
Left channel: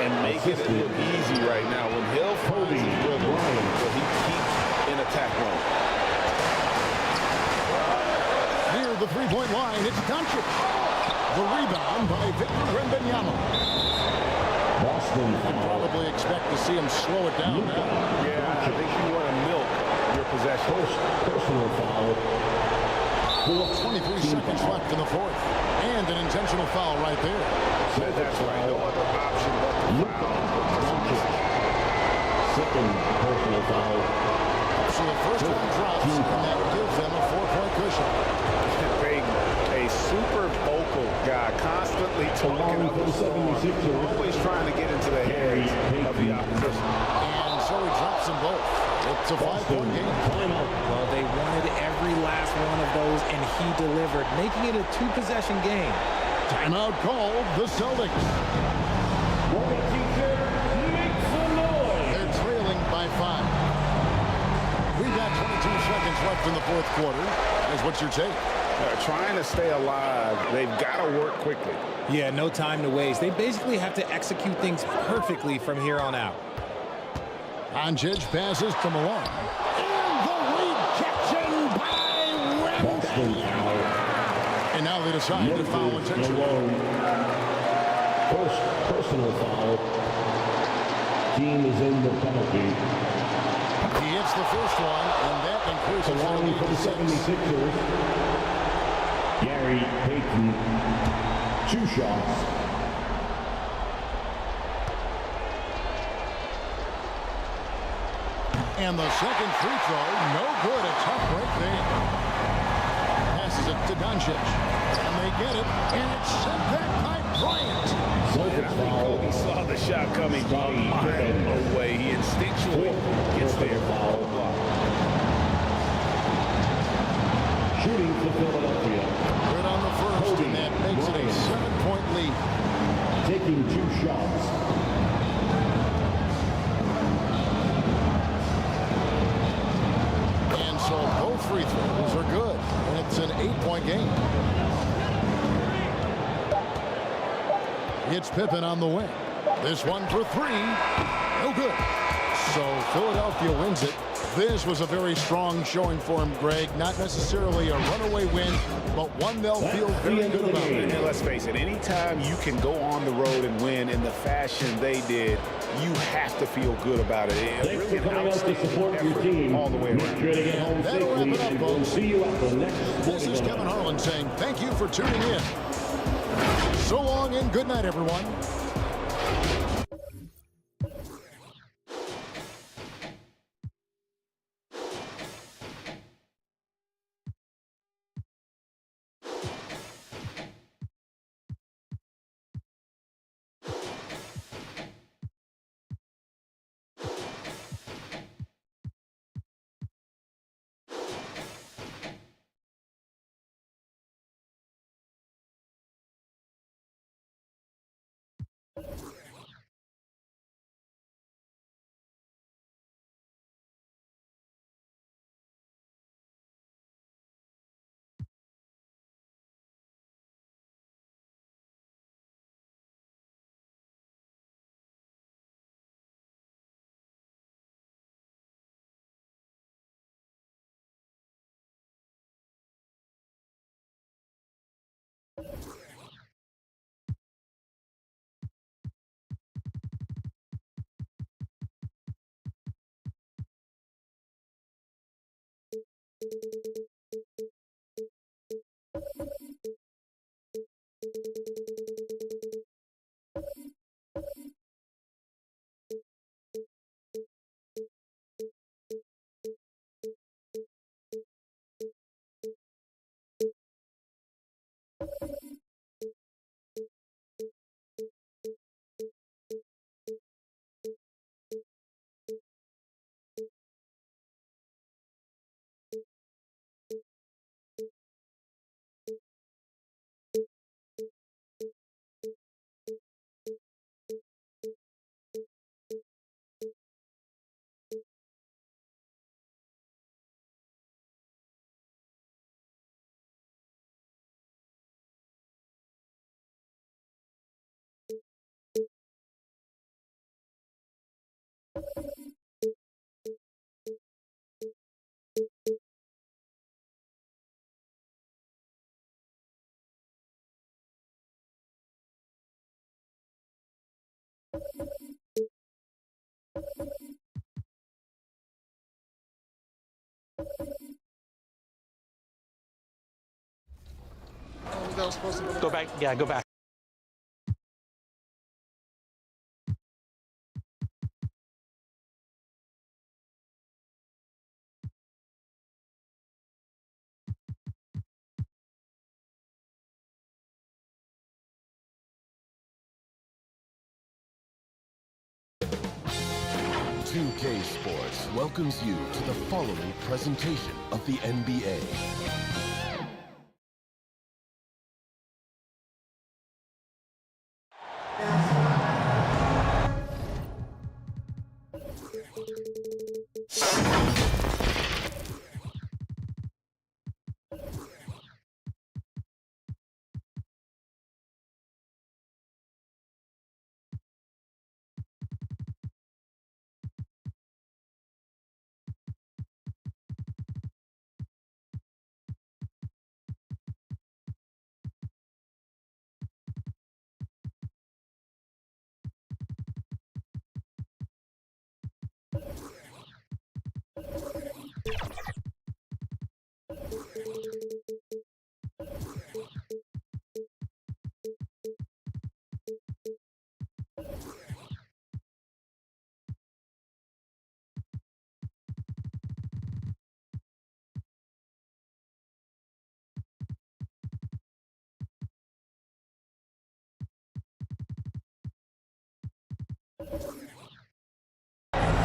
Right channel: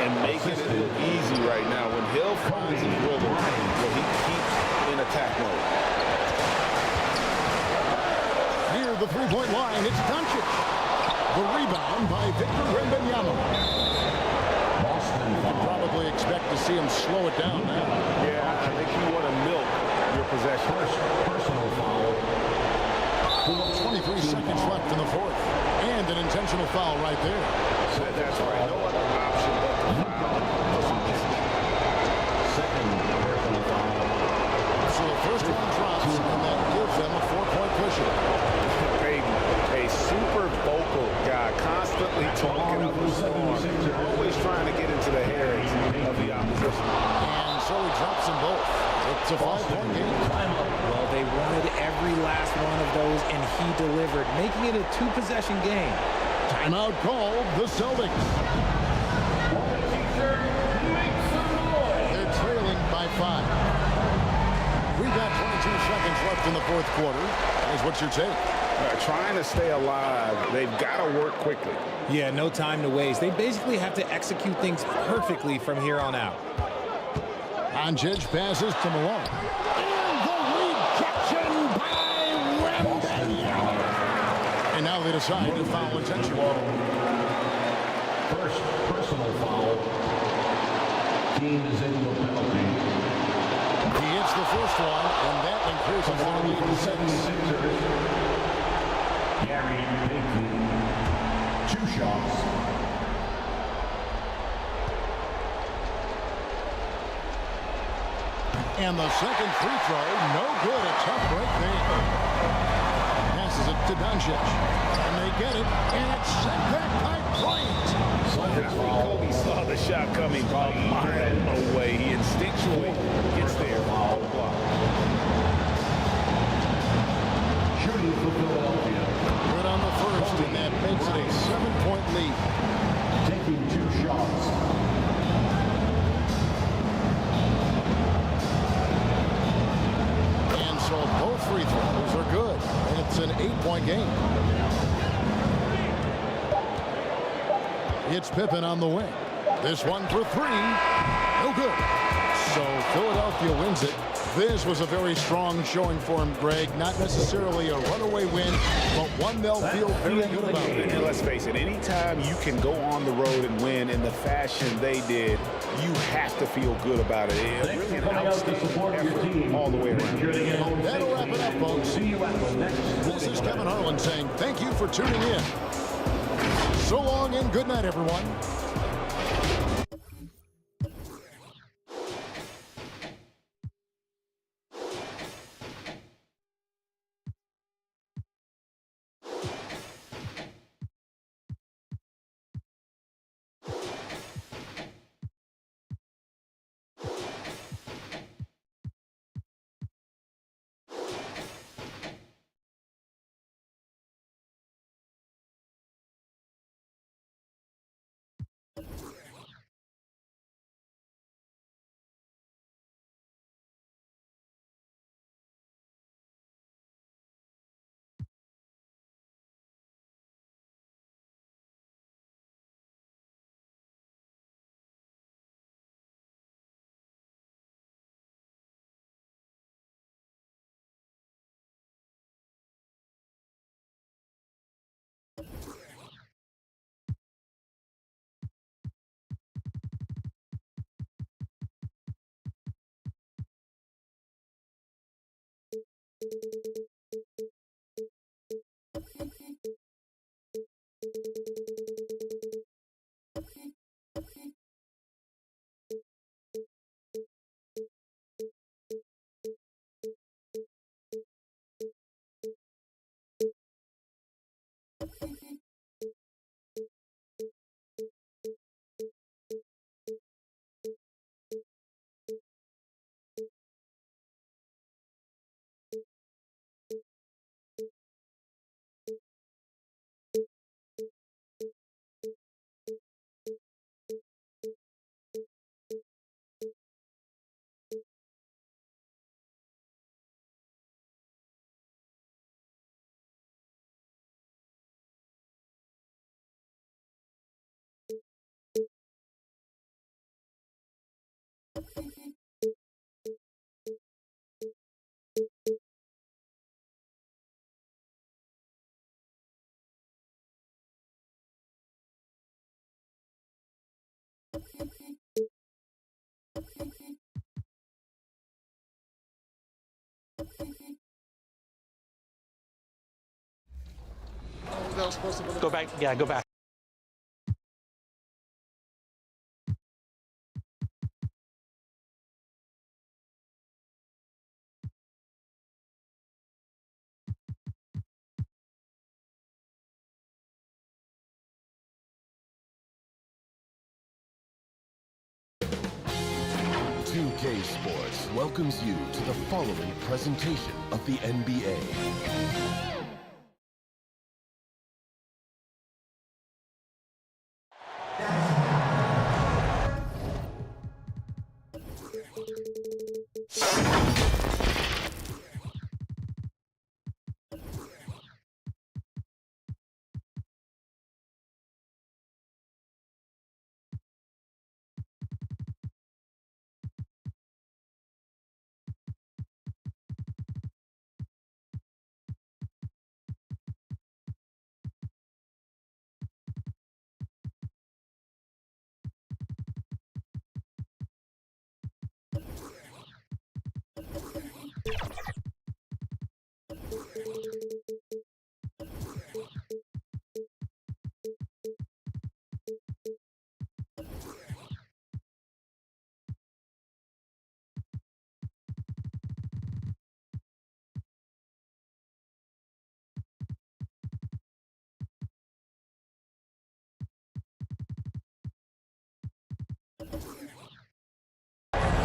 And making it look easy right now. When Hill finds his rhythm, well, he keeps in attack mode. Near the three-point line, it's Doncic. The rebound by Victor Wembanyama. You can probably expect to see him slow it down now. Yeah, I think you want to milk your possession. Personal foul. 23 seconds left in the fourth. And an intentional foul right there. That's right. No other option but to foul for some distance. Second personal foul. So the first one drops, and that gives them a 4-point cushion. Payton, a super vocal guy, constantly talking up the score, always trying to get into the heads of the opposition. And so he drops them both. It's a 5-point game. Well, they wanted every last one of those, and he delivered, making it a 2-possession game. Timeout called the Celtics. They're trailing by 5. We've got 22 seconds left in the fourth quarter. Is what's your take? Trying to stay alive, they've got to work quickly. Yeah, no time to waste. They basically have to execute things perfectly from here on out. Doncic passes to Malone. And the rejection by Wembanyama. And now they decide to foul intentionally. First personal foul. Team is in the penalty. He hits the first one, and that increases their lead to 6. 76ers. Gary Payton, 2 shots. And the second free throw, no good. A tough break there. Passes it to DUNCIC. And they get it. And it's sent back by Bryant. And I think Kobe saw the shot coming a mile away. He instinctually gets there on the block. Shooting for Philadelphia. Good on the first, and that makes it a 7-point lead. Taking 2 shots. And so both free throws are good. And it's an 8-point game. It's Pippen on the wing. This one for 3. No good. So Philadelphia wins it. This was a very strong showing for him, Greg. Not necessarily a runaway win, but one they'll feel very good about. And let's face it, anytime you can go on the road and win in the fashion they did, you have to feel good about it. It's really an outstanding effort all the way around. That'll wrap it up, folks. This is Kevin Harlan saying thank you for tuning in. So long and good night, everyone. Go back. Yeah, go back. .2K Sports welcomes you to the following presentation of the NBA.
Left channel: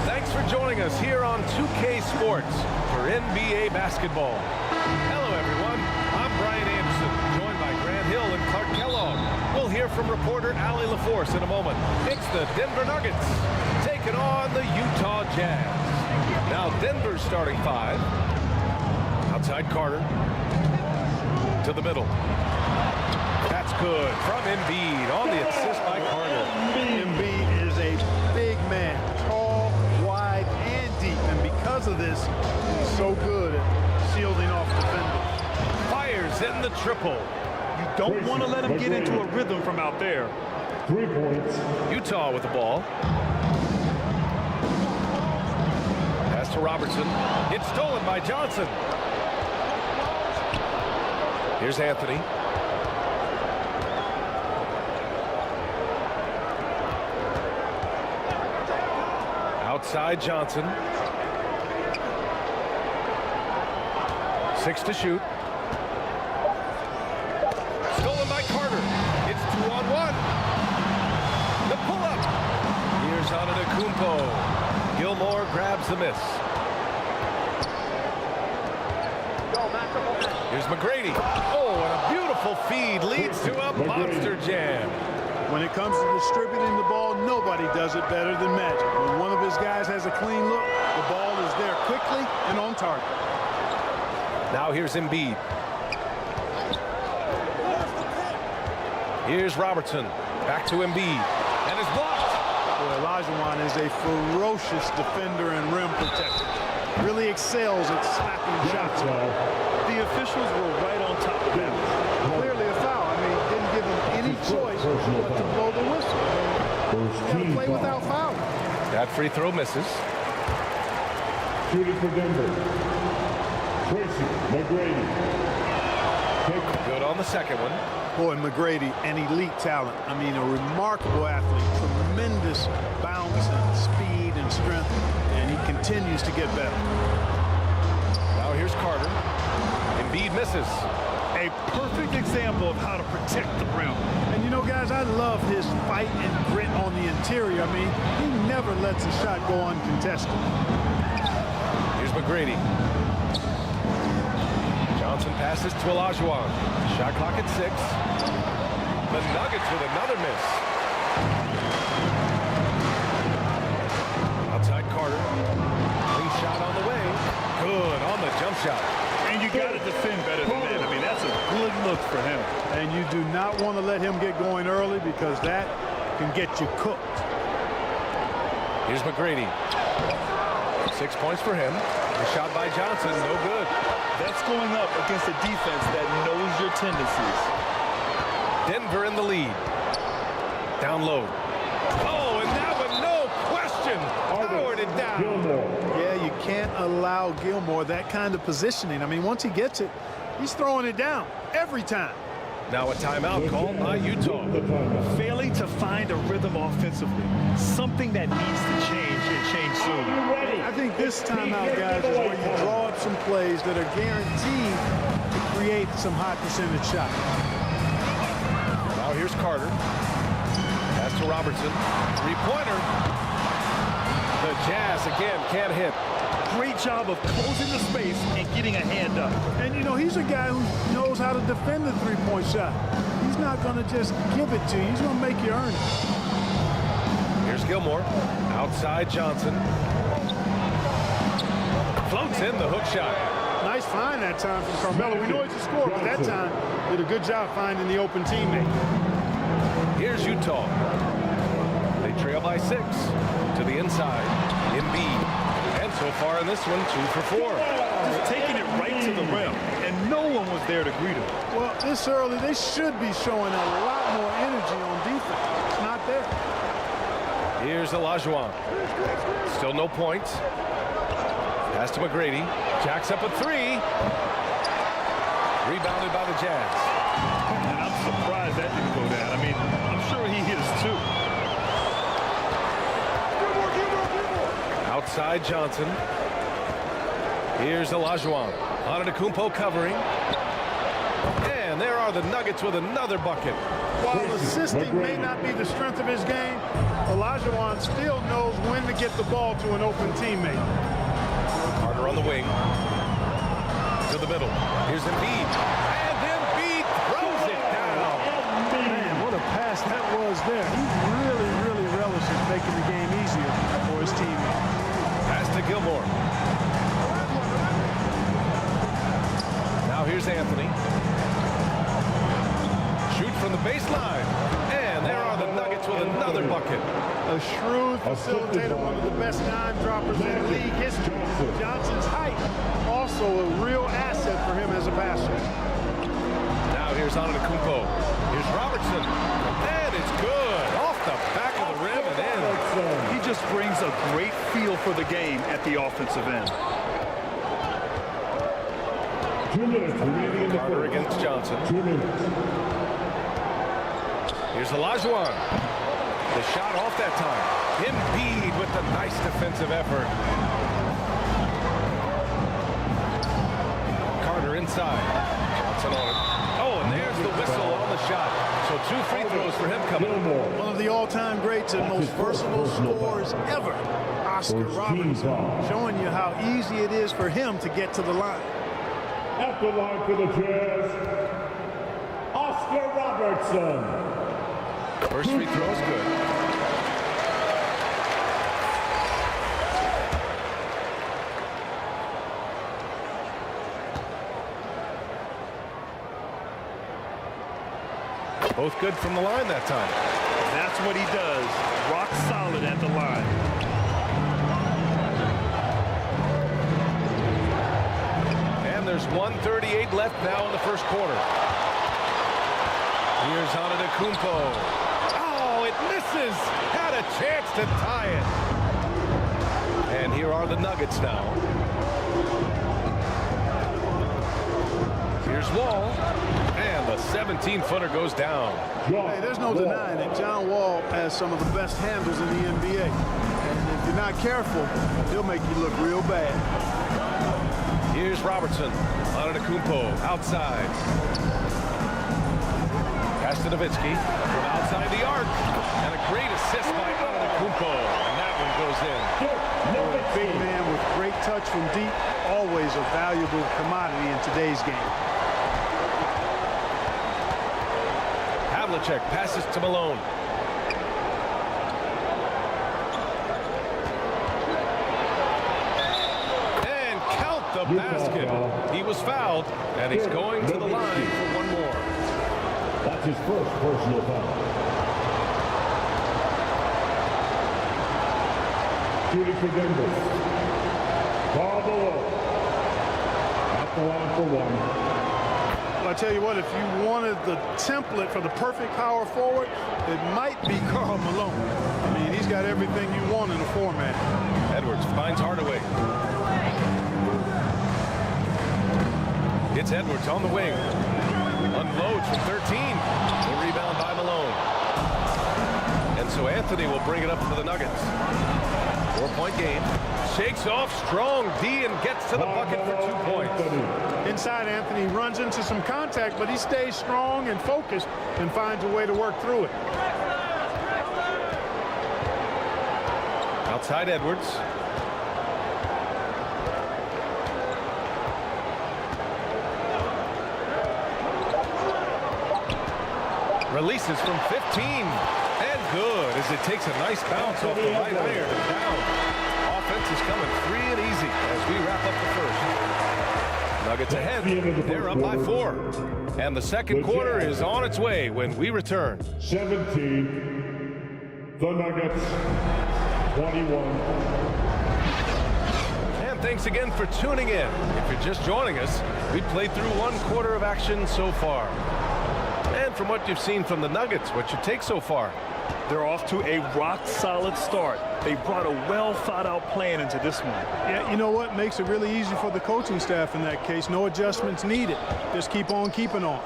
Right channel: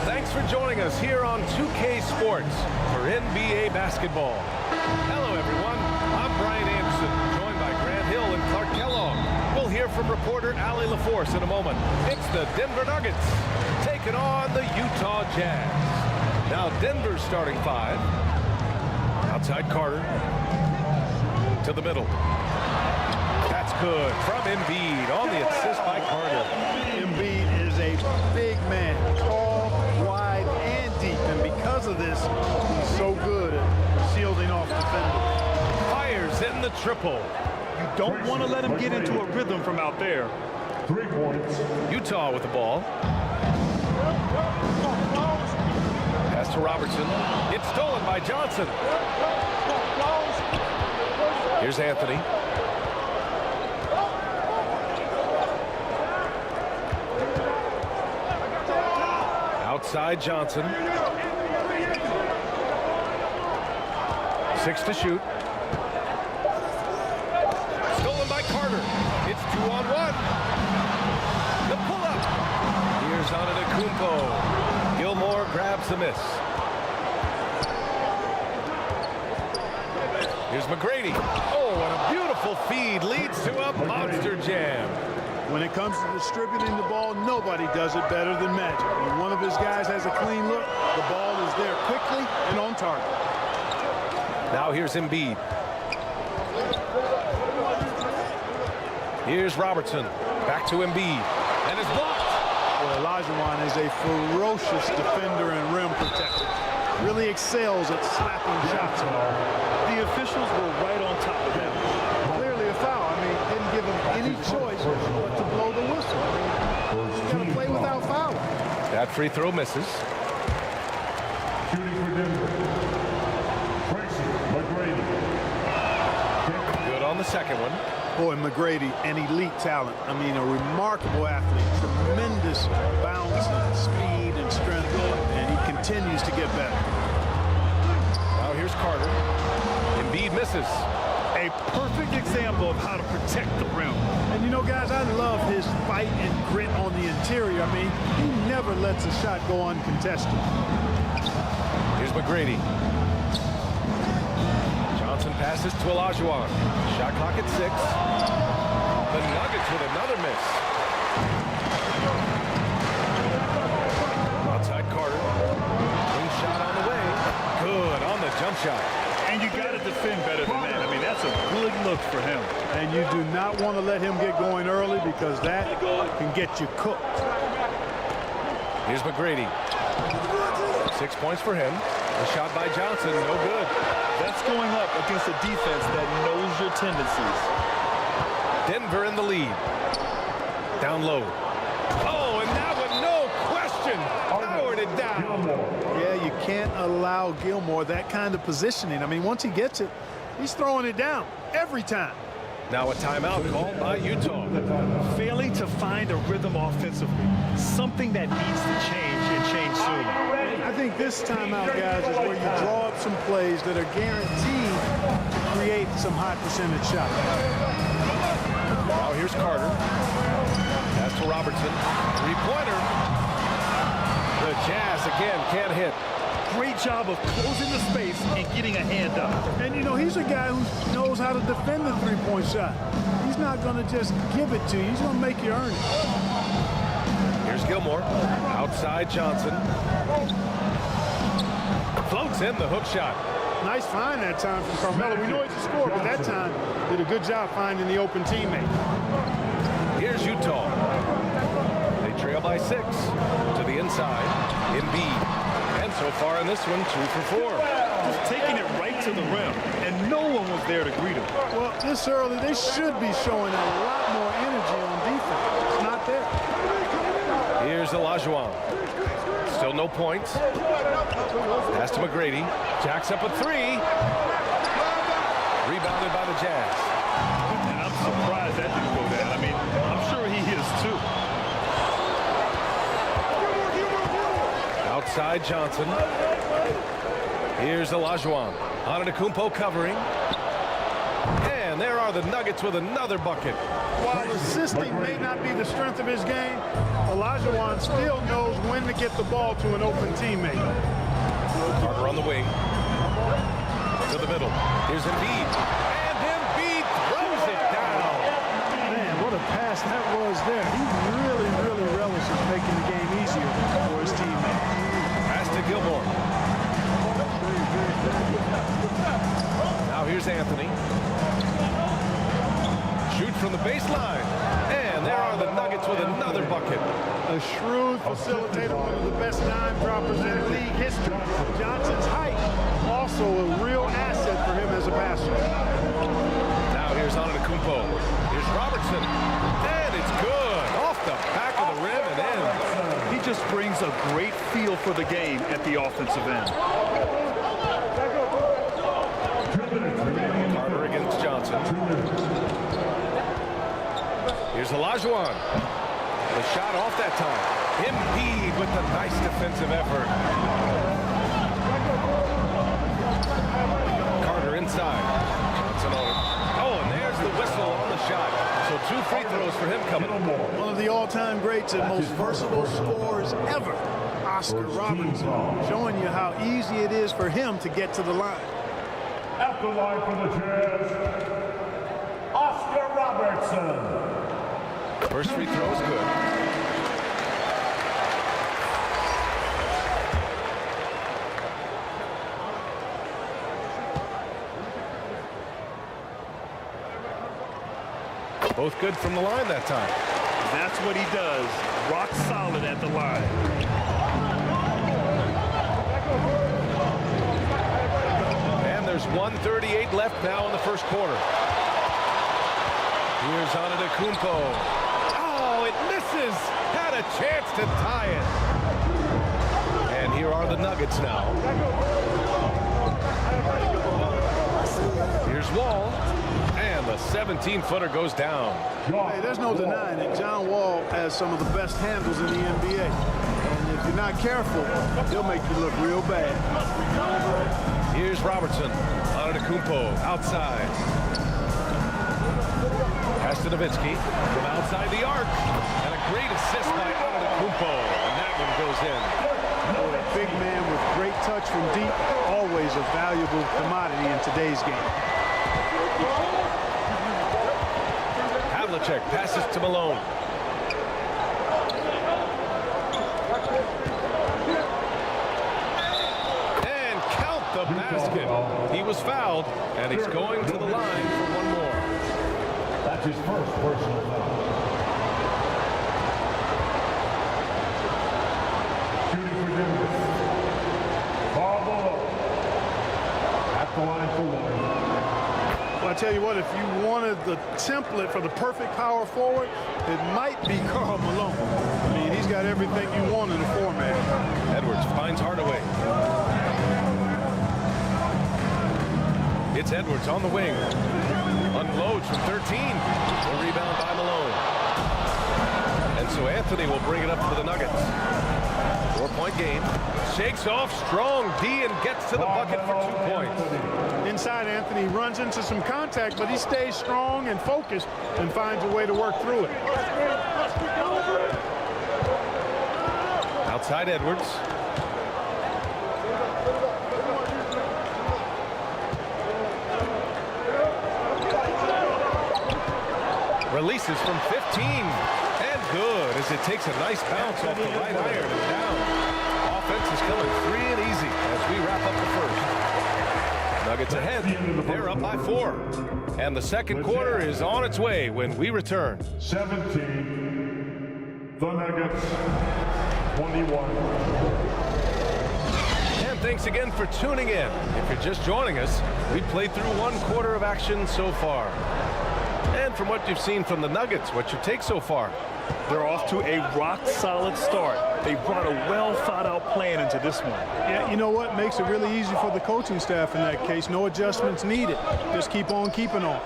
Thanks for joining us here on 2K Sports for NBA basketball. Hello, everyone. I'm Brian Anderson, joined by Grant Hill and Clark Kellogg. We'll hear from reporter Allie LaForce in a moment. It's the Denver Nuggets taking on the Utah Jazz. Now Denver's starting five. Outside Carter. To the middle. That's good from Embiid on the assist by Carter. Embiid is a big man, tall, wide, and deep. And because of this, he's so good at shielding off defenders. Fires in the triple. You don't want to let him get into a rhythm from out there. 3 points. Utah with the ball. Pass to Robertson. It's stolen by Johnson. Here's Anthony. Outside Johnson. 6 to shoot. Stolen by Carter. It's 2-on-1. The pull-up. Here's Antetokounmpo. Gilmore grabs the miss. Here's McGrady. Oh, and a beautiful feed leads to a monster jam. When it comes to distributing the ball, nobody does it better than Magic. When one of his guys has a clean look, the ball is there quickly and on target. Now here's Embiid. Here's Robertson. Back to Embiid. And it's blocked. Boy, Olajuwon is a ferocious defender and rim protector. Really excels at slapping shots. The officials were right on top of that. Clearly a foul. I mean, didn't give him any choice but to blow the whistle. I mean, you got to play without fouling. That free throw misses. Shooting for Denver. Tracy McGrady. Good on the second one. Boy, McGrady, an elite talent. I mean, a remarkable athlete. Tremendous bounce and speed and strength. And he continues to get better. Now here's Carter. Embiid misses. A perfect example of how to protect the rim. And you know, guys, I love his fight and grit on the interior. I mean, he never lets a shot go uncontested. Here's McGrady. Johnson passes to Olajuwon. Shot clock at 6. The Nuggets with another miss. Outside Carter. Wing shot on the way. Good on the jump shot. And you got to defend better than that. I mean, that's a good look for him. And you do not want to let him get going early because that can get you cooked. Here's McGrady. 6 points for him. The shot by Johnson, no good. That's going up against a defense that knows your tendencies. Denver in the lead. Down low. Oh, and that one, no question, powered it down. Yeah, you can't allow Gilmore that kind of positioning. I mean, once he gets it, he's throwing it down every time. Now a timeout called by Utah. Failing to find a rhythm offensively. Something that needs to change and change soon. I think this timeout, guys, is where you draw up some plays that are guaranteed to create some high percentage shots. Now here's Carter. Pass to Robertson. Three-pointer. The Jazz again can't hit. Great job of closing the space and getting a hand up. And, you know, he's a guy who knows how to defend the three-point shot. He's not going to just give it to you. He's going to make you earn it. Here's Gilmore. Outside Johnson. Floats in the hook shot. Nice find that time from Carmelo. We know he's a scorer, but that time did a good job finding the open teammate. Here's Utah. They trail by 6 to the inside. Embiid. And so far in this one, 2 for 4. Just taking it right to the rim, and no one was there to greet him. Well, this early, they should be showing a lot more energy on defense. It's not there. Here's Olajuwon. Still no points. Pass to McGrady. Jacks up a 3. Rebounded by the Jazz. And I'm surprised that didn't go down. I mean, I'm sure he is too. Outside Johnson. Here's Olajuwon. Antetokounmpo covering. And And there are the Nuggets with another bucket. While assisting may not be the strength of his game, Olajuwon still knows when to get the ball to an open teammate. Carter on the wing. To the middle. Here's Embiid. And Embiid throws it down. Man, what a pass that was there. He really, really relishes making the game easier for his teammates. Pass to Gilmore. Now here's Anthony. Shoot from the baseline. And there are the Nuggets with another bucket. A shrewd facilitator, one of the best dime droppers in league history. Johnson's height, also a real asset for him as a passer. Now here's Antetokounmpo. Here's Robertson. And it's good. Off the back of the rim and in. He just brings a great feel for the game at the offensive end. Carter against Johnson. Here's Olajuwon. The shot off that time. Embiid with the nice defensive effort. Carter inside. Johnson on it. Oh, and there's the whistle on the shot. So 2 free throws for him coming. One of the all-time greats and most versatile scorers ever, Oscar Robertson, showing you how easy it is for him to get to the line. At the line for the Jazz, Oscar Robertson. First free throw is good. Both good from the line that time. That's what he does. Rock solid at the line. And there's 1:38 left now in the first quarter. Here's Antetokounmpo. Oh, it misses. Had a chance to tie it. And here are the Nuggets now. Here's Wall. And the 17-footer goes down. Hey, there's no denying it. John Wall has some of the best handles in the NBA. And if you're not careful, he'll make you look real bad. Here's Robertson. Antetokounmpo outside. Pass to Nowitzki from outside the arc. And a great assist by Antetokounmpo. And that one goes in. A big man with great touch from deep. Always a valuable commodity in today's game. Havlicek passes to Malone. And count the basket. He was fouled, and he's going to the line for one more. That's his first personal foul. Shooting for Denver. Ball below. At the line for one. Well, I tell you what, if you wanted the template for the perfect power forward, it might be Karl Malone. I mean, he's got everything you want in a format. Edwards finds Hardaway. It's Edwards on the wing. Unloads from 13. The rebound by Malone. And so Anthony will bring it up for the Nuggets. 4-point game. Shakes off strong D and gets to the bucket for 2 points. Inside, Anthony runs into some contact, but he stays strong and focused and finds a way to work through it. Outside Edwards. Releases from 15. And good as it takes a nice bounce off the right iron and down. Offense is coming free and easy as we wrap up the first. Nuggets ahead. They're up by 4. And the second quarter is on its way when we return. 17. The Nuggets. 21. And thanks again for tuning in. If you're just joining us, we played through 1 quarter of action so far. And from what you've seen from the Nuggets, what's your take so far? They're off to a rock-solid start. They brought a well-thought-out plan into this one. Yeah, you know what? Makes it really easy for the coaching staff in that case. No adjustments needed. Just keep on keeping on.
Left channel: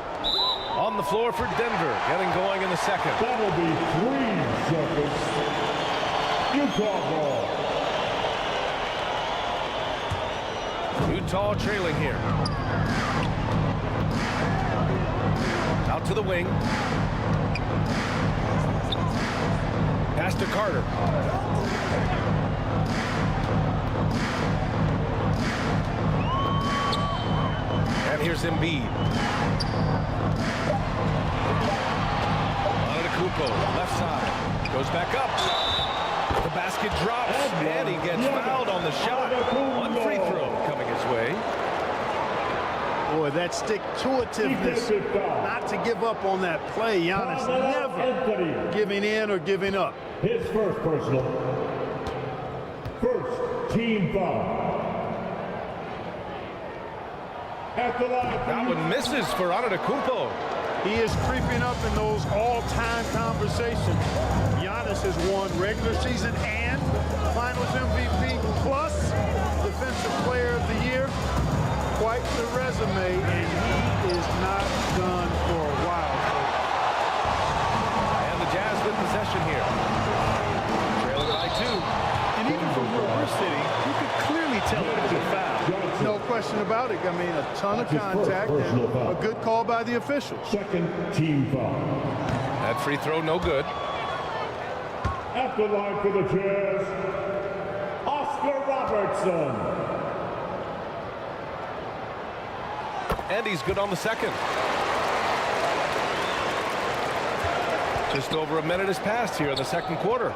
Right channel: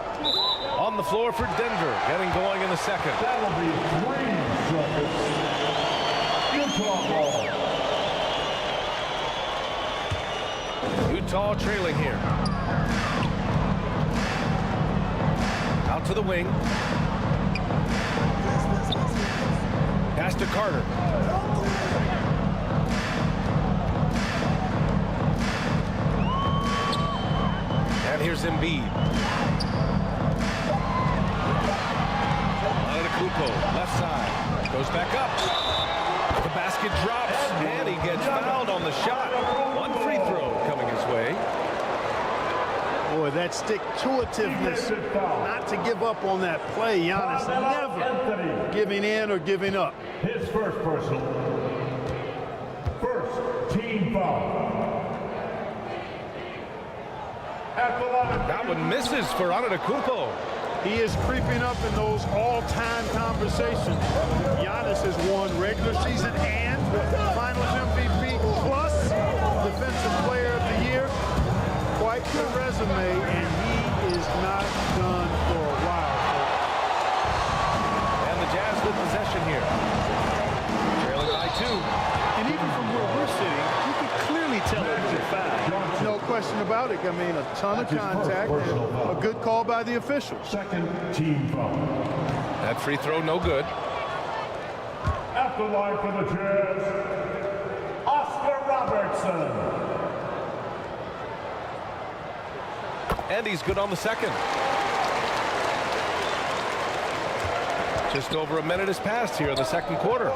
On the floor for Denver, getting going in the second. That'll be 3 seconds. Utah ball. Utah trailing here. Out to the wing. Pass to Carter. And here's Embiid. Antetokounmpo, left side. Goes back up. The basket drops, and he gets fouled on the shot. One free throw coming his way. Boy, that stick-to-itiveness, not to give up on that play. Giannis never giving in or giving up. His first personal. First team foul. At the line. That one misses for Antetokounmpo. He is creeping up in those all-time conversations. Giannis has won regular season and Finals MVP plus Defensive Player of the Year. Quite the resume, and he is not done for a while, folks. And the Jazz with possession here. Trailing by 2. And even from where we're sitting, you could clearly tell it was a foul. No question about it. I mean, a ton of contact and a good call by the officials. Second team foul. That free throw no good. At the line for the Jazz, Oscar Robertson. And he's good on the second. Just over a minute has passed here in the second quarter.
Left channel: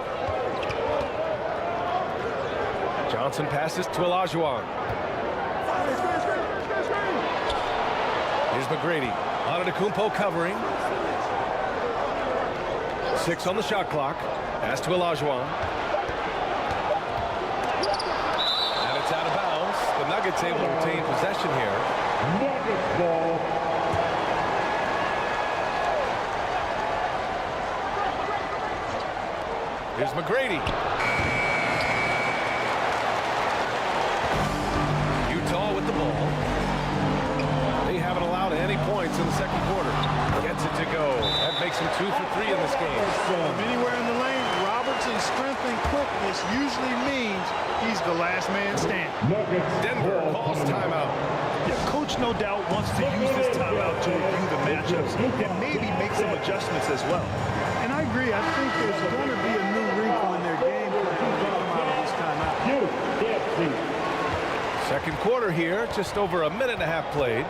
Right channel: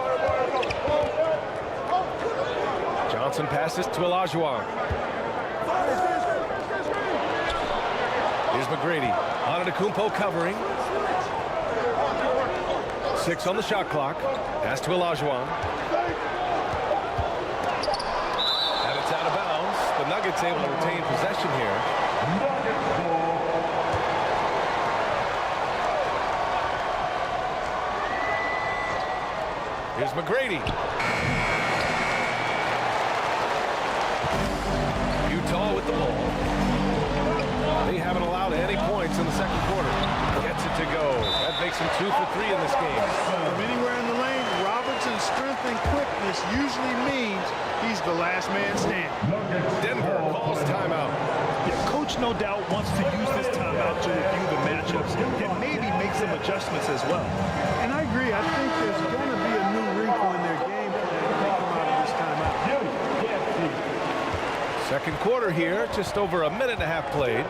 Johnson passes to Olajuwon. Here's McGrady. Antetokounmpo covering. 6 on the shot clock. Pass to Olajuwon. And it's out of bounds. The Nuggets able to retain possession here. Nuggets ball. Here's McGrady. Utah with the ball. They haven't allowed any points in the second quarter. Gets it to go. That makes him 2 for 3 in this game. From anywhere in the lane, Robertson's strength and quickness usually means he's the last man standing. Denver calls timeout. Yeah, coach no doubt wants to use this timeout to review the matchups and maybe make some adjustments as well. And I agree. I think there's going to be a new wrinkle in their game plan when they come out of this timeout. Second quarter here, just over a minute and a half played.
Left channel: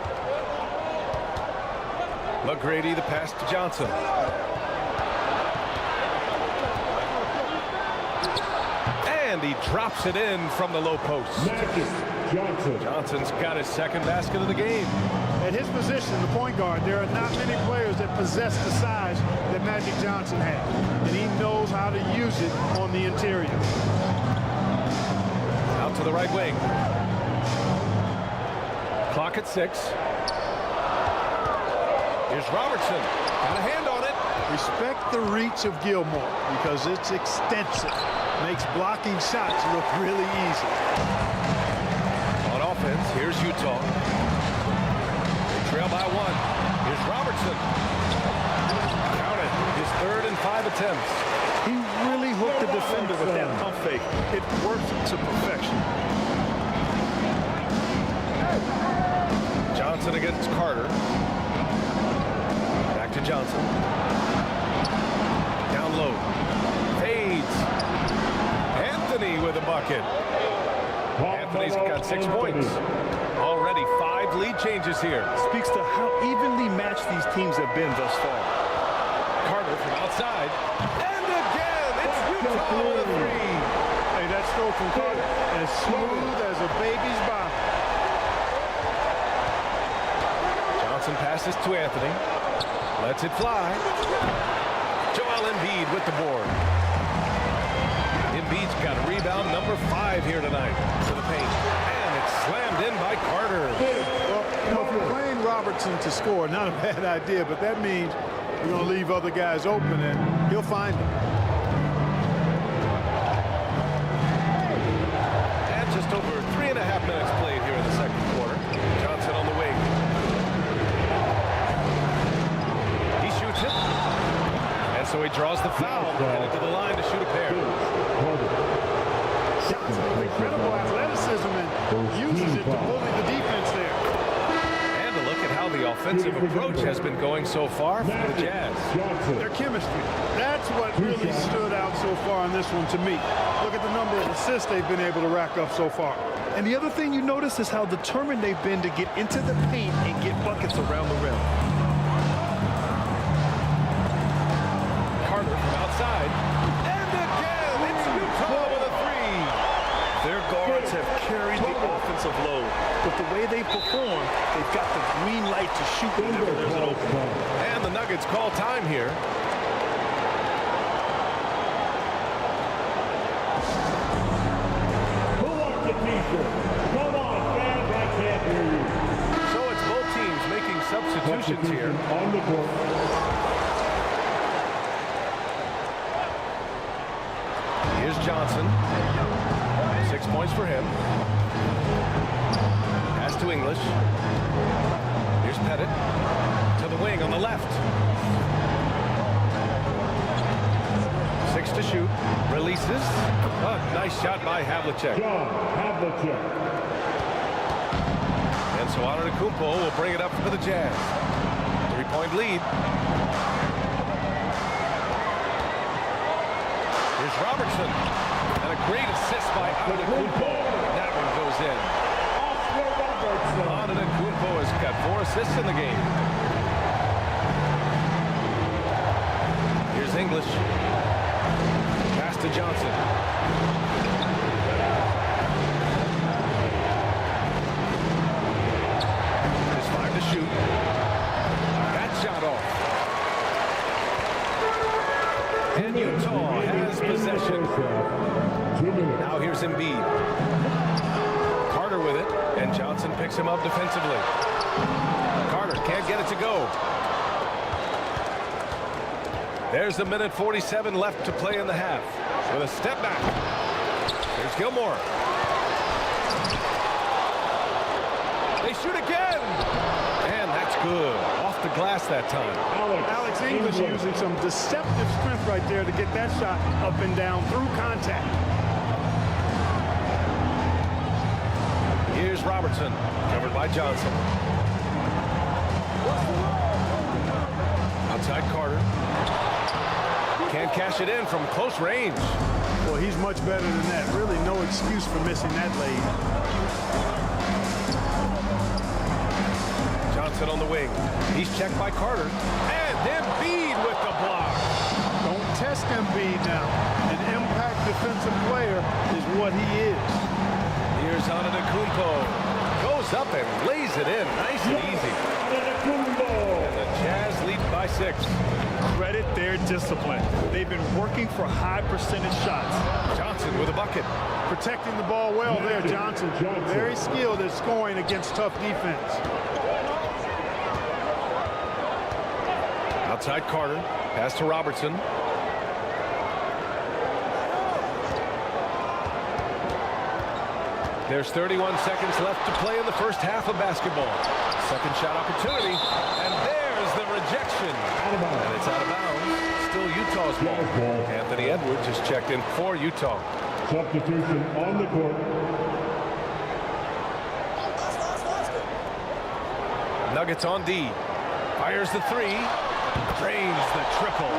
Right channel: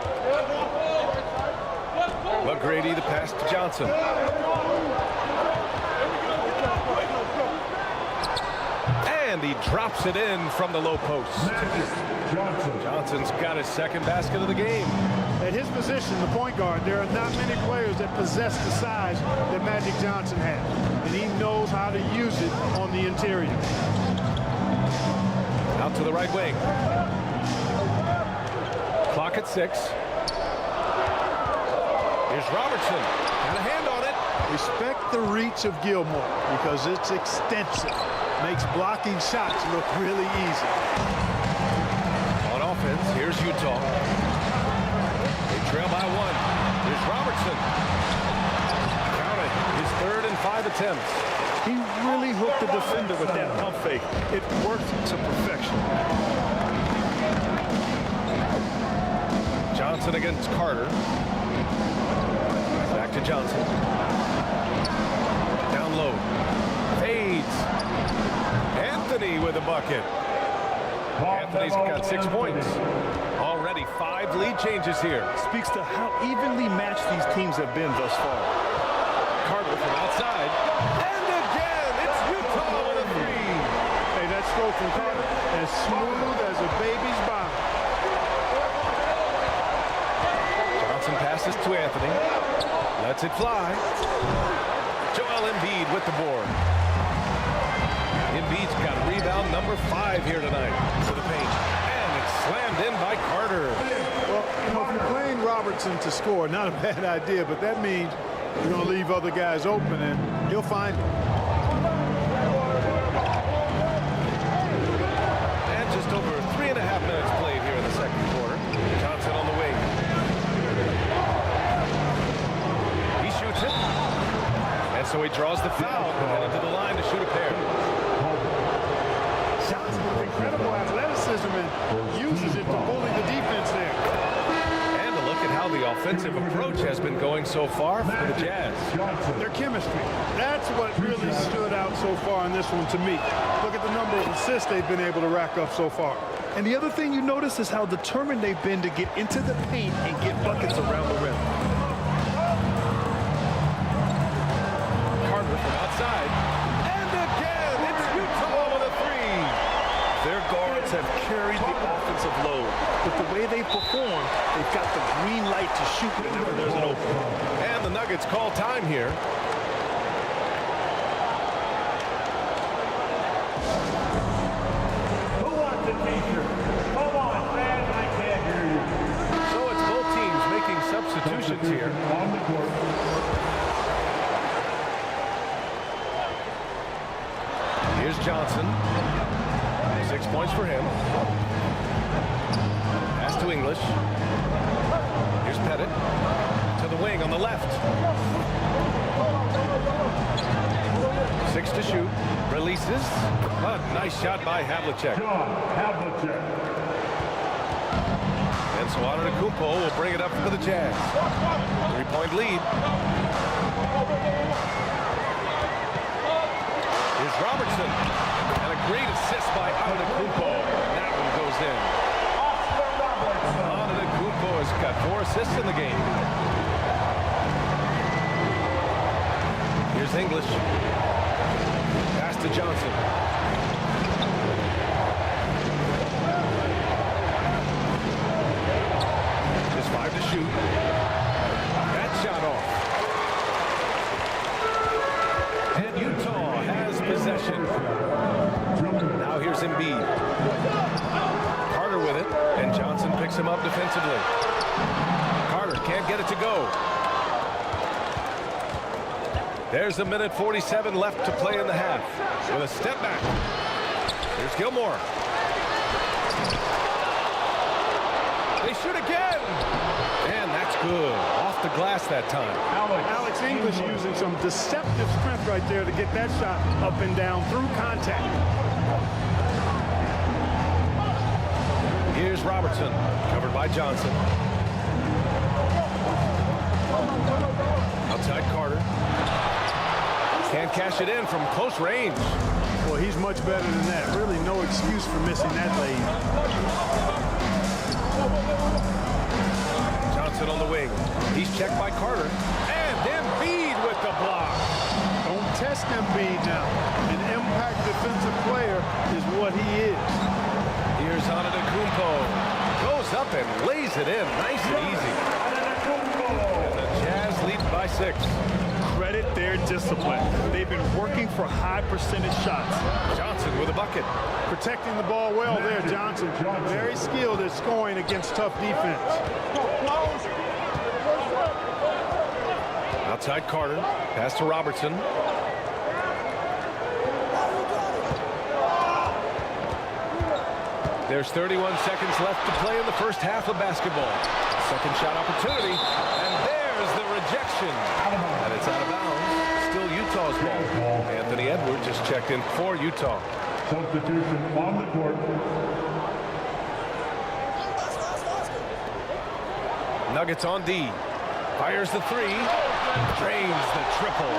McGrady, the pass to Johnson. And he drops it in from the low post. Johnson's got his second basket of the game. At his position, the point guard, there are not many players that possess the size that Magic Johnson has. And he knows how to use it on the interior. Out to the right wing. Clock at 6. Here's Robertson. Got a hand on it. Respect the reach of Gilmore because it's extensive. Makes blocking shots look really easy. On offense, here's Utah. They trail by 1. Here's Robertson. Count it. His 3rd and 5 attempts. He really hooked the defender with that pump fake. It worked to perfection. Johnson against Carter. Back to Johnson. Down low. Fades. Anthony with a bucket. Anthony's got 6 points. Already 5 lead changes here. Speaks to how evenly matched these teams have been thus far. Carter from outside. And again, it's Utah with a 3. Hey, that stroke from Carter, as smooth as a baby's bottom. Johnson passes to Anthony. Lets it fly. Joel Embiid with the board. Embiid's got rebound number 5 here tonight to the paint. And it's slammed in by Carter. Well, you know, if you're playing Robertson to score, not a bad idea, but that means you're going to leave other guys open, and he'll find them. And just over 3.5 minutes played here in the second quarter. Johnson on the wing. He shoots it. And so he draws the foul, headed to the line to shoot a pair. Johnson with incredible athleticism and uses it to bully the defense there. And a look at how the offensive approach has been going so far for the Jazz. Their chemistry. That's what really stood out so far in this one to me. Look at the number of assists they've been able to rack up so far. And the other thing you notice is how determined they've been to get into the paint and get buckets around the rim. Carter from outside. And again, it's Utah with a three. Their guards have carried the offensive load. With the way they perform, they've got the green light to shoot whenever there's an opening. And the Nuggets call time here. Who wants a t-shirt? Come on, fans, I can't hear you. So it's both teams making substitutions here. On the court. Here's Johnson. 6 points for him. Pass to English. Here's Pettit to the wing on the left. 6 to shoot. Releases. Oh, nice shot by Havlicek. John Havlicek. And so Antetokounmpo will bring it up for the Jazz. 3-point lead. Here's Robertson. And a great assist by Antetokounmpo. And that one goes in. Antetokounmpo has got 4 assists in the game. Here's English. Pass to Johnson. There's 5 to shoot. That shot off. And Utah has possession. Now here's Embiid. Carter with it, and Johnson picks him up defensively. Carter can't get it to go. There's a minute 47 left to play in the half. With a step back. Here's Gilmore. They shoot again. And that's good. Off the glass that time. Alex English using some deceptive strength right there to get that shot up and down through contact. Here's Robertson, covered by Johnson. Outside Carter. Can't cash it in from close range. Well, he's much better than that. Really no excuse for missing that lead. Johnson on the wing. He's checked by Carter. And Embiid with the block. Don't test Embiid now. An impact defensive player is what he is. Here's Antetokounmpo. Goes up and lays it in. Nice and easy. And the Jazz lead by 6. Credit their discipline. They've been working for high percentage shots. Johnson with a bucket. Protecting the ball well there, Johnson. Very skilled at scoring against tough defense. Outside Carter. Pass to Robertson. There's 31 seconds left to play in the first half of basketball. Second shot opportunity. And there's the rejection. And it's out of bounds. Still Utah's ball. Anthony Edwards just checked in for Utah. Substitution on the court. Nuggets on D. Fires the 3. Drains the triple.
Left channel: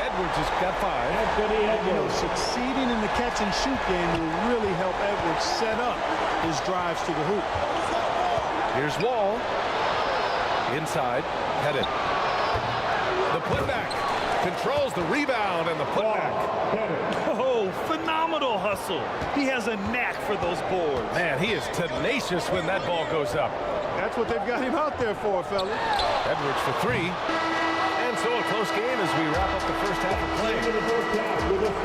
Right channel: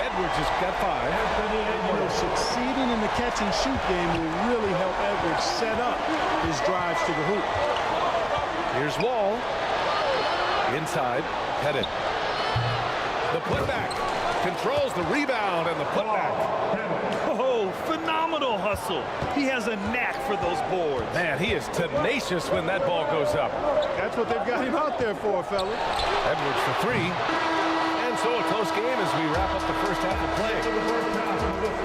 Edwards has got 5. And, you know, succeeding in the catch and shoot game will really help Edwards set up his drives to the hoop. Here's Wall. Inside. Pettit. The putback. Controls the rebound and the putback. Oh, phenomenal hustle. He has a knack for those boards. Man, he is tenacious when that ball goes up. That's what they've got him out there for, fellas. Edwards for 3. And so a close game as we wrap up the first half of play.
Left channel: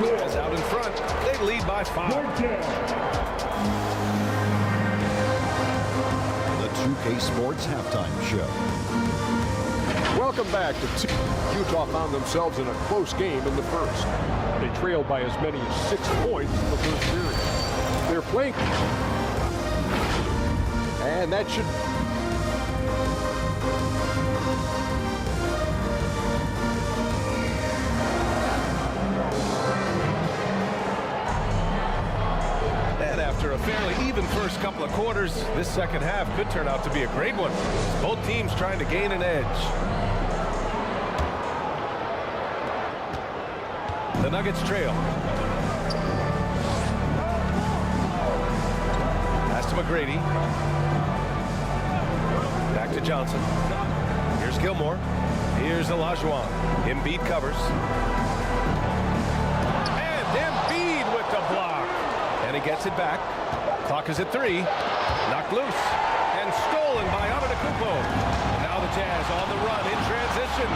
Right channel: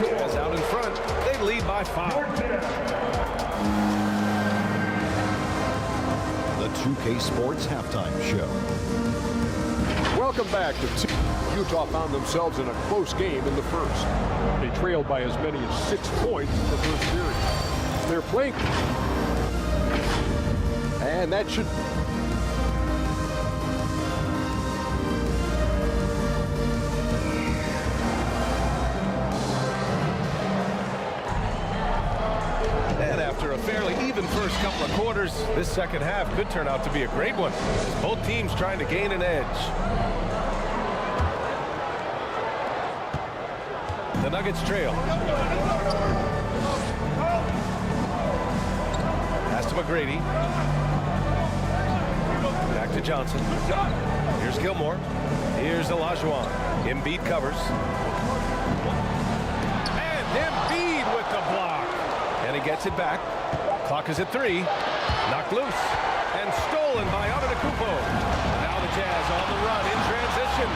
Jazz out in front. They lead by 5. The 2K Sports Halftime Show. Welcome back to Utah found themselves in a close game in the first. They trailed by as many as 6 points in the first period. They're playing. And that should... And after a fairly even first couple of quarters, this second half could turn out to be a great one. Both teams trying to gain an edge. The Nuggets trail. Pass to McGrady. Back to Johnson. Here's Gilmore. Here's Olajuwon. Embiid covers. And Embiid with the block. And he gets it back. Clock is at 3. Knocked loose. And stolen by Antetokounmpo. And now the Jazz on the run in transition.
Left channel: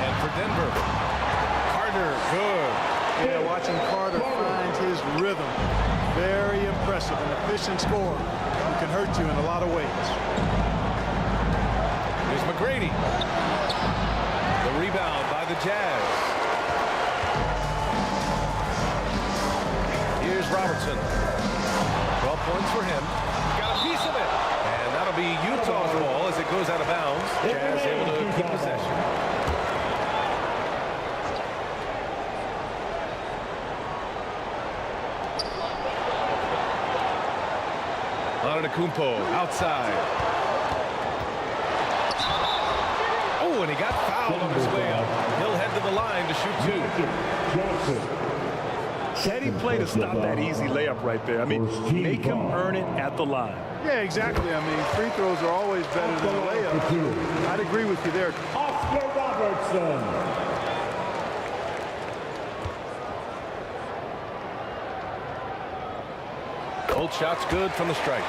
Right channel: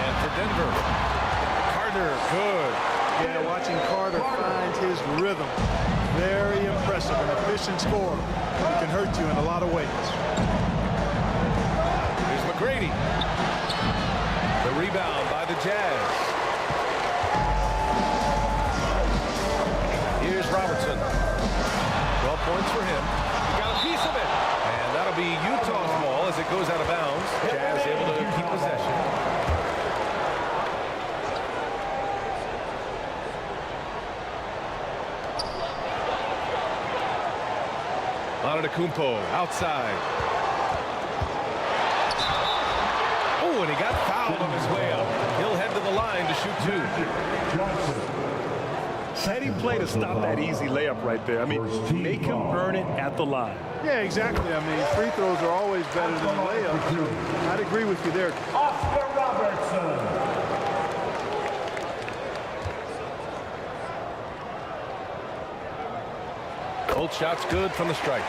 And for Denver, Carter, good. Yeah, watching Carter find his rhythm. Very impressive. An efficient scorer who can hurt you in a lot of ways. Here's McGrady. The rebound by the Jazz. Here's Robertson. 12 points for him. He got a piece of it. And that'll be Utah's ball as it goes out of bounds. Jazz able to keep possession. Antetokounmpo outside. Oh, and he got fouled on his way up. He'll head to the line to shoot 2. Heady play to stop that easy layup right there. I mean, make him earn it at the line. Yeah, exactly. I mean, free throws are always better than layups. So I'd agree with you there. Oscar Robertson. Both shots good from the stripe.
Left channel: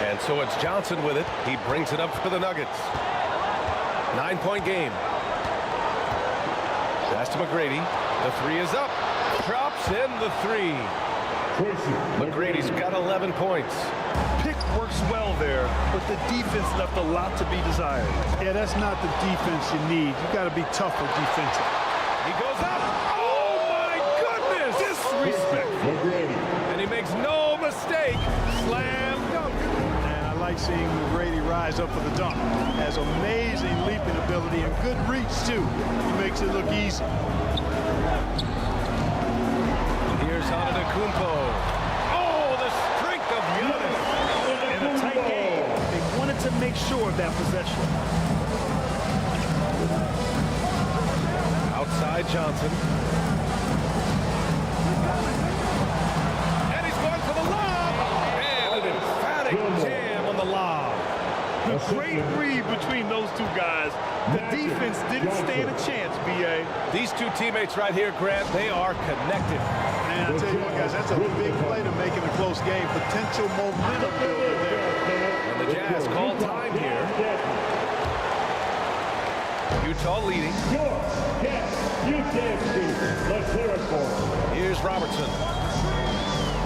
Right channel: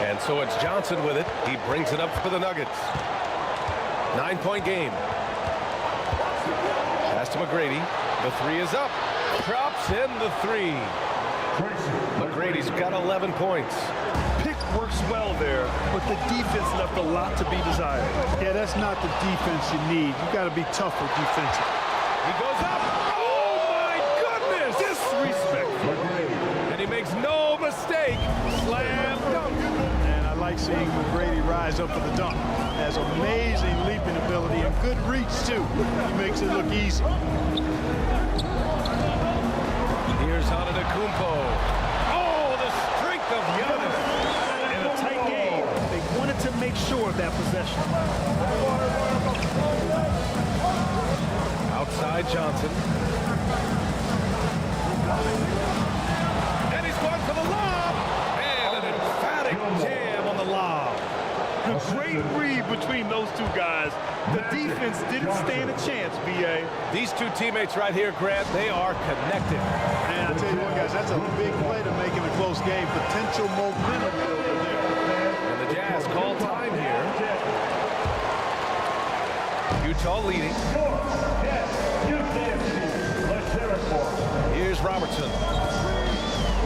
And so it's Johnson with it. He brings it up for the Nuggets. 9-point game. Pass to McGrady. The 3 is up. Drops in the 3. McGrady's got 11 points. Pick works well there, but the defense left a lot to be desired. Yeah, that's not the defense you need. You got to be tougher defensive. He goes up. Oh, my goodness. Disrespectful. And he makes no mistake. Slam dunk. And I like seeing McGrady rise up for the dunk. Has amazing leaping ability and good reach, too. He makes it look easy. Here's Antetokounmpo. Oh, the strength of Giannis. In a tight game, they wanted to make sure of that possession. Outside Johnson. And he's going for the lob. And an emphatic jam on the lob. The great read between those two guys. The defense didn't stand a chance, B.A. These two teammates right here, Grant, they are connected. And I tell you what, guys, that's a big play to make in a close game. Potential momentum builder there. And the Jazz call time here. Utah leading. Here's Robertson.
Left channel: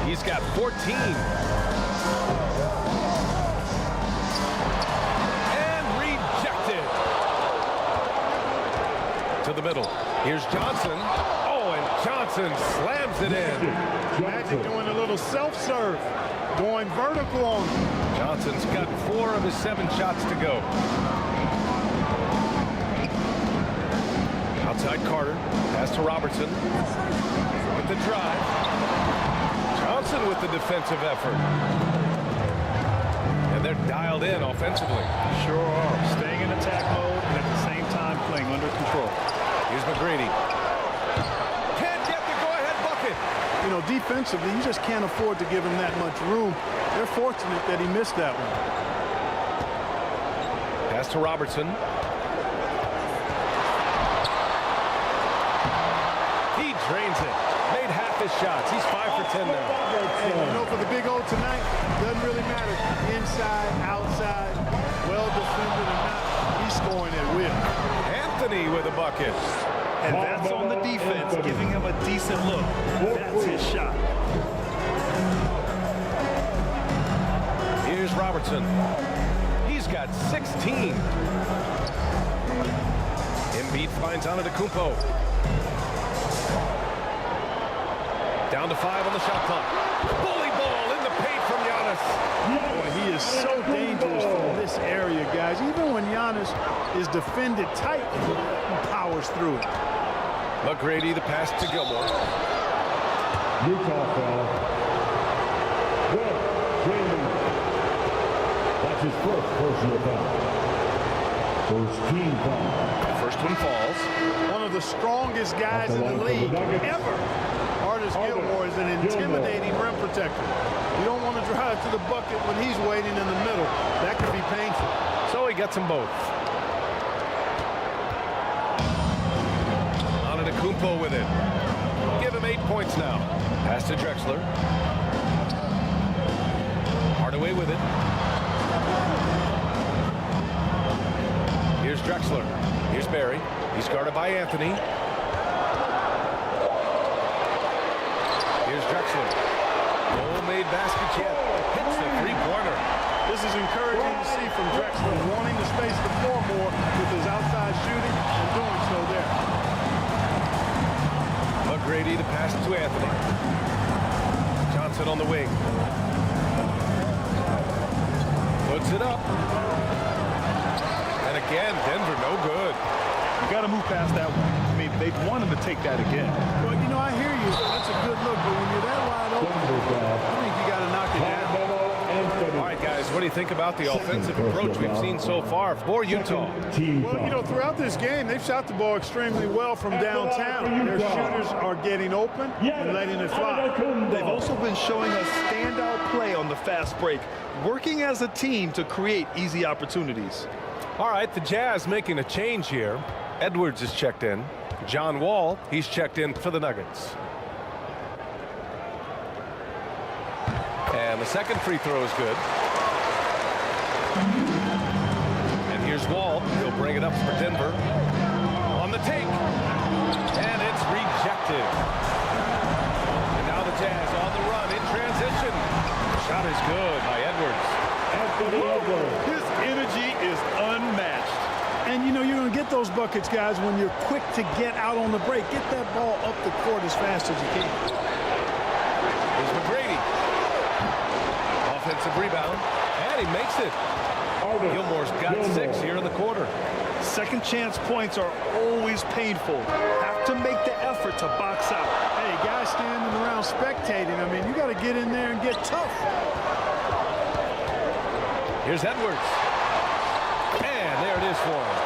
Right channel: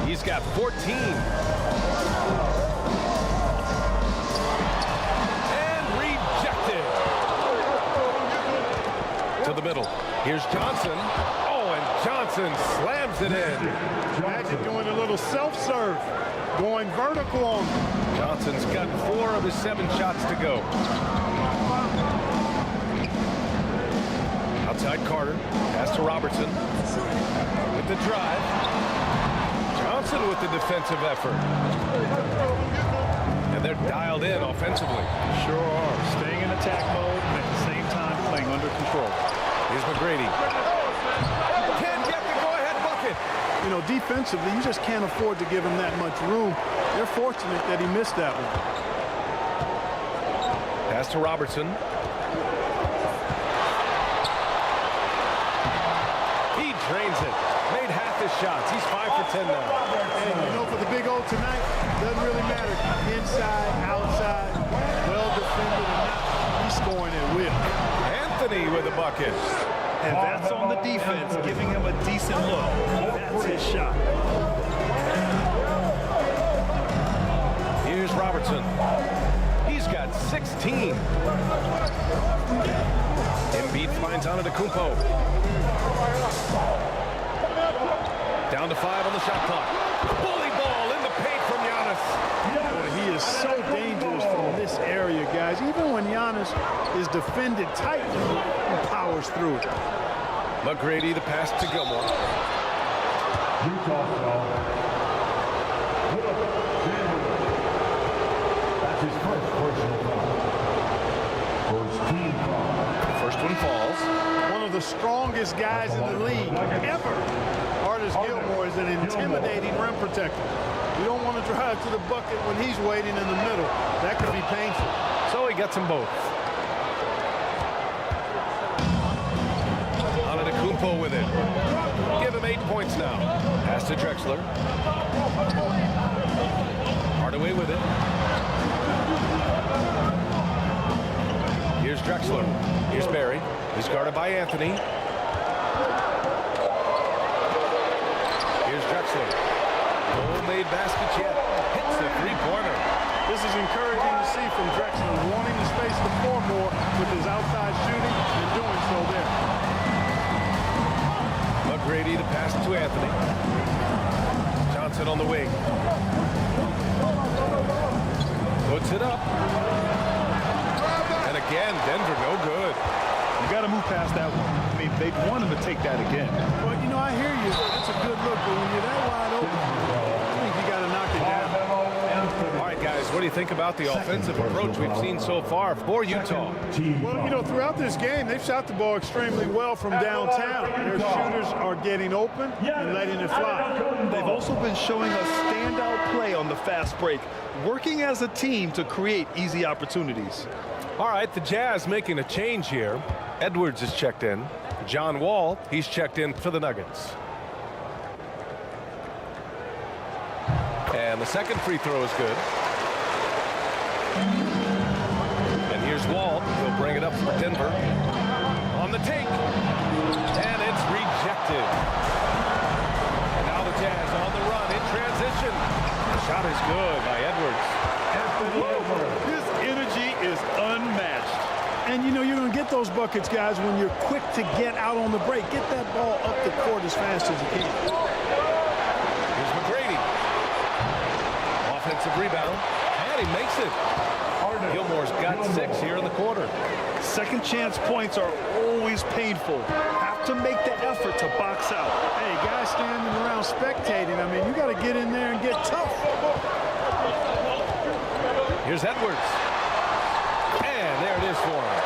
He's got 14. And rejected. To the middle. Here's Johnson. Oh, and Johnson slams it in. Magic doing a little self-serve. Going vertical on him. Johnson's got 4 of his 7 shots to go. Outside Carter. Pass to Robertson. With the drive. Johnson with the defensive effort. And they're dialed in offensively. Sure are. Staying in attack mode and at the same time playing under control. Here's McGrady. Can't get the go-ahead bucket. You know, defensively, you just can't afford to give him that much room. They're fortunate that he missed that one. Pass to Robertson. He drains it. Made half his shots. He's 5 for 10 now. And you know, for the Big O tonight, doesn't really matter. Inside, outside, well defended or not, he's scoring at will. Anthony with a bucket. And that's on the defense, giving him a decent look. That's his shot. Here's Robertson. He's got 16. Embiid finds Antetokounmpo. Down to 5 on the shot clock. Bully ball in the paint from Giannis. Boy, he is so dangerous from this area, guys. Even when Giannis is defended tightly, he powers through it. McGrady, the pass to Gilmore. Utah foul. Will Chamberlain. That's his first personal foul. First team foul. The first one falls. One of the strongest guys in the league ever. Artis Gilmore is an intimidating rim protector. You don't want to drive to the bucket when he's waiting in the middle. That could be painful. So he gets them both. Antetokounmpo with it. Give him 8 points now. Pass to Drexler. Hardaway with it. Here's Drexler. Here's Barry. He's guarded by Anthony. Here's Drexler. No made baskets yet. Hits the three-pointer. This is encouraging to see from Drexler, wanting to space the floor more with his outside shooting and doing so there. McGrady, the pass to Anthony. Johnson on the wing. Puts it up. And again, Denver no good. You got to move past that one. I mean, they want him to take that again. Well, you know, I hear you. That's a good look, but when you're that wide open, I think you got to knock it down. All right, guys, what do you think about the offensive approach we've seen so far for Utah? Well, you know, throughout this game, they've shot the ball extremely well from downtown. Their shooters are getting open and letting it fly. They've also been showing us standout play on the fast break, working as a team to create easy opportunities. All right, the Jazz making a change here. Edwards is checked in. John Wall, he's checked in for the Nuggets. And the second free throw is good. And here's Wall. He'll bring it up for Denver. On the take. And it's rejected. And now the Jazz on the run in transition. The shot is good by Edwards. His energy is unmatched. And, you know, you're going to get those buckets, guys, when you're quick to get out on the break. Get that ball up the court as fast as you can. Here's McGrady. Offensive rebound. And he makes it. Gilmore's got 6 here in the quarter. Second chance points are always painful. Have to make the effort to box out. Hey, guys standing around spectating, I mean, you got to get in there and get tough. Here's Edwards. And there it is for him.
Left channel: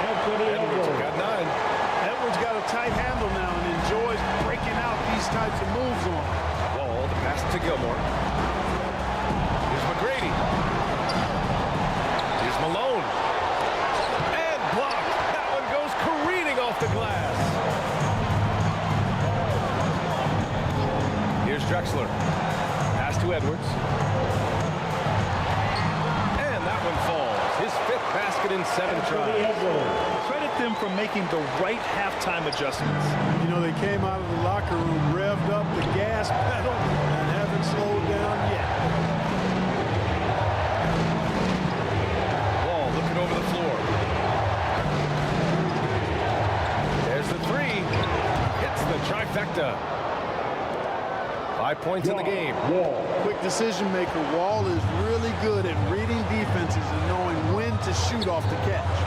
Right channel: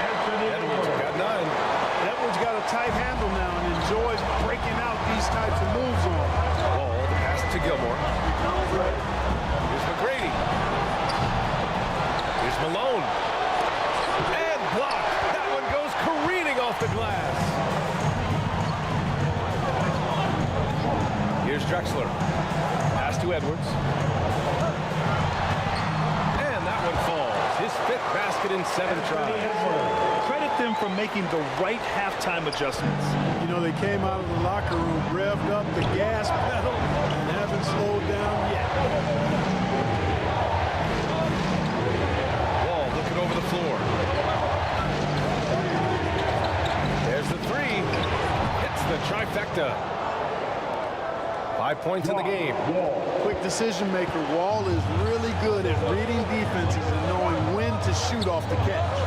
Edwards got 9. Edwards got a tight handle now and enjoys breaking out these types of moves on. Wall, the pass to Gilmore. Here's McGrady. Here's Malone. And blocked. That one goes careening off the glass. Here's Drexler. Pass to Edwards. And that one falls. His 5th basket in 7 tries. Credit them for making the right halftime adjustments. You know, they came out of the locker room, revved up the gas pedal, and haven't slowed down yet. Wall looking over the floor. There's the 3. Hits the trifecta. 5 points in the game. Quick decision maker. Wall is really good at reading defenses and knowing when to shoot off the catch.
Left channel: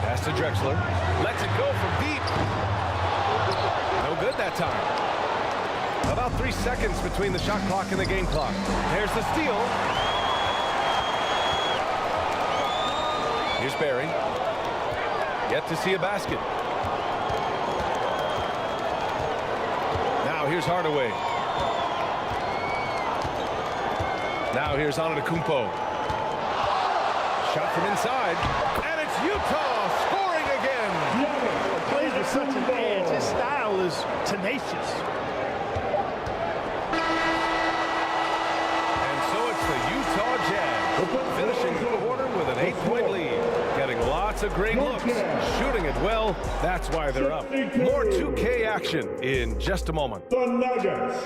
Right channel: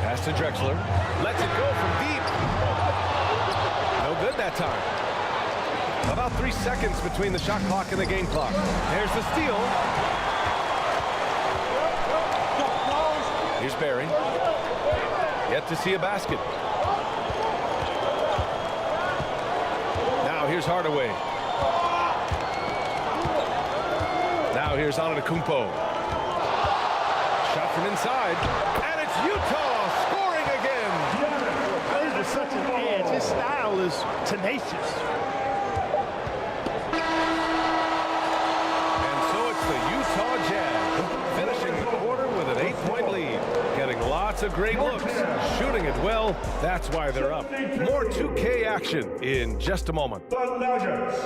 Pass to Drexler. Lets it go from deep. No good that time. About 3 seconds between the shot clock and the game clock. There's the steal. Here's Barry. Yet to see a basket. Now here's Hardaway. Now here's Antetokounmpo. Shot from inside. And it's Utah scoring again. Plays with such an edge. His style is tenacious. And so it's the Utah Jazz finishing the quarter with an 8-point lead. Getting lots of great looks. Shooting it well. That's why they're up. More 2K action in just a moment. The Nuggets.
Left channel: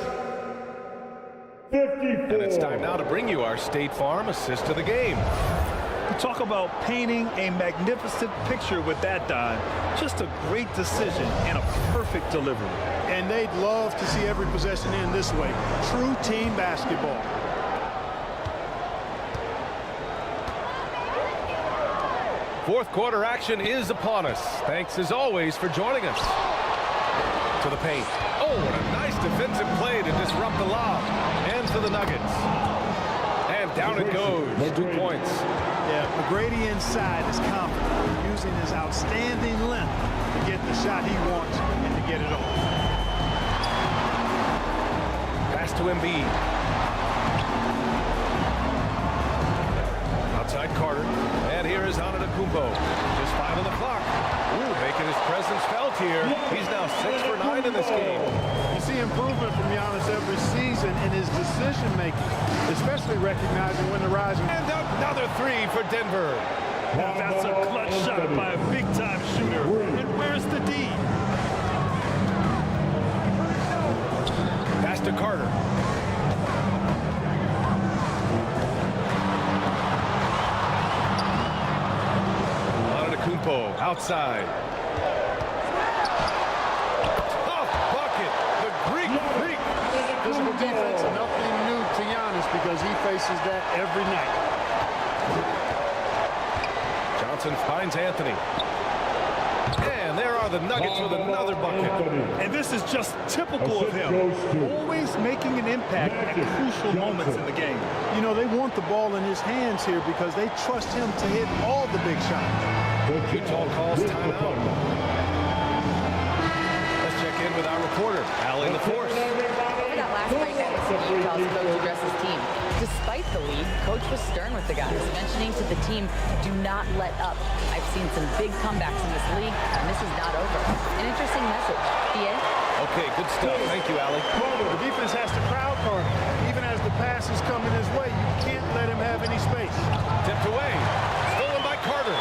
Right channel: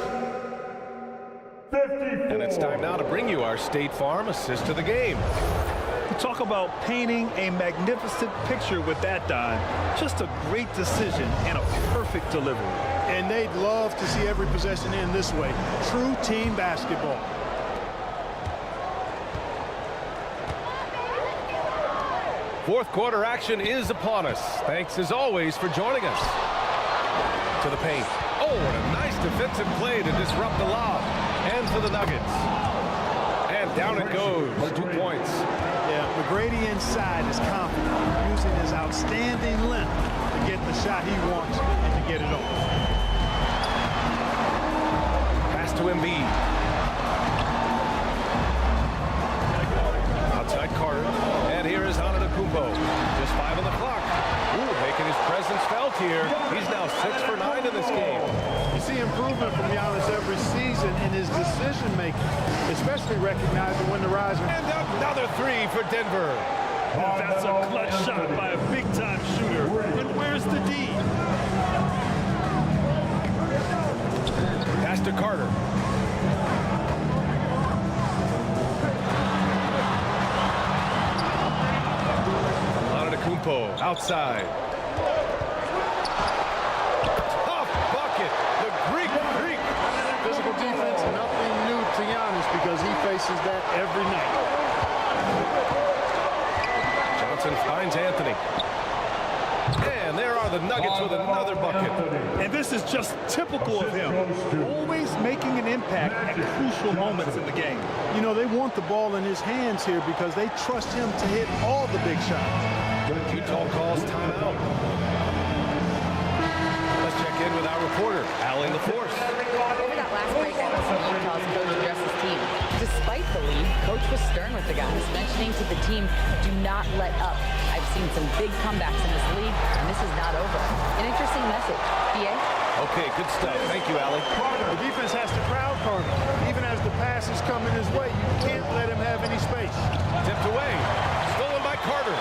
54. And it's time now to bring you our State Farm assist to the game. Talk about painting a magnificent picture with that dime. Just a great decision and a perfect delivery. And they'd love to see every possession end this way. True team basketball. Fourth quarter action is upon us. Thanks as always for joining us. To the paint. Oh, what a nice defensive play to disrupt the lob. And for the Nuggets. And down it goes. 2 points. Yeah, McGrady inside is confident, using his outstanding length to get the shot he wants and to get it off. Pass to Embiid. Outside Carter. And here is Antetokounmpo. Just 5 on the clock. Ooh, making his presence felt here. He's now 6 for 9 in this game. You see improvement from Giannis every season in his decision-making, especially recognizing when to rise. And another 3 for Denver. And that's a clutch shot by a big-time shooter. And where's the D? Pass to Carter. Antetokounmpo outside. Tough bucket. The Greek freak. Physical defense, nothing new to Giannis because he faces that every night. Johnson finds Anthony. And there are the Nuggets with another bucket. And this is just typical of him. Always making an impact at crucial moments in the game. You know, they want the ball in his hands here because they trust him to hit all the big shots. Utah calls timeout. Let's check in with our reporter, Allie LaForce. Over that last break, I listened to Utah's coach address his team. Despite the lead, coach was stern with the guys, mentioning to the team, do not let up. I've seen some big comebacks in this league, and this is not over. An interesting message. BA? Okay, good stuff. Thank you, Allie. The defense has to crowd Carter. Even as the pass is coming his way, you can't let him have any space. Tipped away. Stolen by Carter.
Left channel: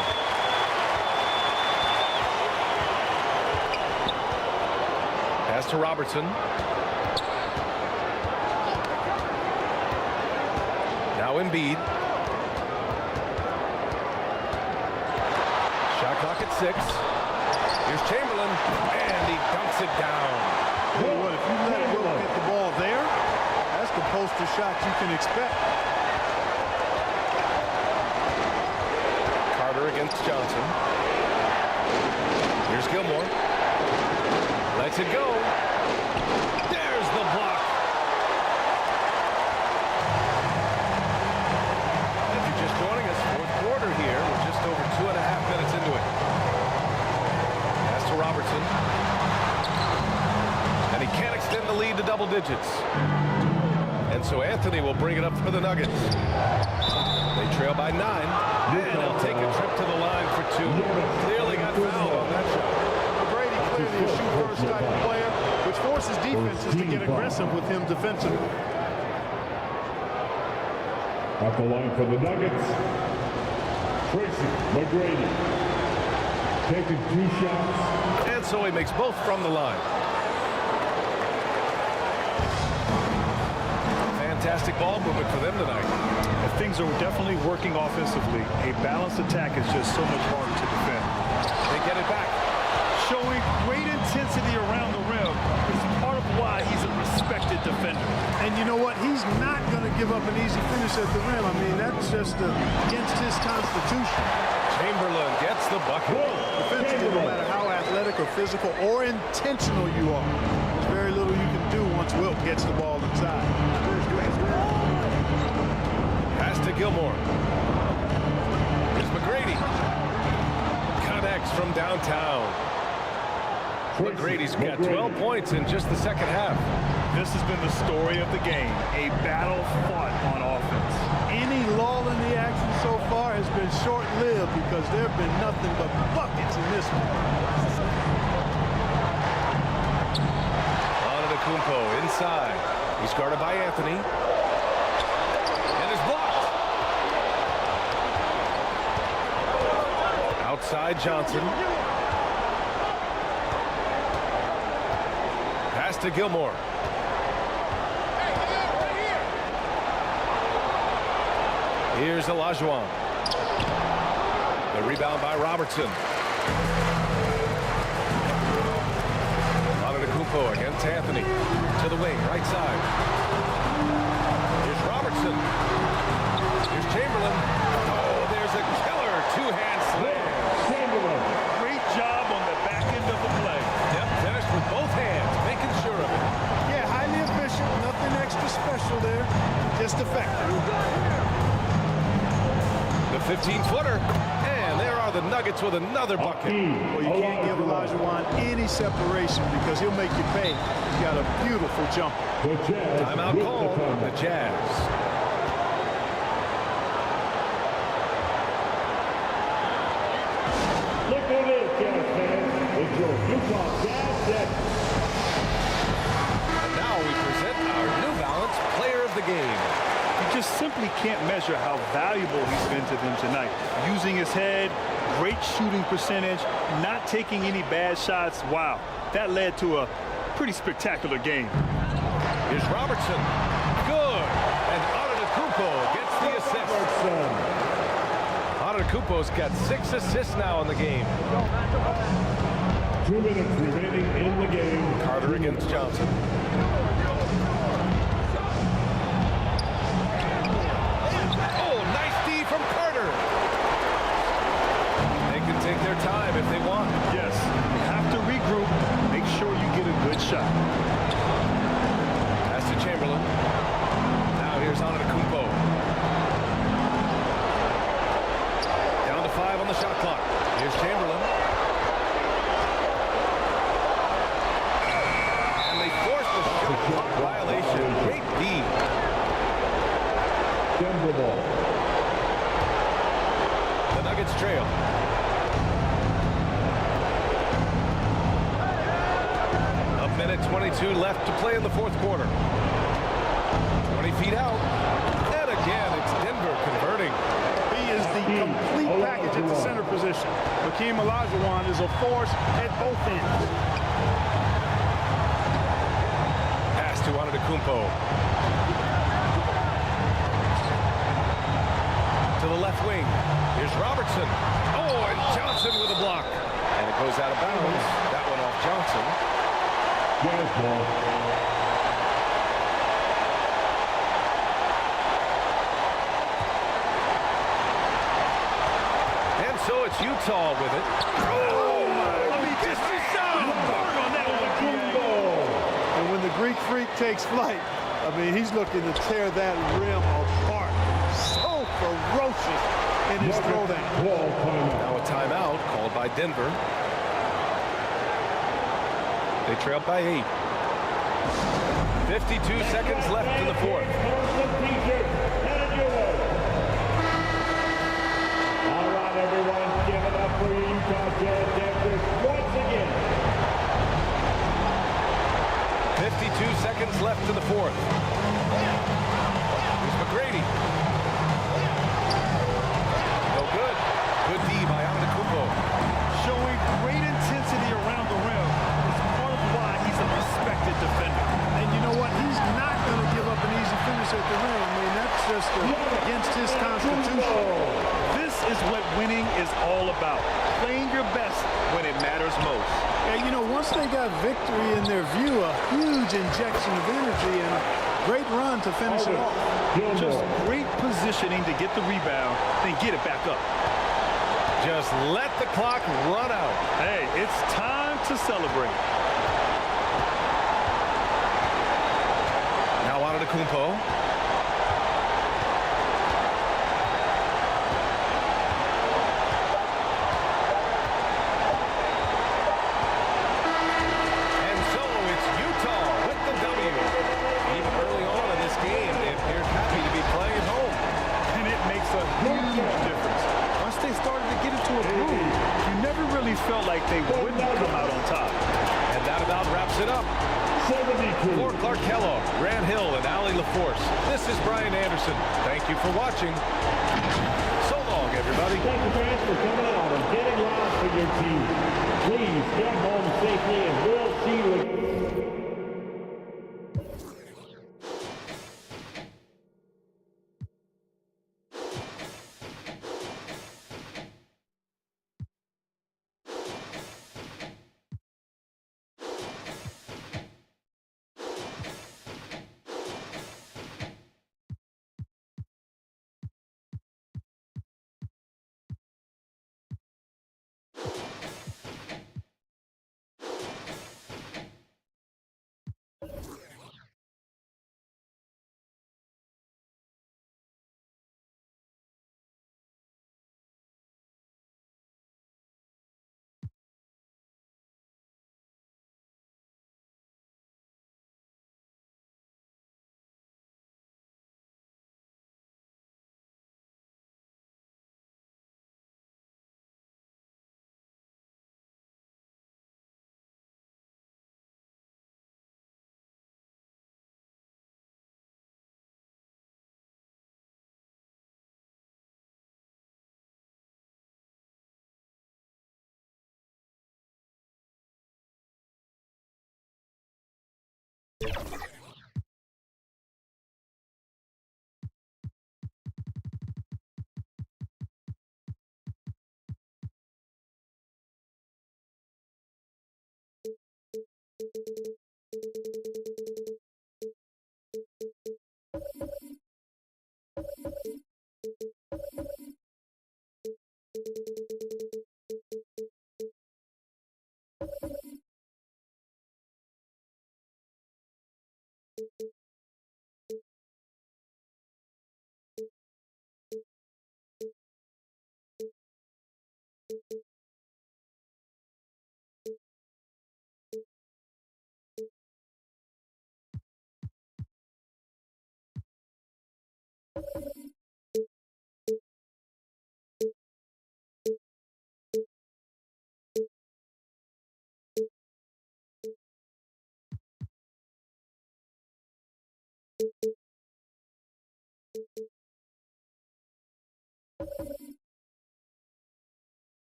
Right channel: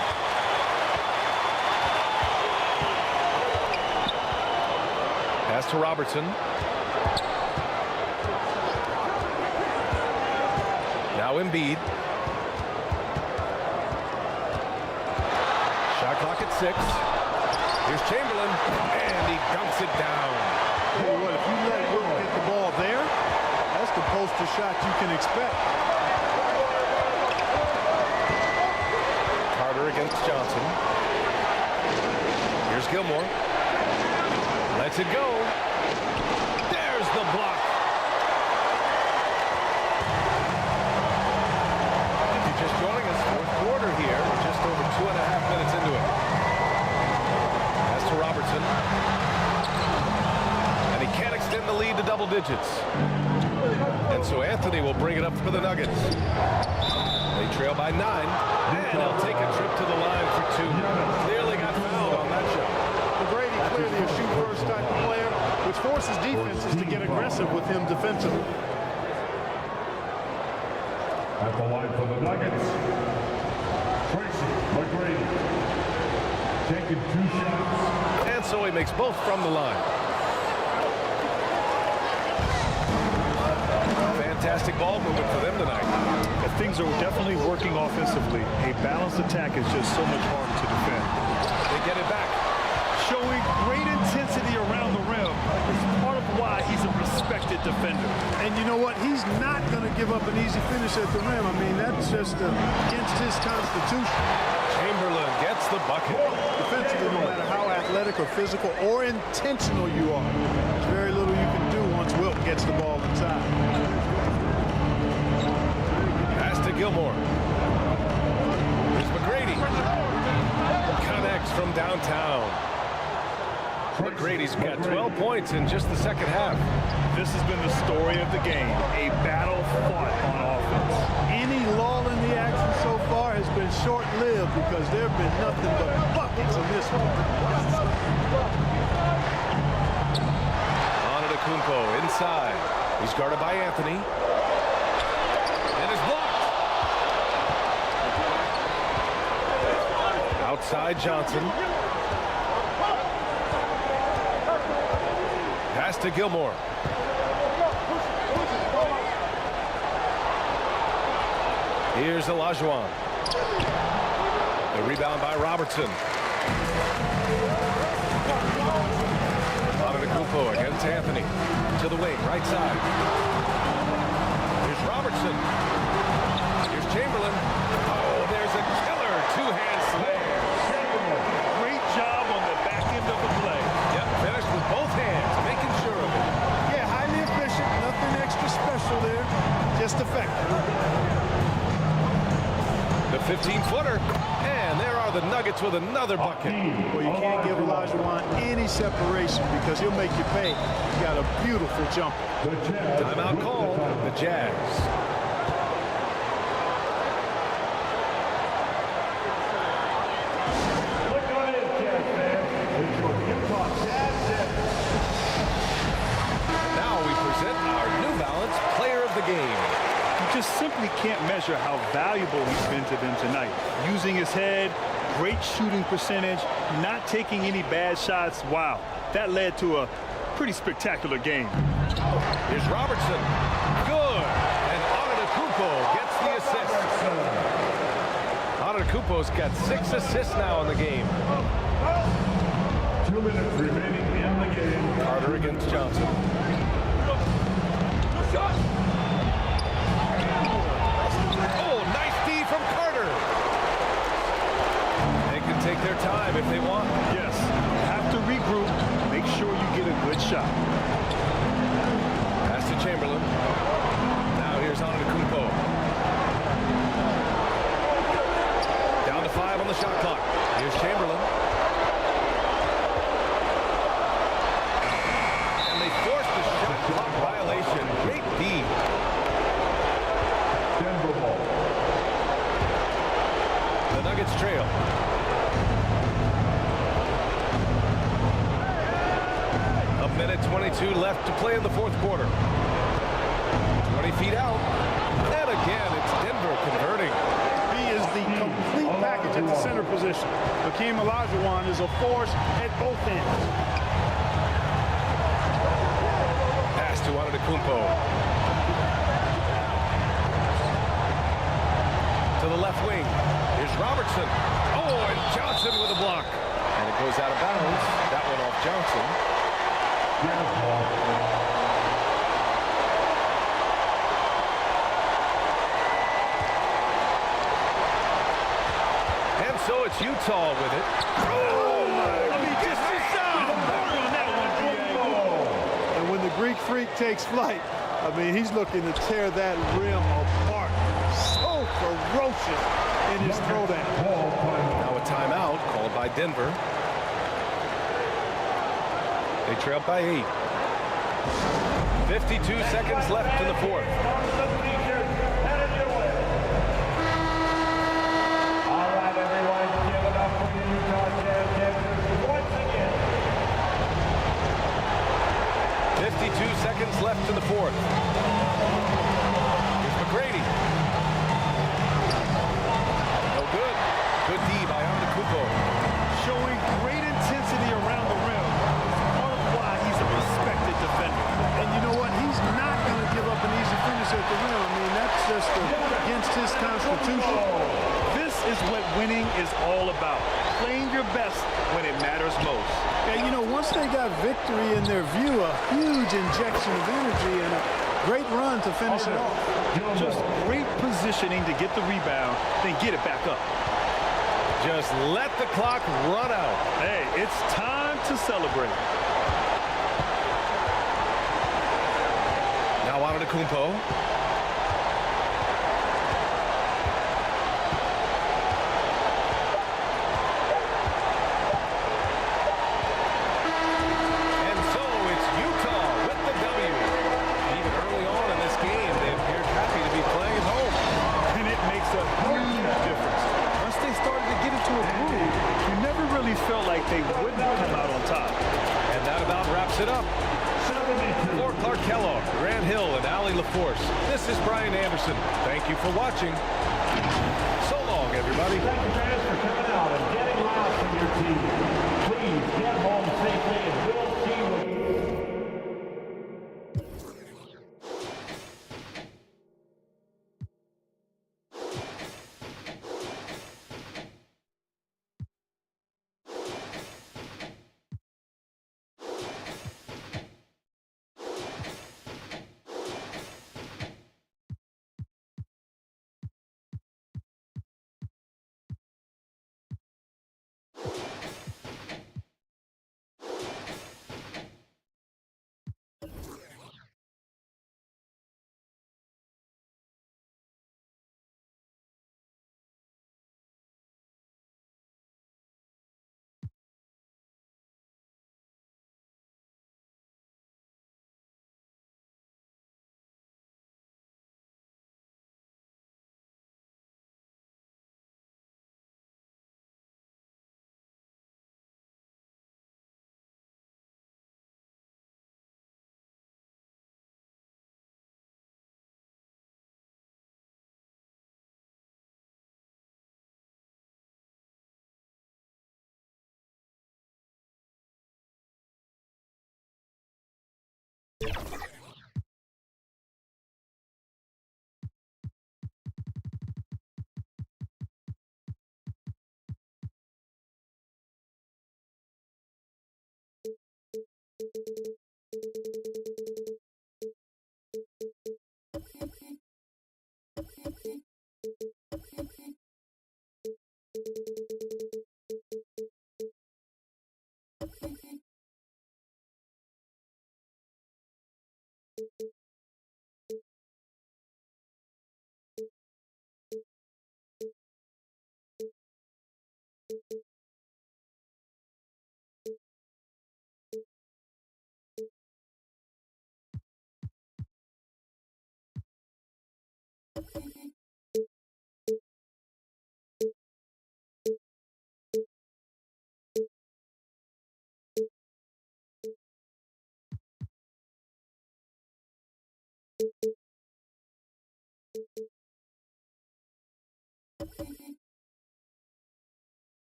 Pass to Robertson. Now Embiid. Shot clock at 6. Here's Chamberlain, and he dunks it down. Tell you what, if you let Wilt get the ball there, that's the poster shot you can expect. Carter against Johnson. Here's Gilmore. Lets it go. There's the block. If you're just joining us, fourth quarter here. We're just over 2.5 minutes into it. Pass to Robertson. And he can't extend the lead to double digits. And so Anthony will bring it up for the Nuggets. They trail by 9. And he'll take a trip to the line for 2. Clearly got fouled on that shot. McGrady clearly a shoot-first type of player, which forces defenses to get aggressive with him defensively. At the line for the Nuggets, Tracy McGrady. Taking 2 shots. And so he makes both from the line. Fantastic ball movement for them tonight. And things are definitely working offensively. A balanced attack is just so much harder to defend. They get it back. Showing great intensity around the rim is part of why he's a respected defender. And you know what? He's not going to give up an easy finish at the rim. I mean, that's just against his constitution. Chamberlain gets the bucket. Defensively, no matter how athletic or physical or intentional you are, there's very little you can do once Wilt gets the ball inside. Pass to Gilmore. Here's McGrady. Connects from downtown. McGrady's got 12 points in just the second half. This has been the story of the game, a battle fought on offense. Any lull in the action so far has been short-lived because there have been nothing but buckets in this one. Antetokounmpo inside. He's guarded by Anthony. And is blocked. Outside Johnson. Pass to Gilmore. Here's Olajuwon. The rebound by Robertson. Antetokounmpo against Anthony. To the wing, right side. Here's Robertson. Here's Chamberlain. Oh, there's a killer two-hand slam. Chamberlain. Great job on the back end of the play. Yep, finished with both hands, making sure of it. Yeah, highly efficient, nothing extra special there, just effective. The 15-footer, and there are the Nuggets with another bucket. Well, you can't give Olajuwon any separation because he'll make you pay. He's got a beautiful jumper. Timeout called, the Jazz. Look on in, Jazz fans. It's your Utah Jazz Jets. And now we present our New Balance Player of the Game. You just simply can't measure how valuable he's been to them tonight. Using his head, great shooting percentage, not taking any bad shots. Wow, that led to a pretty spectacular game. Here's Robertson. Good. And Antetokounmpo gets the assist. Antetokounmpo's got 6 assists now in the game. 2 minutes remaining in the game. Carter against Johnson. Oh, nice D from Carter. They can take their time if they want. Yes, you have to regroup. Make sure you get a good shot. Pass to Chamberlain. Now here's Antetokounmpo. Down to 5 on the shot clock. Here's Chamberlain. And they force the shot clock violation. Great D. Denver ball. The Nuggets trail. A minute 22 left to play in the fourth quarter. 20 feet out. And again, it's Denver converting. He is the complete package at the center position. Hakeem Olajuwon is a force at both ends. Pass to Antetokounmpo. To the left wing. Here's Robertson. Oh, and Johnson with a block. And it goes out of bounds. That one off Johnson. Jazz ball. And so it's Utah with it. Oh, my. I mean, just on that one, DA. And when the Greek Freak takes flight, I mean, he's looking to tear that rim apart. So ferocious in his throwdown. Now a timeout called by Denver. They trail by 8. 52 seconds left in the fourth. All right, everyone, give it up for your Utah Jazz Jets once again. 52 seconds left in the fourth. Here's McGrady. No good. Good D by Antetokounmpo. Showing great intensity around the rim is part of why he's a respected defender. And you know what? He's not going to give up an easy finish at the rim. I mean, that's just against his constitution. This is what winning is all about. Playing your best when it matters most. Yeah, you know, once they got victory in their view, a huge injection of energy and a great run to finish it off. Just great positioning to get the rebound, then get it back up. Just let the clock run out. Hey, it's time to celebrate. Now Antetokounmpo. And so it's Utah with the W. Even early on in this game, they appeared happy to be playing at home. And it makes a huge difference. Once they started to get into a groove, you never really felt like they wouldn't come out on top. And that about wraps it up. For Clark Kellogg, Grant Hill, and Allie LaForce, this is Brian Anderson. Thank you for watching. So long, everybody. Thank you, fans, for coming out and getting loud for your team. Please get home safely, and we'll see you again.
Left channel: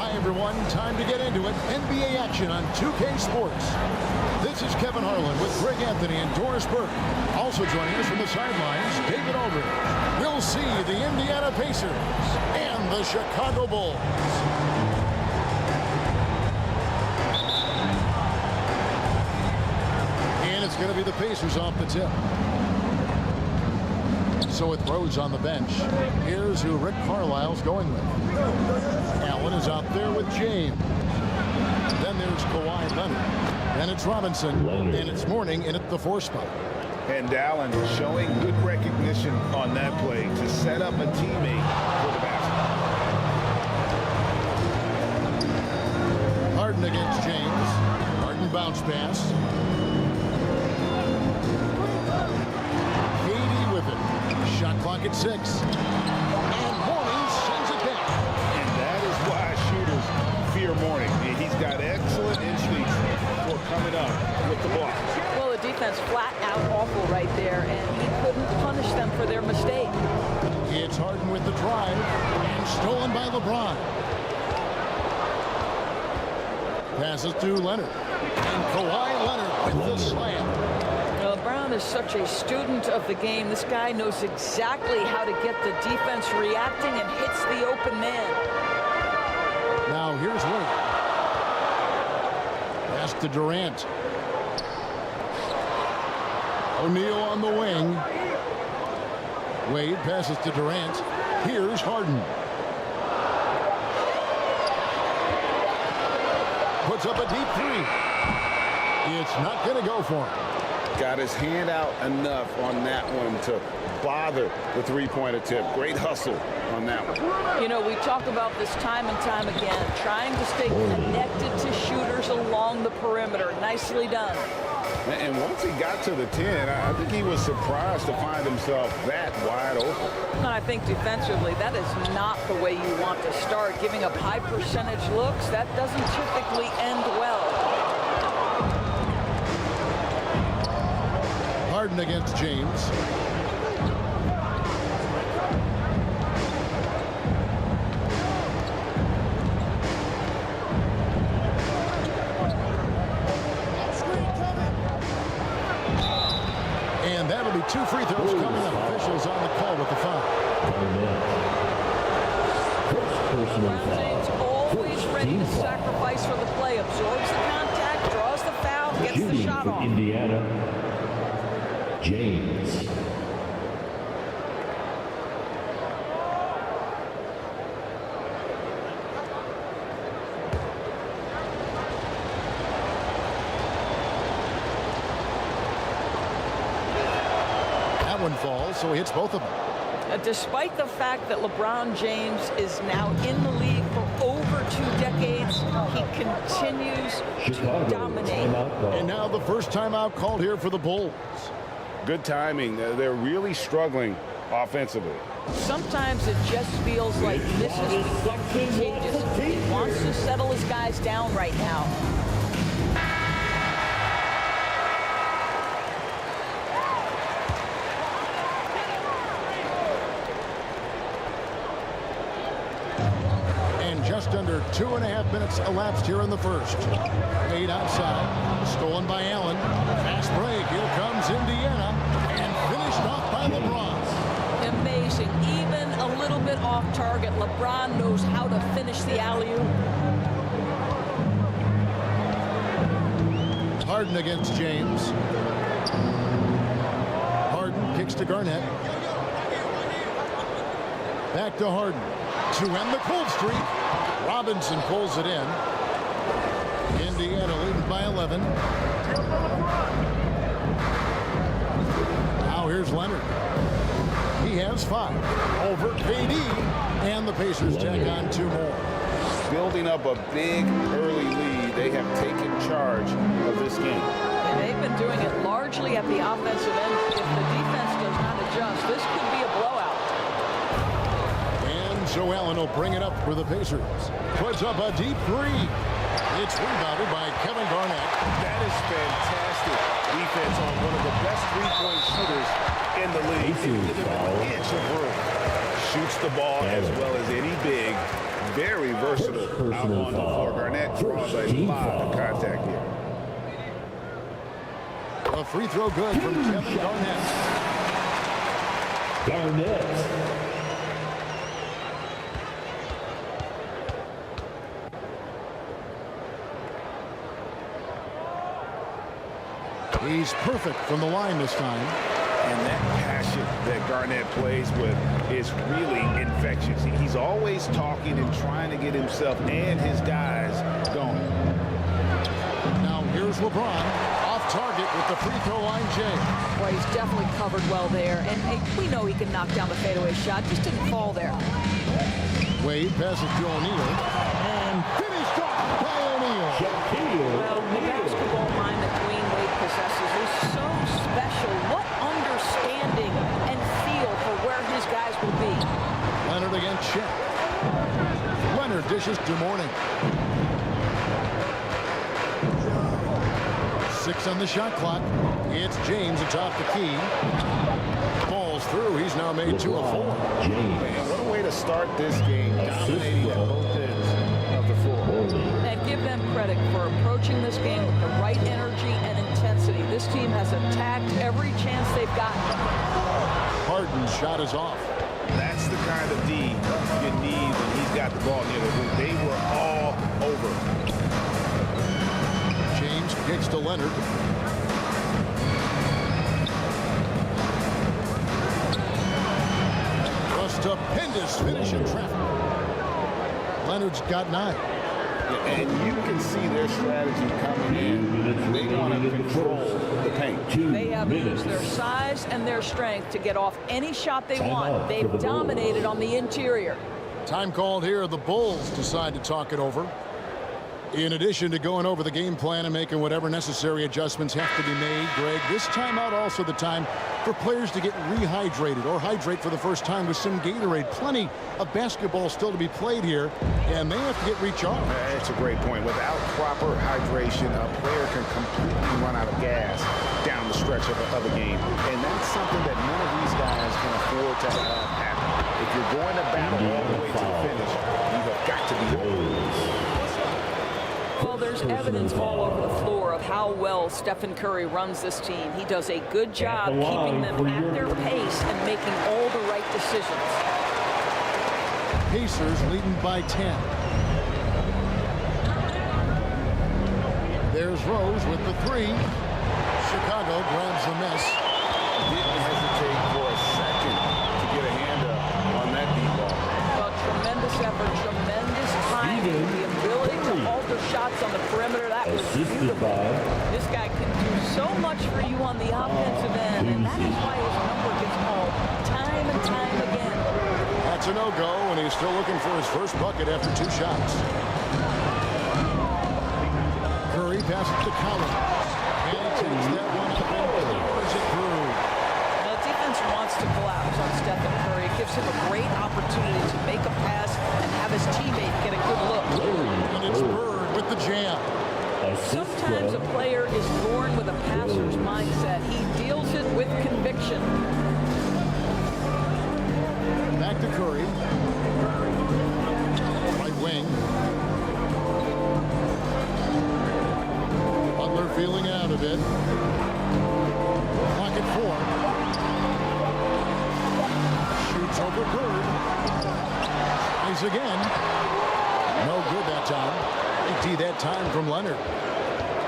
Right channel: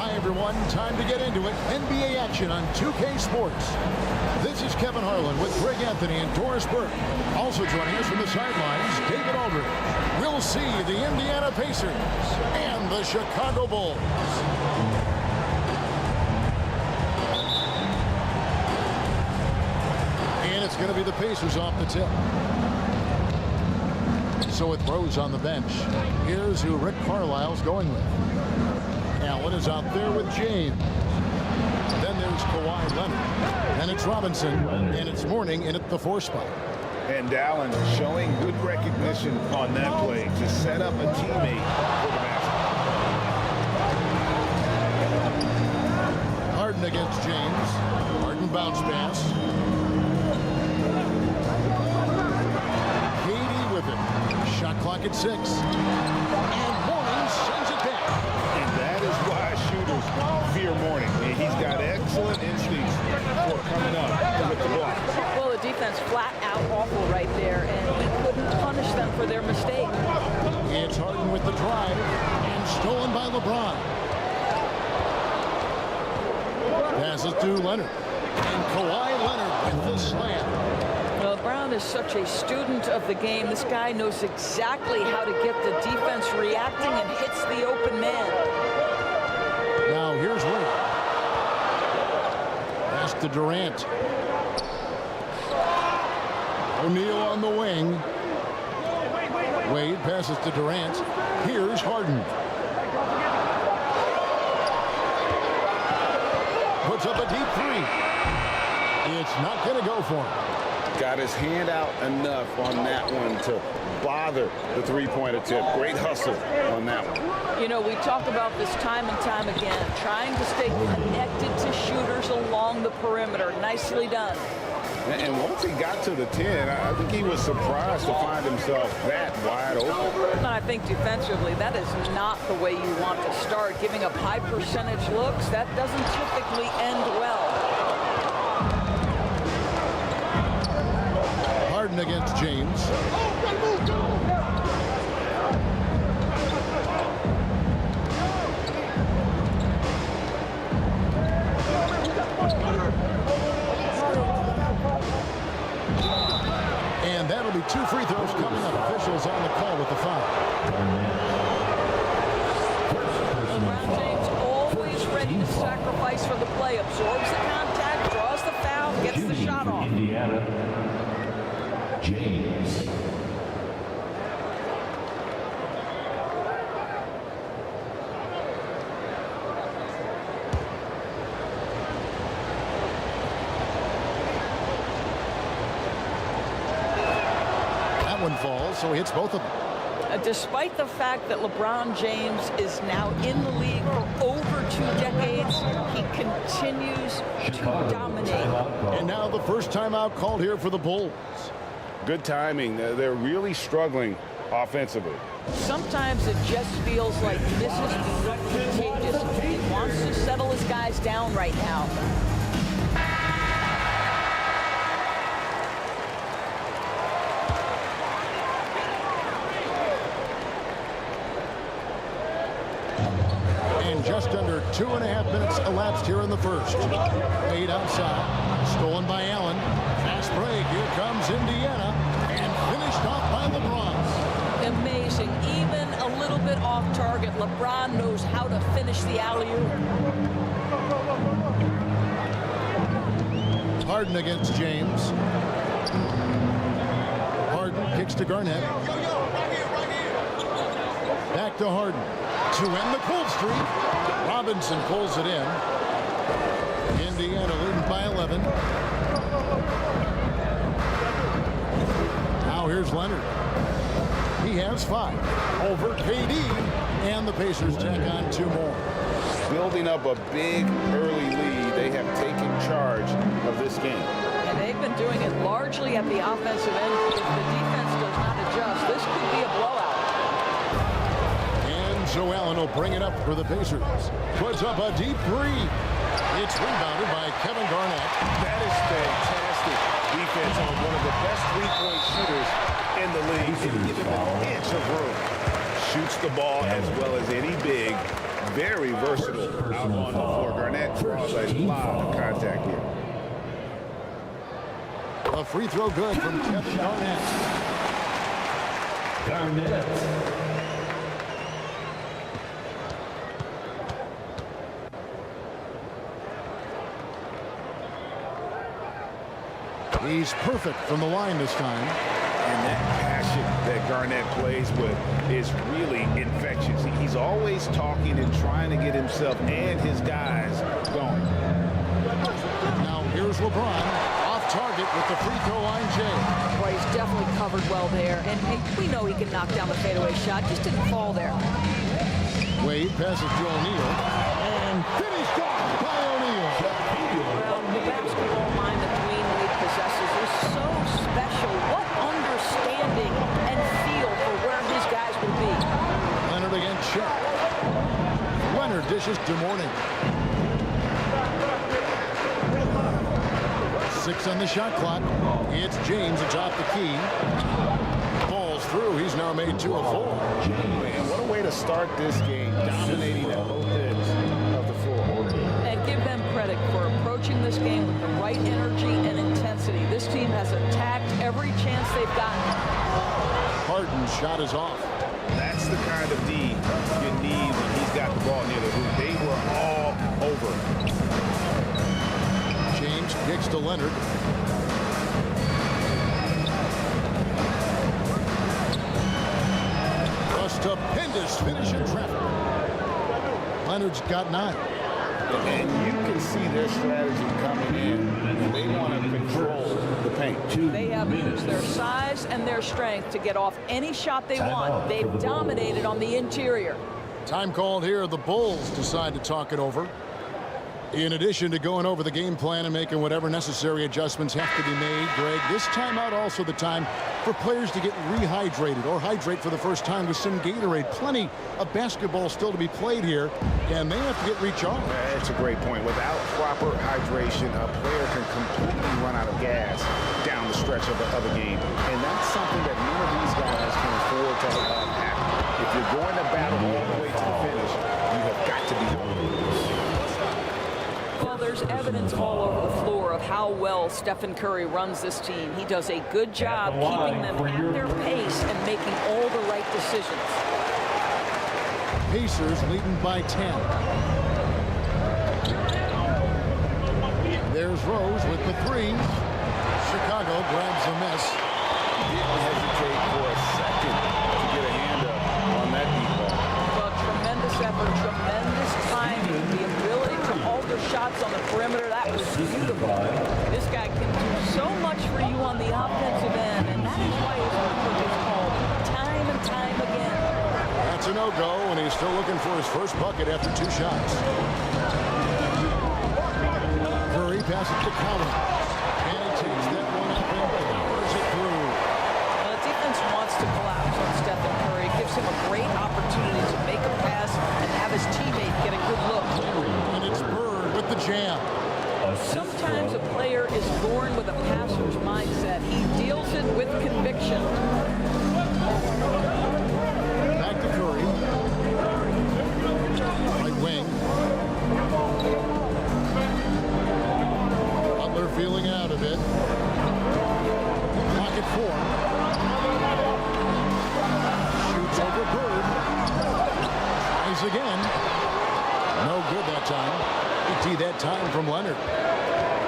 Hi, everyone. Time to get into it. NBA action on 2K Sports. This is Kevin Harlan with Greg Anthony and Doris Burke. Also joining us from the sidelines, David Aldridge. We'll see the Indiana Pacers and the Chicago Bulls. And it's going to be the Pacers off the tip. So with Rose on the bench, here's who Rick Carlisle's going with. Allen is out there with James. Then there's Kawhi Leonard. Then it's Robinson. And it's Mourning in at the 4 spot. And Allen showing good recognition on that play to set up a teammate for the basket. Harden against James. Harden bounce pass. KD with it. Shot clock at 6. And Mourning sends it back. And that is why shooters fear Mourning. He's got excellent instincts for coming up with the block. Well, the defense flat out awful right there, and he couldn't punish them for their mistake. It's Harden with the drive, and stolen by LeBron. Passes to Leonard. And Kawhi Leonard with the slam. Brown is such a student of the game. This guy knows exactly how to get the defense reacting and hits the open man. Now here's Wade. Pass to Durant. O'Neal on the wing. Wade passes to Durant. Here's Harden. Puts up a deep 3. It's not going to go for him. Got his hand out enough on that one to bother the three-point attempt. Great hustle on that one. You know, we talk about this time and time again, trying to stay connected to shooters along the perimeter. Nicely done. And once he got to the 10, I think he was surprised to find himself that wide open. And I think defensively, that is not the way you want to start. Giving up high percentage looks, that doesn't typically end well. Harden against James. And that'll be 2 free throws coming up. Officials on the call with the foul. LeBron James always ready to sacrifice for the play. Absorbs the contact, draws the foul, gets the shot off. Indiana, James. One falls, so he hits both of them. Despite the fact that LeBron James is now in the league for over 2 decades, he continues to dominate. And now the first timeout called here for the Bulls. Good timing. They're really struggling offensively. Sometimes it just feels like this has become contagious. He wants to settle his guys down right now. Just under 2.5 minutes elapsed here in the first. Made outside, stolen by Allen. Fast break, here comes Indiana, and finished off by LeBron. Amazing, even a little bit off target. LeBron knows how to finish the alley-oop. Harden against James. Harden kicks to Garnett. Back to Harden to end the cold streak. Robinson pulls it in. Indiana leading by 11. Now here's Leonard. He has 5 over KD, and the Pacers tack on 2 more. Building up a big early lead, they have taken charge of this game. And they've been doing it largely at the offensive end. If the defense does not adjust, this could be a blowout. And so Allen will bring it up for the Pacers. Puts up a deep 3. It's rebounded by Kevin Garnett. That is fantastic defense on one of the best three-point shooters in the league. Didn't give him an inch of room. Shoots the ball as well as any big. Very versatile out on the floor. Garnett draws a lot of contact here. A free throw good from Kevin Garnett. Garnett. He's perfect from the line this time. And that passion that Garnett plays with is really infectious. He's always talking and trying to get himself and his guys going. Now here's LeBron off target with the free throw line, Jay. Boy, he's definitely covered well there. And hey, we know he can knock down the fadeaway shot. Just didn't fall there. Wade passes to O'Neal. And finished off by O'Neal. Well, the basketball mind that Dwayne Wade possesses is so special. What understanding and feel for where his guys will be. Leonard against Chet. Leonard dishes to Mourning. 6 on the shot clock. It's James atop the key. Falls through. He's now made 2 of 4. Man, what a way to start this game, dominating at both ends of the floor. And give them credit for approaching this game with the right energy and intensity. This team has attacked every chance they've gotten. Harden's shot is off. That's the kind of D you need when he's got the ball near the hoop. They were all over it. James kicks to Leonard. A stupendous finish in traffic. Leonard's got 9. And you can see their strategy coming in. They want to control the paint. They have used their size and their strength to get off any shot they want. They've dominated on the interior. Time called here. The Bulls decide to talk it over. In addition to going over the game plan and making whatever necessary adjustments have to be made, Greg, this timeout also the time for players to get rehydrated or hydrate for the first time with some Gatorade. Plenty of basketball still to be played here, and they have to get recharged. That's a great point. Without proper hydration, a player can completely run out of gas down the stretch of a game. And that's something that none of these guys can afford to have happen. If you're going to battle all the way to the finish, you have got to be hydrated. Well, there's evidence all over the floor of how well Stephen Curry runs this team. He does a good job keeping them at their pace and making all the right decisions. Pacers leading by 10. There's Rose with the three. Chicago grabs the miss. Didn't hesitate for a second to get a hand up on that deep ball. Well, tremendous effort, tremendous timing, the ability to alter shots on the perimeter. That was beautiful. This guy can do so much for you on the offensive end, and that is why his number gets called time and time again. That's a no-go, and he's still looking for his first bucket after 2 shots. Curry passes to Collins, and he takes that one up and powers it through. The defense wants to collapse on Stephen Curry. It gives him a great opportunity to make a pass and have his teammate get a good look. And it's Bird with the jam. Sometimes a player is born with a passer's mindset. He deals it with conviction. Back to Curry. Right wing. Butler feeling out of it. Clock at 4. Shoots over Bird. Tries again. No good that time. AT that time from Leonard.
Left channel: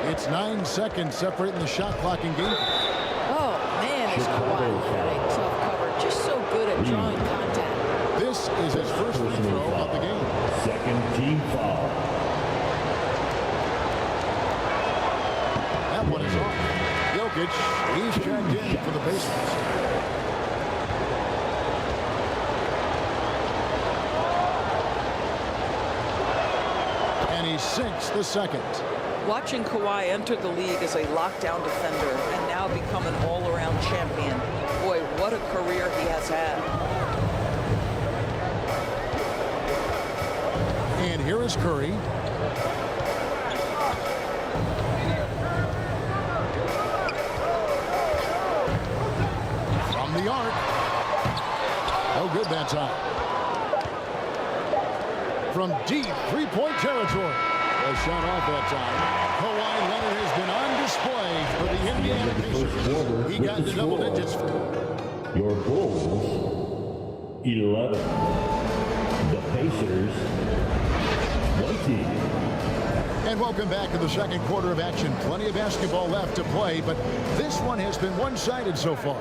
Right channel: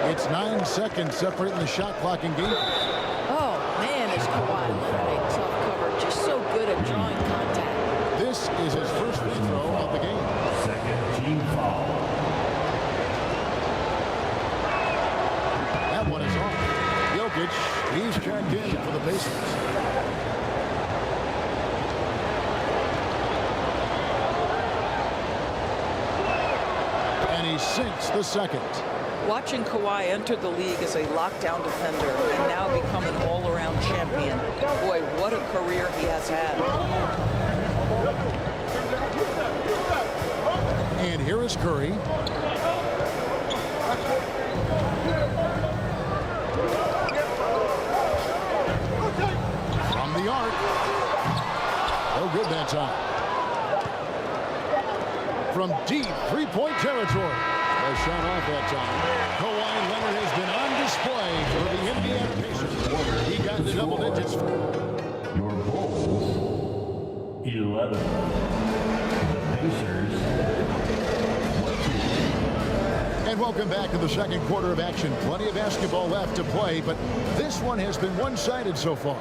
It's 9 seconds separating the shot clock and game. Oh, man, is Kawhi Leonard a tough cover. Just so good at drawing contact. This is his first free throw of the game. Second team foul. That one is off. Jokic, he's checked in for the Pacers. And he sinks the second. Watching Kawhi enter the league as a lockdown defender and now become an all-around champion. Boy, what a career he has had. And here is Curry. From the arc. No good that time. From deep three-point territory. A shot off that time. Kawhi Leonard has been on display for the Indiana Pacers. He got into double digits. Your Bulls, 11. The Pacers, 20. And welcome back to the second quarter of action. Plenty of basketball left to play, but this one has been one-sided so far.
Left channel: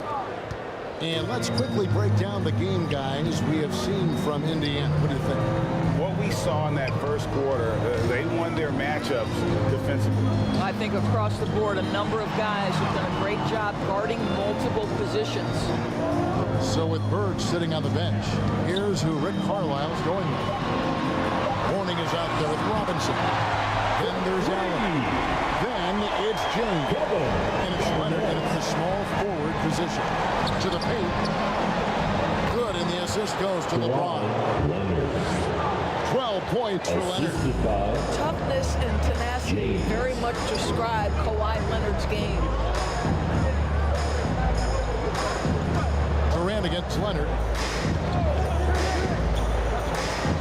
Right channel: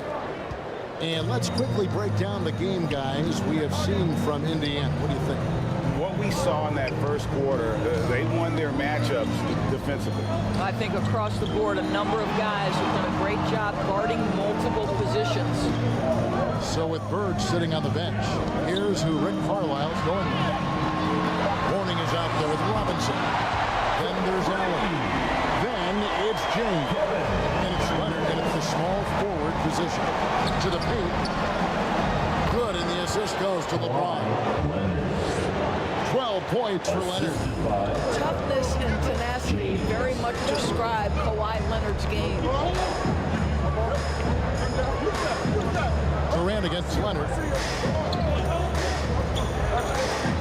And let's quickly break down the game, guys, we have seen from Indiana. What do you think? What we saw in that first quarter, they won their matchups defensively. I think across the board, a number of guys have done a great job guarding multiple positions. So with Bird sitting on the bench, here's who Rick Carlisle's going with. Mourning is out there with Robinson. Then there's Allen. Then it's James. And it's Leonard, and it's the small forward position. To the paint. Good, and the assist goes to LeBron. 12 points for Leonard. Toughness and tenacity very much describe Kawhi Leonard's game. Durant against Leonard.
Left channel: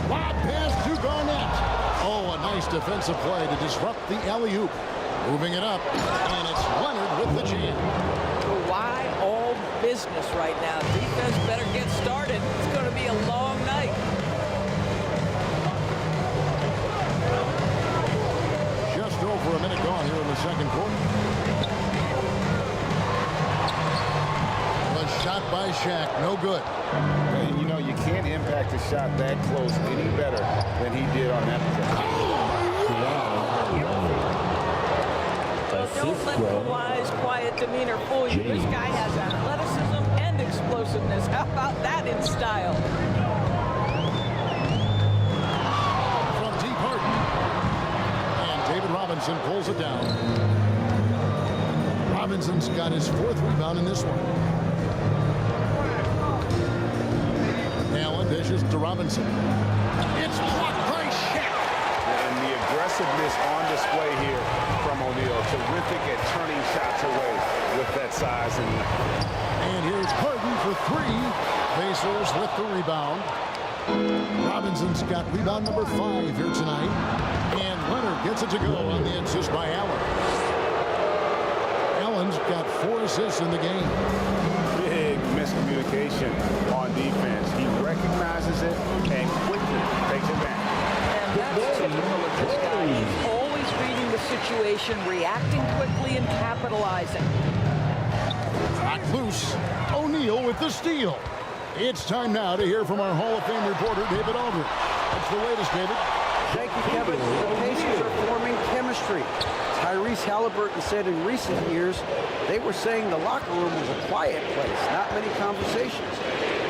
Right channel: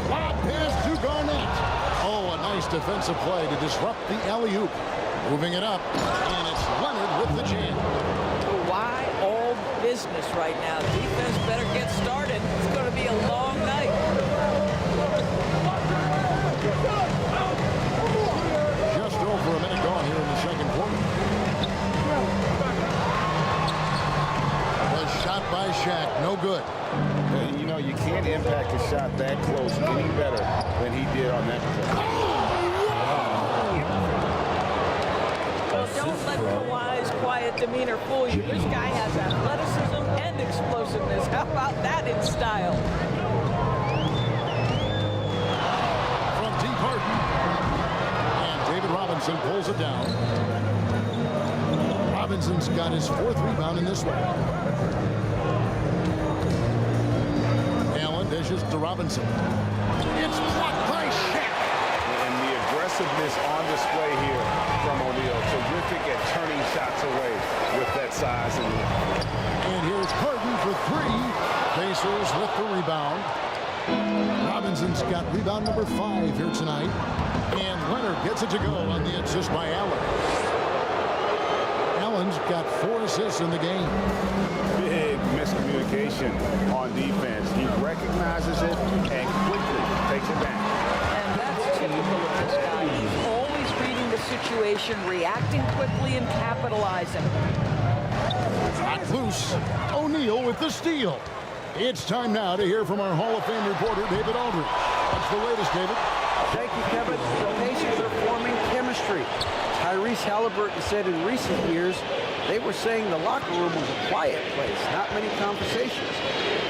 Lob pass to Garnett. Oh, a nice defensive play to disrupt the alley-oop. Moving it up, and it's Leonard with the jam. Kawhi all business right now. Defense better get started. It's going to be a long night. Just over a minute gone here in the second quarter. A shot by Shaq, no good. You know, you can't impact a shot that close any better than he did on that possession. Well, don't let Kawhi's quiet demeanor fool you. This guy has athleticism and explosiveness. How about that in style? From deep Harden. And David Robinson pulls it down. Robinson's got his 4th rebound in this one. Allen dishes to Robinson. It's blocked by Shaq. And the aggressiveness on display here from O'Neal. Terrific at turning shots away with that size and length. And here's Harden for 3. Pacers with the rebound. Robinson's got rebound number 5 here tonight. And Leonard gets it to go on the assist by Allen. Allen's got 4 assists in the game. Big miscommunication on defense. He recognizes it and quickly takes it back. And that's typical of this guy. He's always reading the situation, reacting quickly, and capitalizing. Not loose. O'Neal with the steal. It's time now to hear from our Hall of Fame reporter, David Aldridge. What's the latest, David? Thank you, Kevin. The Pacers are forming chemistry. Tyrese Halliburton said in recent years they were saying the locker room was a quiet place, not many conversations.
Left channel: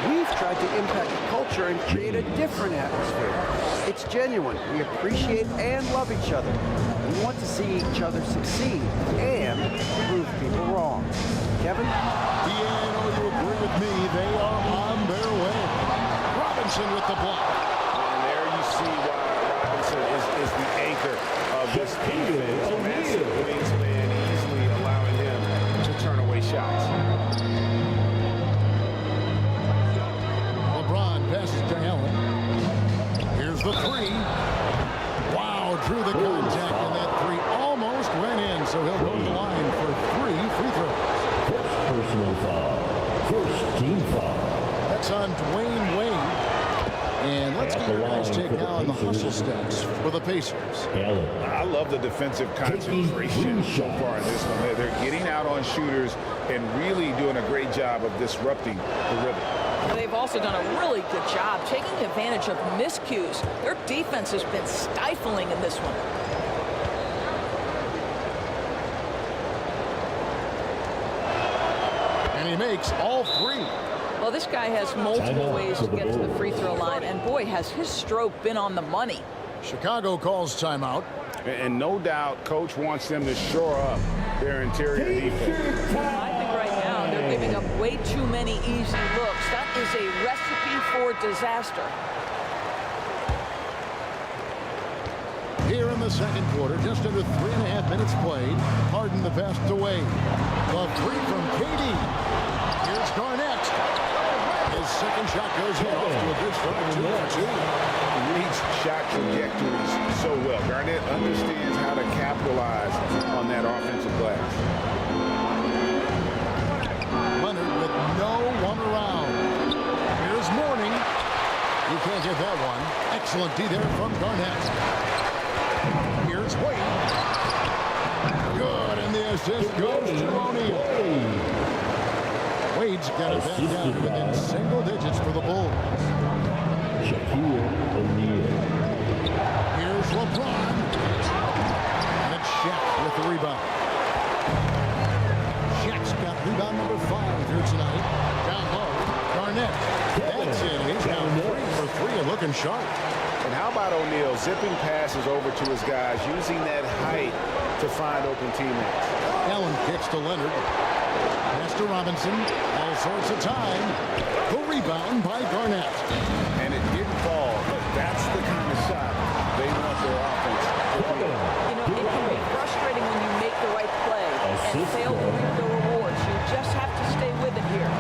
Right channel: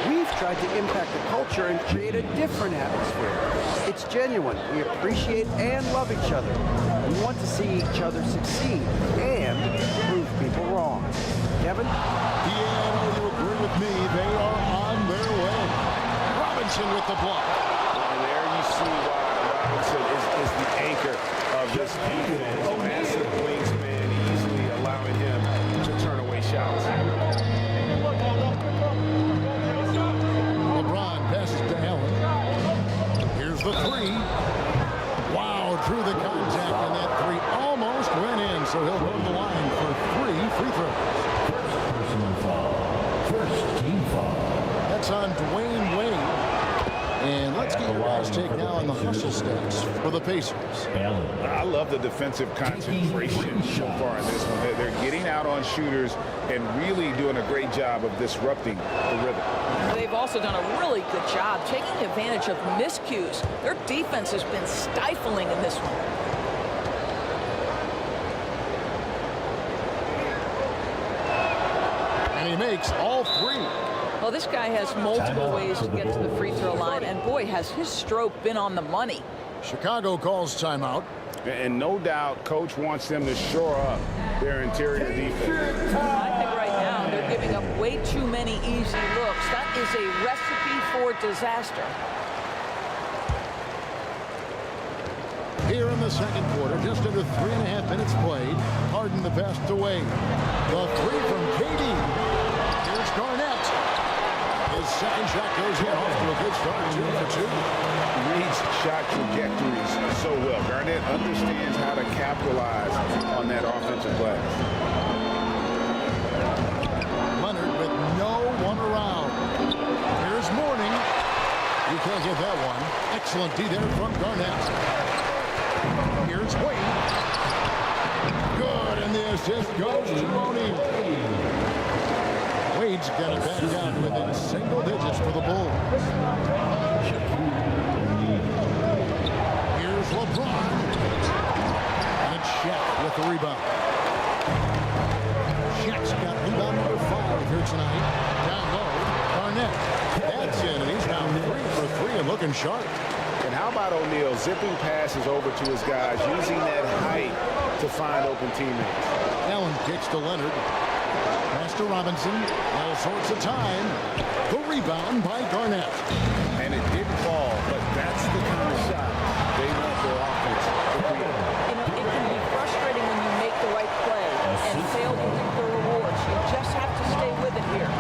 We've tried to impact the culture and create a different atmosphere. It's genuine. We appreciate and love each other. We want to see each other succeed and prove people wrong. Kevin? Yeah, I know you agree with me. They are on their way. Robinson with the block. And there you see why Robinson is the anchor of this defense. Massive wingspan, easily allowing him to turn away shots. LeBron passes to Allen. Here's the 3. Wow, drew the contact, and that 3 almost went in, so he'll go to the line for 3 free throws. First personal foul. First team foul. That's on Dwayne Wade. And let's get your guys' take now on the hustle stats for the Pacers. I love the defensive concentration so far in this one. They're getting out on shooters and really doing a great job of disrupting the rhythm. They've also done a really good job taking advantage of miscues. Their defense has been stifling in this one. And he makes all 3. Well, this guy has multiple ways to get to the free throw line, and boy, has his stroke been on the money. Chicago calls timeout. And no doubt, coach wants them to shore up their interior defense. I think right now they're giving up way too many easy looks. That is a recipe for disaster. Here in the second quarter, just under 3.5 minutes played. Harden the pass to Wade. The 3 from KD. Here's Garnett. His second shot goes in, off to a good start, 2 for 2. Reads shot trajectories so well. Garnett understands how to capitalize on that offensive glass. Leonard with no one around. Here's Mourning. He can't get that one. Excellent D there from Garnett. Here's Wade. Good, and the assist goes to O'Neal. Wade's got it back down to within single digits for the Bulls. Here's LeBron. And it's Shaq with the rebound. Shaq's got rebound number 5 here tonight. Down low, Garnett. That's in, and he's now 3 for 3 and looking sharp. And how about O'Neal zipping passes over to his guys, using that height to find open teammates. Allen kicks to Leonard. Pass to Robinson. All sorts of time. The rebound by Garnett. And it didn't fall, but that's the kind of shot they want their offense to create. You know, it can be frustrating when you make the right play and fail to reap the rewards. You just have to stay with it here.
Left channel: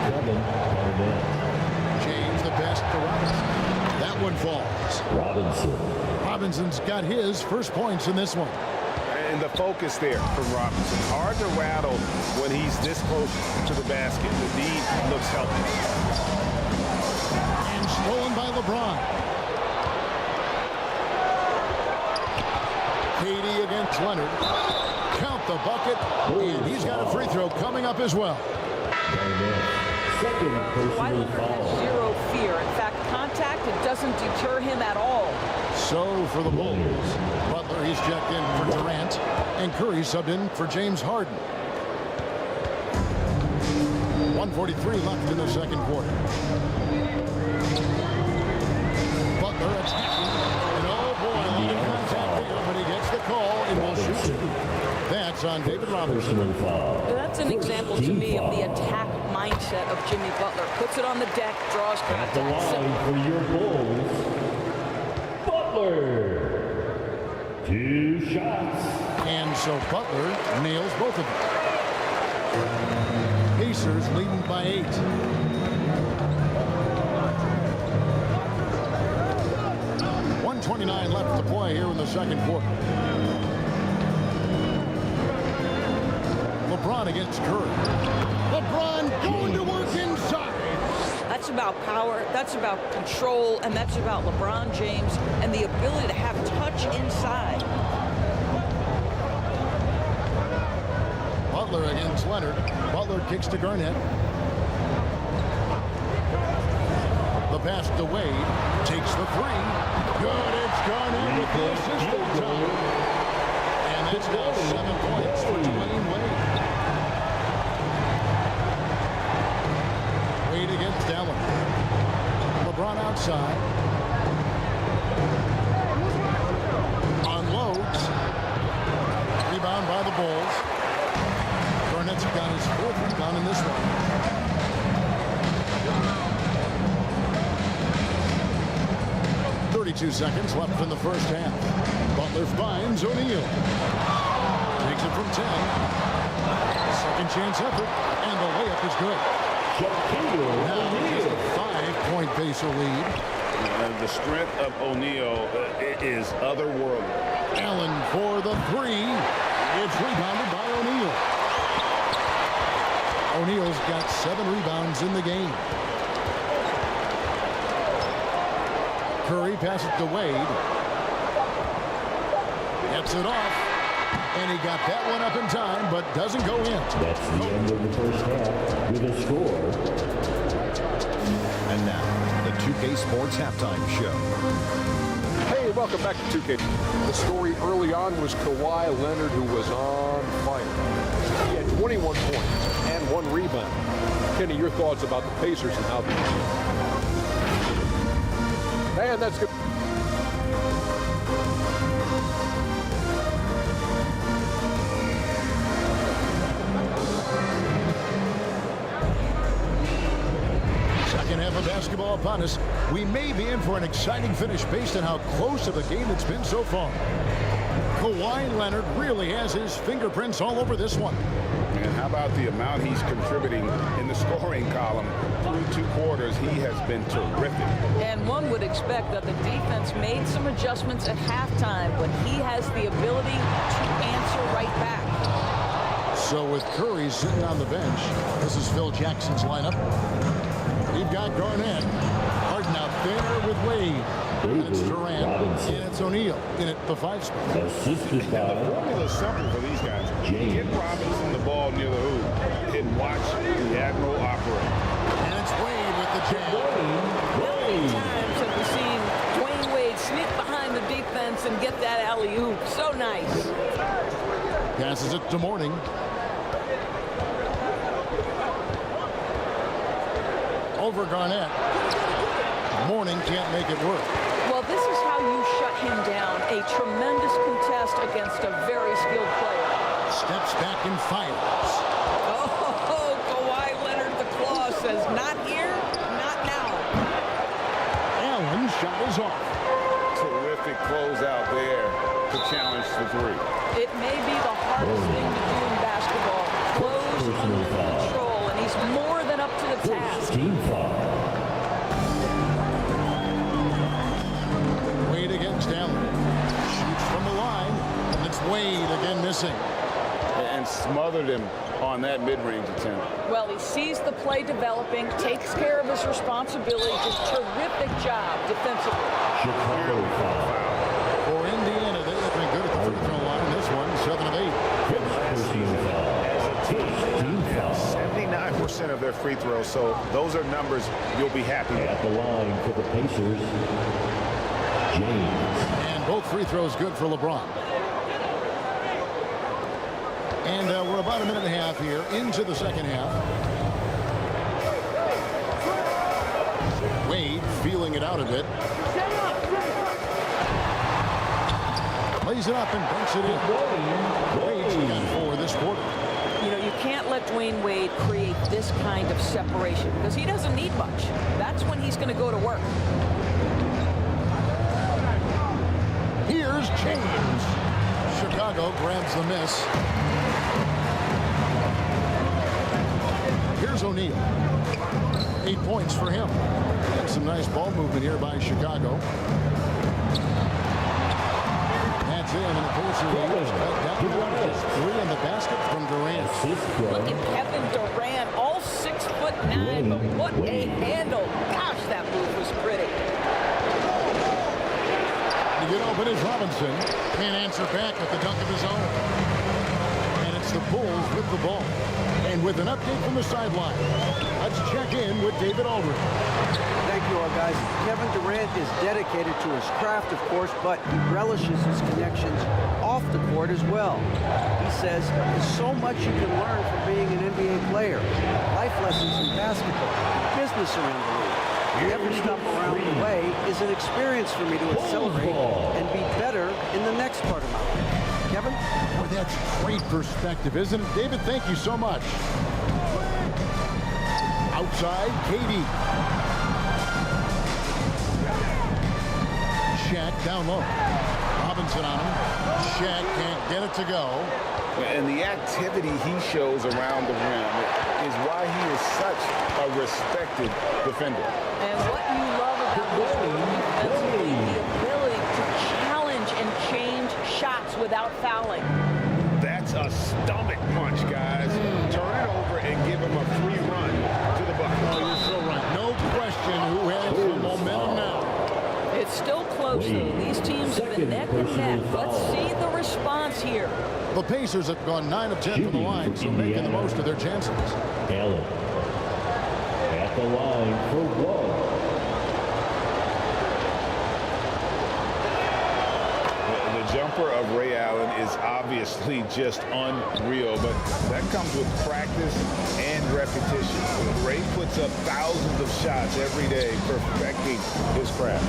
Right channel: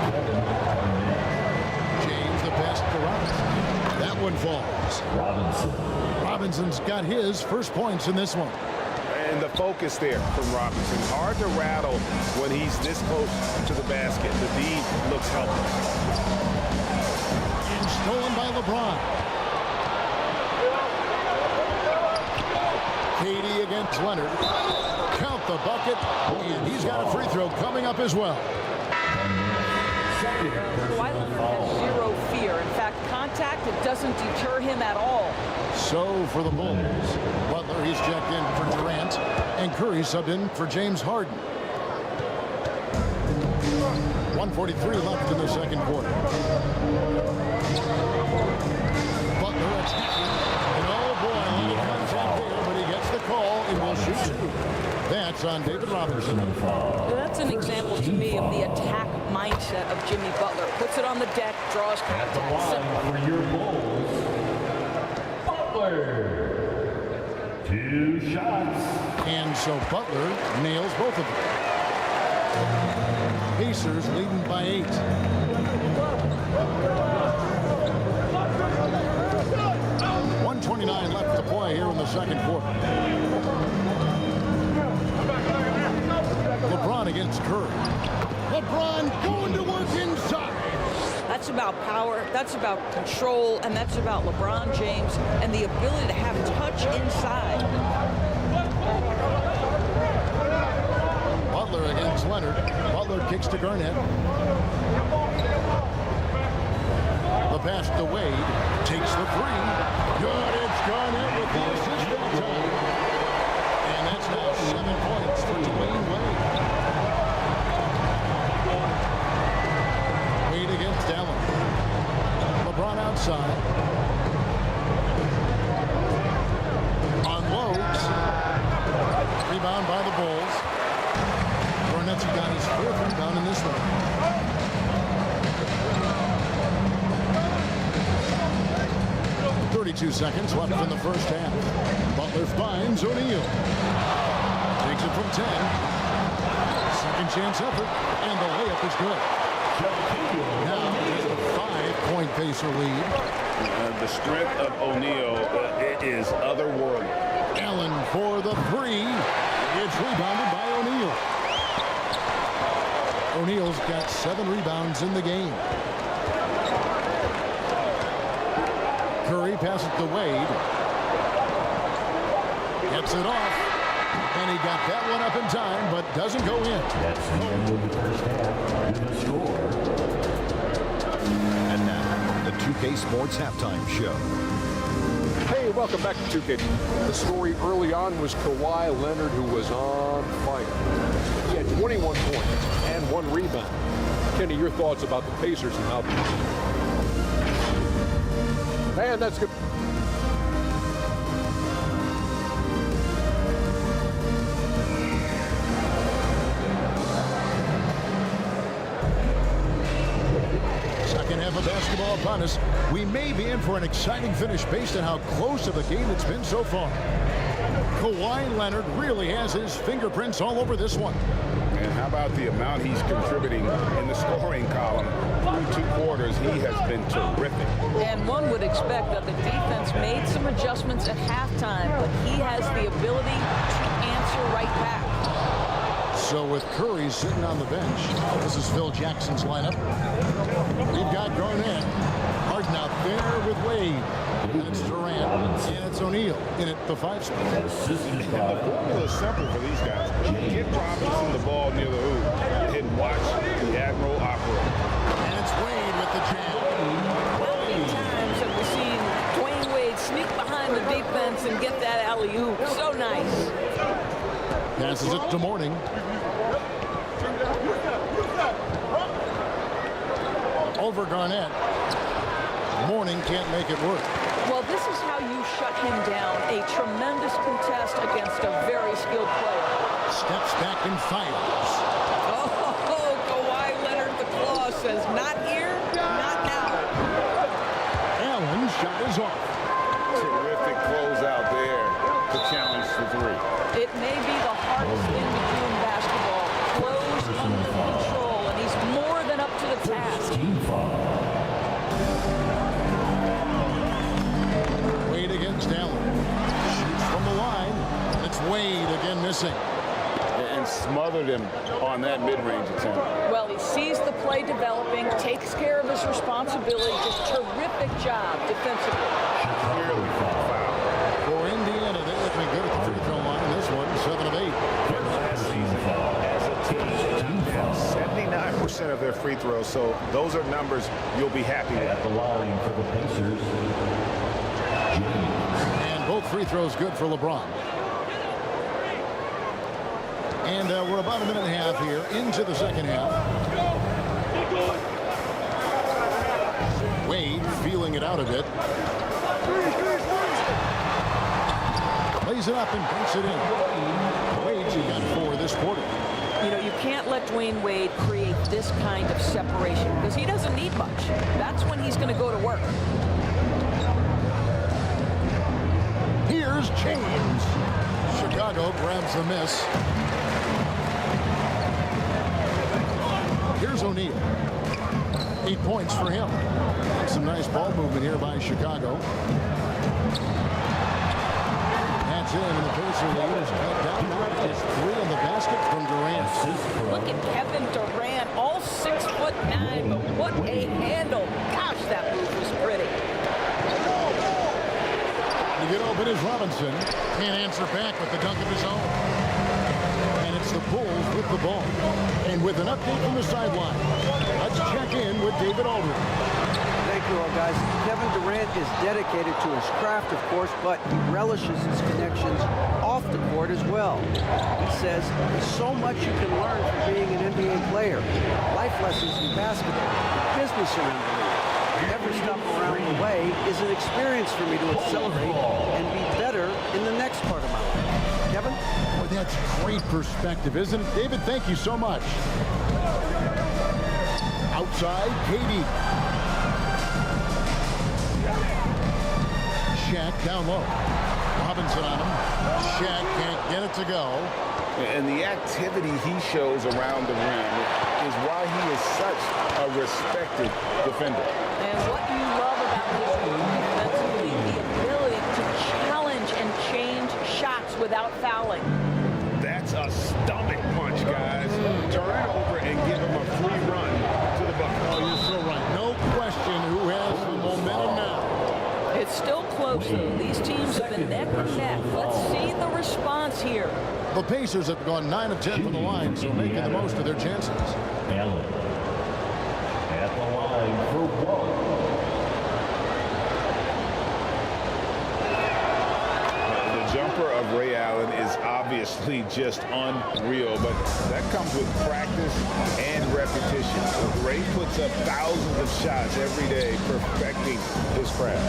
James the pass to Robinson. That one falls. Robinson's got his first points in this one. And the focus there from Robinson. Hard to rattle when he's this close to the basket. The D looks helpless. And stolen by LeBron. KD against Leonard. Count the bucket. And he's got a free throw coming up as well. Kawhi Leonard has zero fear. In fact, contact, it doesn't deter him at all. So for the Bulls, Butler, he's checked in for Durant, and Curry subbed in for James Harden. 1:43 left in the second quarter. Butler attacking, and oh boy, a lot of contact contact there, but he gets the call and will shoot 2. That's on David Robinson. That's an example to me of the attack mindset of Jimmy Butler. Puts it on the deck, draws contact. At the line for your Bulls, Butler. 2 shots. And so Butler nails both of them. Pacers leading by 8. .129 left to play here in the second quarter. LeBron against Curry. LeBron going to work inside. That's about power, that's about control, and that's about LeBron James and the ability to have touch inside. Butler against Leonard. Butler kicks to Garnett. The pass to Wade. Takes the 3. Good. It's Garnett with the assist that time. And that's now 7 points for Dwayne Wade. Wade against Allen. LeBron outside. Unloads. Rebound by the Bulls. Garnett's got his 4th rebound in this one. .32 seconds left in the first half. Butler finds O'Neal. Takes it from 10. Second chance effort, and the layup is good. Now just a 5-point Pacer lead. The strength of O'Neal is otherworldly. Allen for the 3. It's rebounded by O'Neal. O'Neal's got 7 rebounds in the game. Curry passes to Wade. Gets it off. And he got that one up in time, but doesn't go in. That's the end of the first half with a score. And now, the 2K Sports Halftime Show. Hey, welcome back to 2K. The story early on was Kawhi Leonard, who was on fire. He had 21 points and 1 rebound. Kenny, your thoughts about the Pacers and how... Man, that's good. Second half of basketball upon us. We may be in for an exciting finish based on how close of a game it's been so far. Kawhi Leonard really has his fingerprints all over this one. And how about the amount he's contributing in the scoring column through 2 quarters? He has been terrific. And one would expect that the defense made some adjustments at halftime, but he has the ability to answer right back. So with Curry sitting on the bench, this is Phil Jackson's lineup. We've got Garnett. Harden out there with Wade. And it's Durant. And it's O'Neal in at the 5 spot. And the formula is simple for these guys. Get Robinson the ball near the hoop and watch the Admiral operate. And it's Wade with the jam. How many times have we seen Dwayne Wade sneak behind the defense and get that alley-oop? So nice. Passes it to Mourning. Over Garnett. Mourning can't make it work. Well, this is how you shut him down. A tremendous contest against a very skilled player. Steps back and fires. Oh, Kawhi Leonard, the claw says, not here, not now. Allen shot is off. Terrific closeout there to challenge the 3. It may be the hardest thing to do in basketball. Close under control, and he's more than up to the task. Wade against Allen. Shoots from the line, and it's Wade again missing. And smothered him on that mid-range attempt. Well, he sees the play developing, takes care of his responsibility. Just terrific job defensively. Clearly foul. For Indiana, they've been good at the free throw line. This one, 7 of 8. Last season, as a team, they knocked down 79% of their free throws. So those are numbers you'll be happy with. At the line for the Pacers, James. And both free throws good for LeBron. And we're about a minute and a half here into the second half. Wade feeling it out a bit. Lays it up and banks it in. Wade's got 4 this quarter. You know, you can't let Dwayne Wade create this kind of separation because he doesn't need much. That's when he's going to go to work. Here's James. Chicago grabs the miss. Here's O'Neal. 8 points for him. And some nice ball movement here by Chicago. That's in, and the Pacer lead is cut down now to just 3 on the basket from Durant. Look at Kevin Durant, all 6'9", but what a handle. Gosh, that move was pretty. To get open is Robinson. Can't answer back with the dunk of his own. And it's the Bulls with the ball. And with an update from the sideline, let's check in with David Aldridge. Thank you all, guys. Kevin Durant is dedicated to his craft, of course, but he relishes his connections off the court as well. He says there's so much you can learn from being an NBA player. Life lessons in basketball, the business around the league. Every stop around the way is an experience for me to accelerate and be better in the next part of my life. Kevin? Boy, that's great perspective, isn't it? David, thank you so much. Outside, KD. Shaq down low. Robinson on him. Shaq can't get it to go. And the activity he shows around the rim is why he is such a respected defender. And what you love about his work defensively, the ability to challenge and change shots without fouling. That's a stomach punch, guys. Turn it over and give him a free run to the bucket. Oh, you're so right. No question who has the momentum now. It's still close, though. These teams have been neck and neck. Let's see the response here. The Pacers have gone 9 of 10 from the line, so making the most of their chances. Allen at the line for 1. The jumper of Ray Allen is obviously just unreal, but that comes with practice and repetition. Ray puts up thousands of shots every day, perfecting his craft.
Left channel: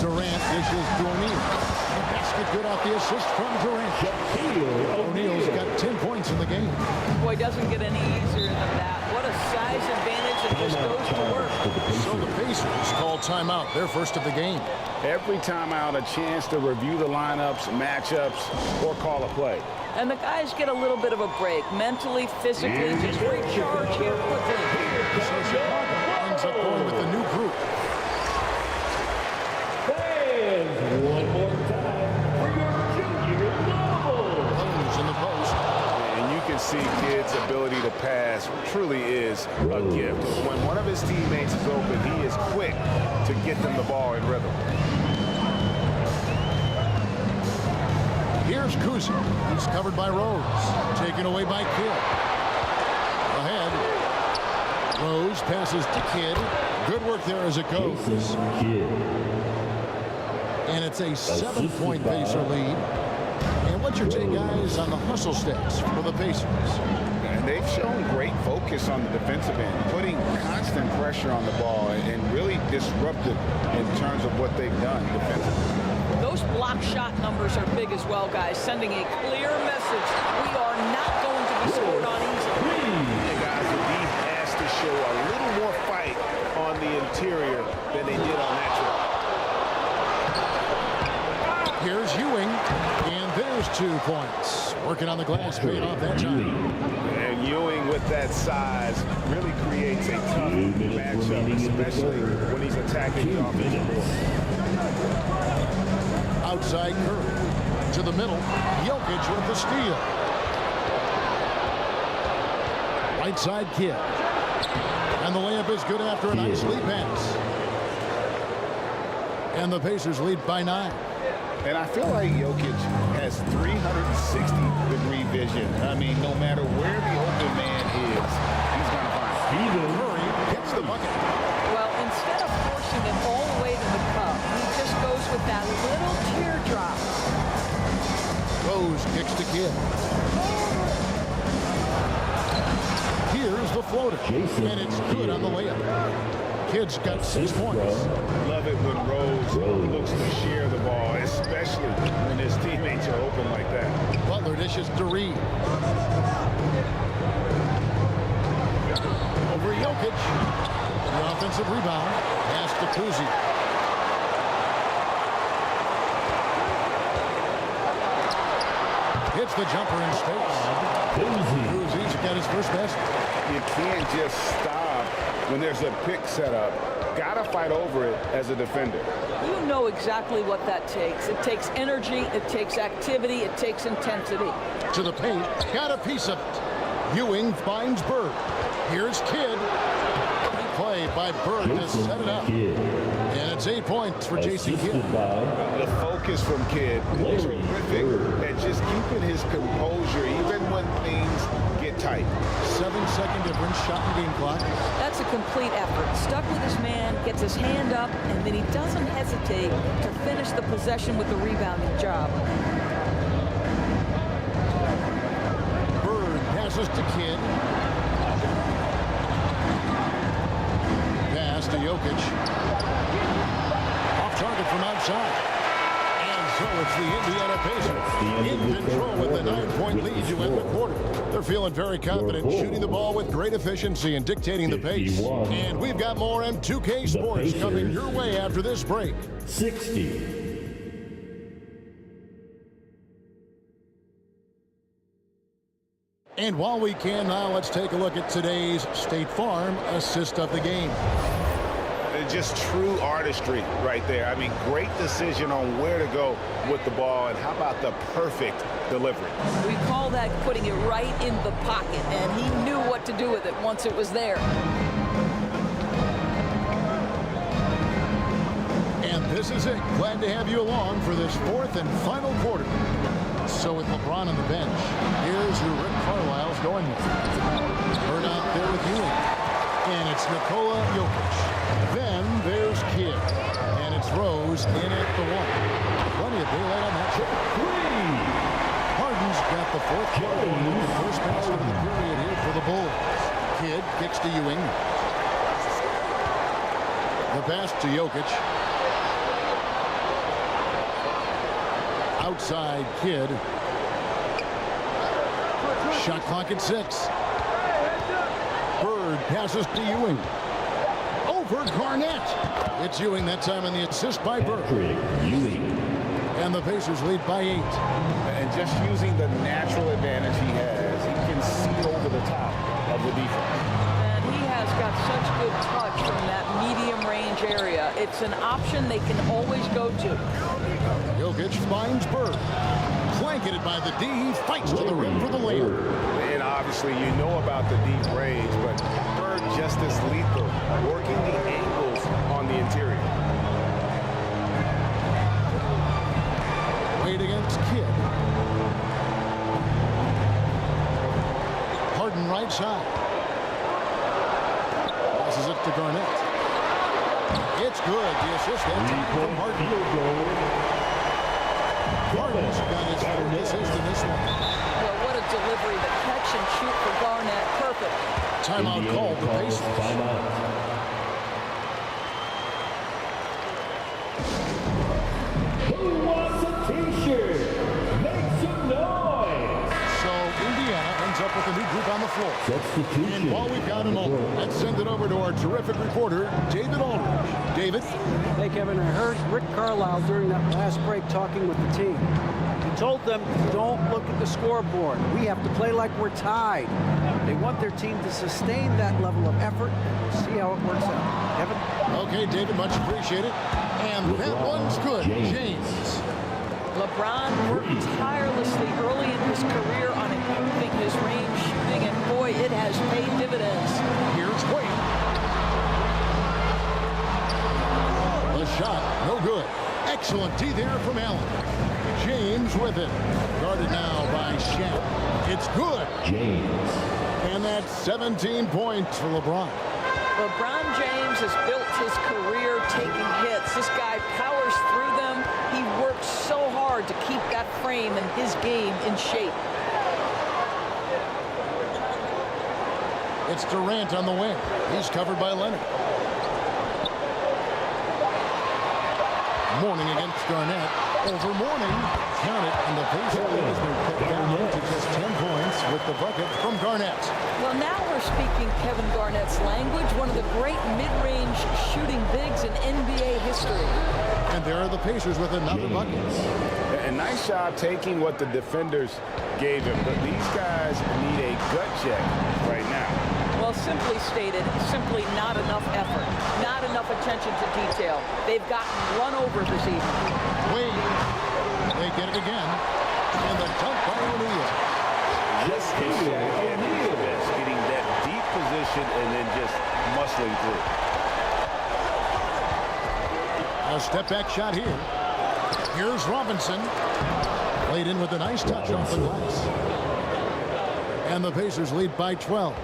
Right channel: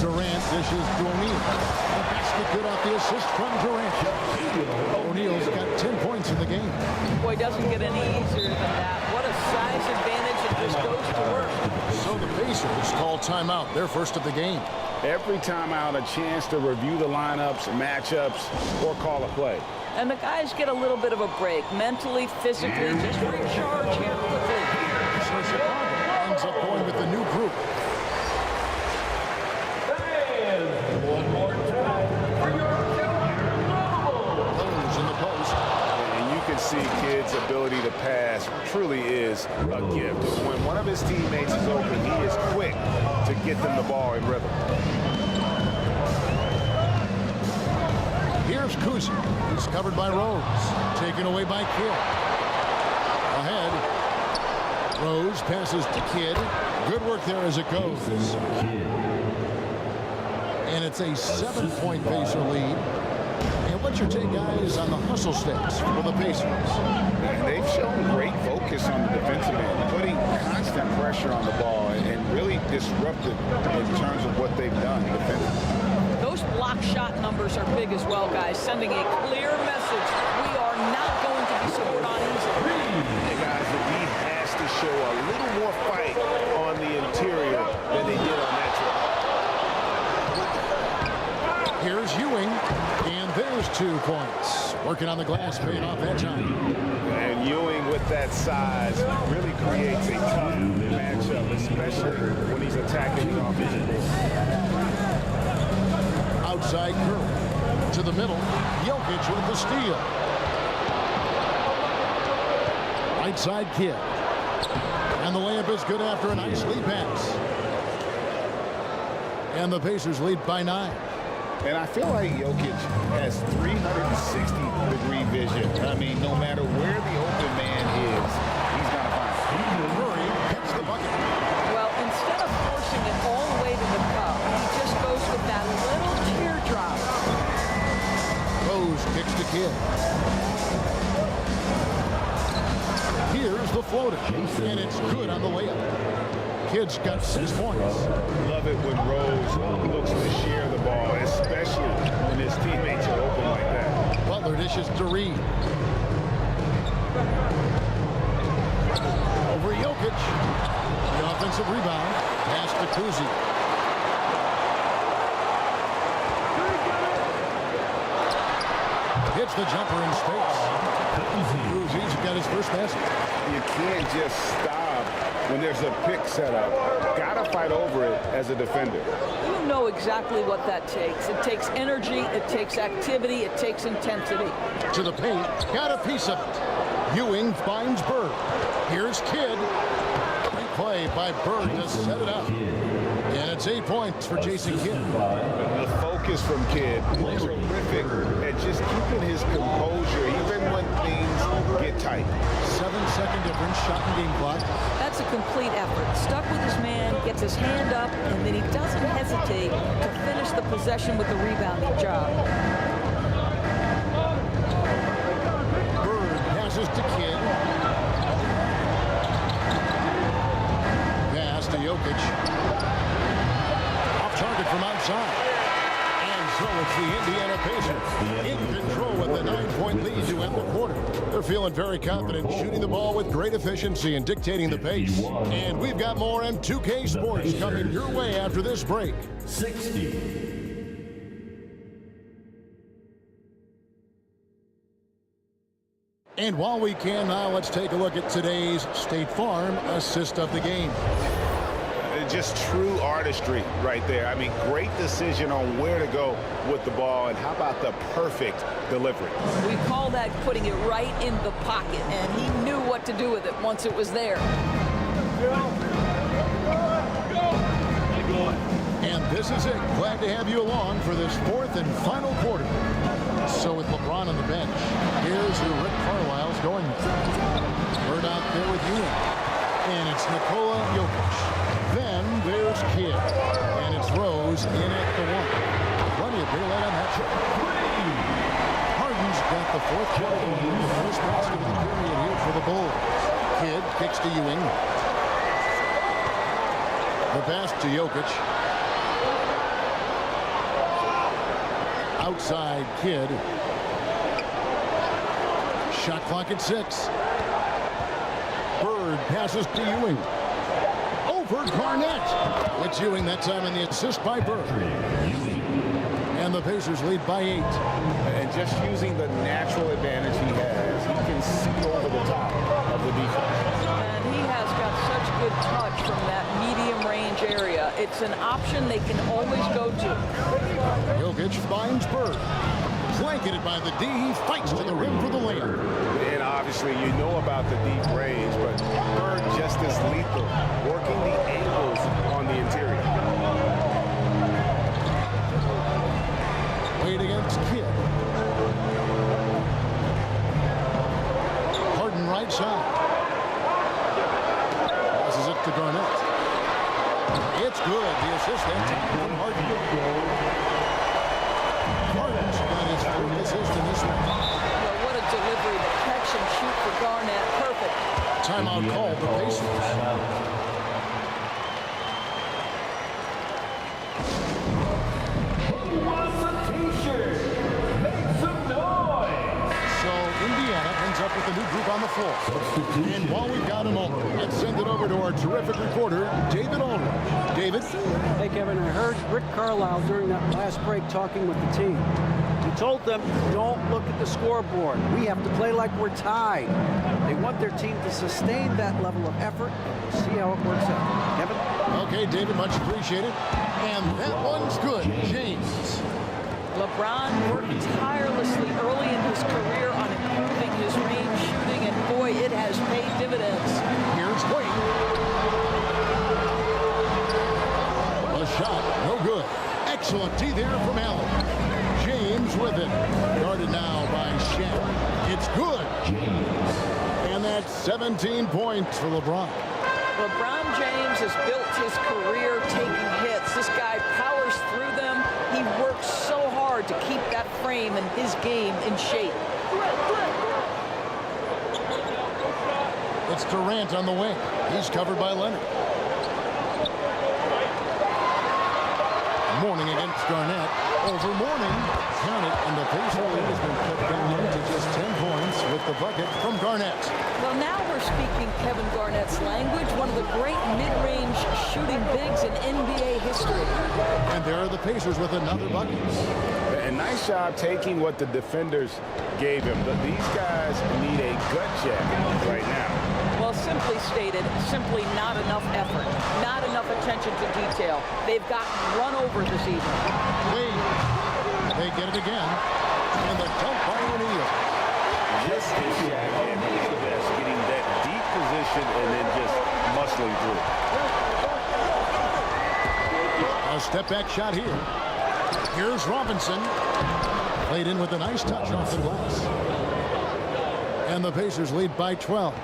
Durant dishes to O'Neal. The basket good off the assist from Durant. O'Neal's got 10 points in the game. Boy, doesn't get any easier than that. What a size advantage, and just goes to work. So the Pacers call timeout, their first of the game. Every timeout, a chance to review the lineups, matchups, or call a play. And the guys get a little bit of a break, mentally, physically, just recharge here quickly. So Chicago ends up going with the new group. One more time for your junior notables. Holmes in the post. And you can see Kidd's ability to pass truly is a gift. When one of his teammates is open, he is quick to get them the ball in rhythm. Here's Kuzi. He's covered by Rose. Taken away by Kidd. Ahead. Rose passes to Kidd. Good work there as it goes. And it's a 7-point Pacer lead. And what's your take, guys, on the hustle steps for the Pacers? And they've shown great focus on the defensive end, putting constant pressure on the ball and really disruptive in terms of what they've done defensively. Those block shot numbers are big as well, guys, sending a clear message. We are not going to be scored on easily. Yeah, guys, the D has to show a little more fight on the interior than they did on that trip. Here's Ewing, and there's 2 points. Working on the glass, paid off that time. And Ewing with that size really creates a tough matchup, especially when he's attacking the offensive board. Outside Curry. To the middle, Jokic with the steal. Right side Kidd. And the layup is good after a nice lead pass. And the Pacers lead by 9. And I feel like Jokic has 360-degree vision. I mean, no matter where the open man is, he's going to find it. Curry gets the bucket. Well, instead of forcing it all the way to the cup, he just goes with that little teardrop. Rose kicks to Kidd. Here's the floater. And it's good on the layup. Kidd's got 6 points. Love it when Rose looks to share the ball, especially when his teammates are open like that. Butler dishes to Reed. Over Jokic. The offensive rebound. Pass to Kuzi. Hits the jumper in space. Kuzi's got his first basket. You can't just stop when there's a pick set up. Gotta fight over it as a defender. You know exactly what that takes. It takes energy, it takes activity, it takes intensity. To the paint, got a piece of it. Ewing finds Bird. Here's Kidd. Great play by Bird to set it up. And it's 8 points for Jason Kidd. The focus from Kidd, terrific at just keeping his composure even when things get tight. 7-second difference, shot and game clock. That's a complete effort. Stuck with his man, gets his hand up, and then he doesn't hesitate to finish the possession with the rebounding job. Bird passes to Kidd. Pass to Jokic. Off target from outside. And so it's the Indiana Pacers in control with the 9-point lead to end the quarter. They're feeling very confident, shooting the ball with great efficiency and dictating the pace. And we've got more M2K Sports coming your way after this break. 60. And while we can now, let's take a look at today's State Farm assist of the game. Just true artistry right there. I mean, great decision on where to go with the ball, and how about the perfect delivery? We call that putting it right in the pocket, and he knew what to do with it once it was there. And this is it. Glad to have you along for this fourth and final quarter. So with LeBron on the bench, here's who Rick Carlisle's going with. Bird out there with Ewing. And it's Nikola Jokic. Then there's Kidd. And it's Rose in at the 1. Plenty of daylight on that shot. Harden's got the fourth quarter going with the first basket of the period here for the Bulls. Kidd kicks to Ewing. The pass to Jokic. Outside Kidd. Shot clock at 6. Bird passes to Ewing. Over Garnett. It's Ewing that time, and the assist by Bird. And the Pacers lead by 8. And just using the natural advantage he has, he can see over the top of the defense. And he has got such good touch from that medium range area. It's an option they can always go to. Jokic finds Bird. Blanketed by the D. He fights to the rim for the layup. And obviously you know about the deep range, but Bird just as lethal, working the angles on the interior. Wade against Kidd. Harden right side. Passes it to Garnett. It's good. The assist that time from Harden. Harden's got his fourth assist in this one. Well, what a delivery. The catch and shoot for Garnett. Perfect. Timeout called the Pacers. Timeout. Who wants a t-shirt? Make some noise. So Indiana ends up with a new group on the floor. And while we've got a moment, let's send it over to our terrific reporter, David Aldridge. David? Hey, Kevin, I heard Rick Carlisle during that last break talking with the team. He told them, don't look at the scoreboard. We have to play like we're tied. They want their team to sustain that level of effort, and we'll see how it works out. Kevin? Okay, David, much appreciated. And that one's good. James. LeBron worked tirelessly early in his career on improving his range shooting, and boy, it has paid dividends. Here's Wade. A shot, no good. Excellent D there from Allen. James with it. Guarded now by Shaq. It's good. James. And that's 17 points for LeBron. LeBron James has built his career taking hits. This guy powers through them. He works so hard to keep that frame and his game in shape. It's Durant on the wing. He's covered by Leonard. Mourning against Garnett. Over Mourning. Count it, and the Pacer lead has been cut down to just 10 points with the bucket from Garnett. Well, now we're speaking Kevin Garnett's language, one of the great mid-range shooting bigs in NBA history. And there are the Pacers with another bucket. And nice job taking what the defenders gave him. But these guys need a gut check right now. Well, simply stated, simply not enough effort, not enough attention to detail. They've gotten run over this evening. Wade, they get it again, and the dunk by O'Neal. This is Shaq at his best, getting that deep position and then just muscling through. A step-back shot here. Here's Robinson. Played in with a nice touch off the glass. And the Pacers lead by 12.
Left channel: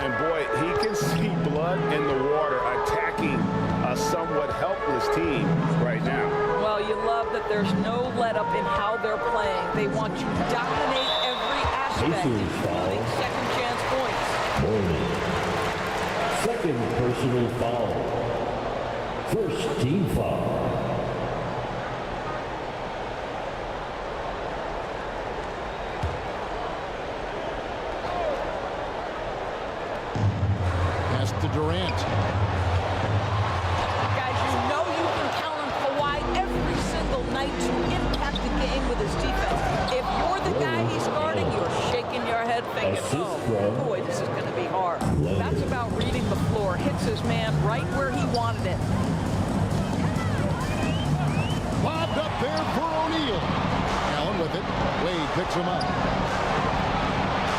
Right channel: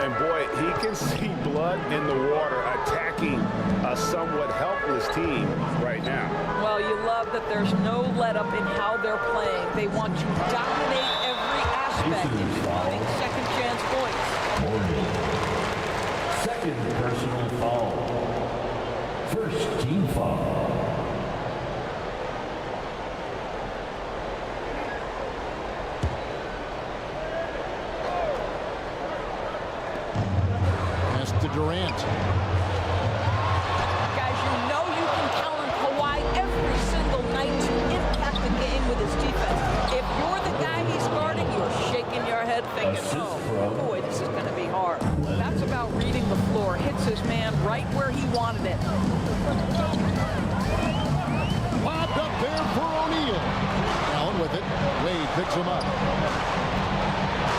And boy, he can see blood in the water attacking a somewhat helpless team right now. Well, you love that there's no let-up in how they're playing. They want to dominate every aspect, including second chance points. Mourning. Second personal foul. First team foul. To Durant. Guys, you know you can count on Kawhi every single night to impact the game with his defense. If you're the guy he's guarding, you're shaking your head thinking, oh, boy, this is going to be hard. That's about reading the floor. Hits his man right where he wanted it. Lobbed up there for O'Neal. Allen with it. Wade picks him up.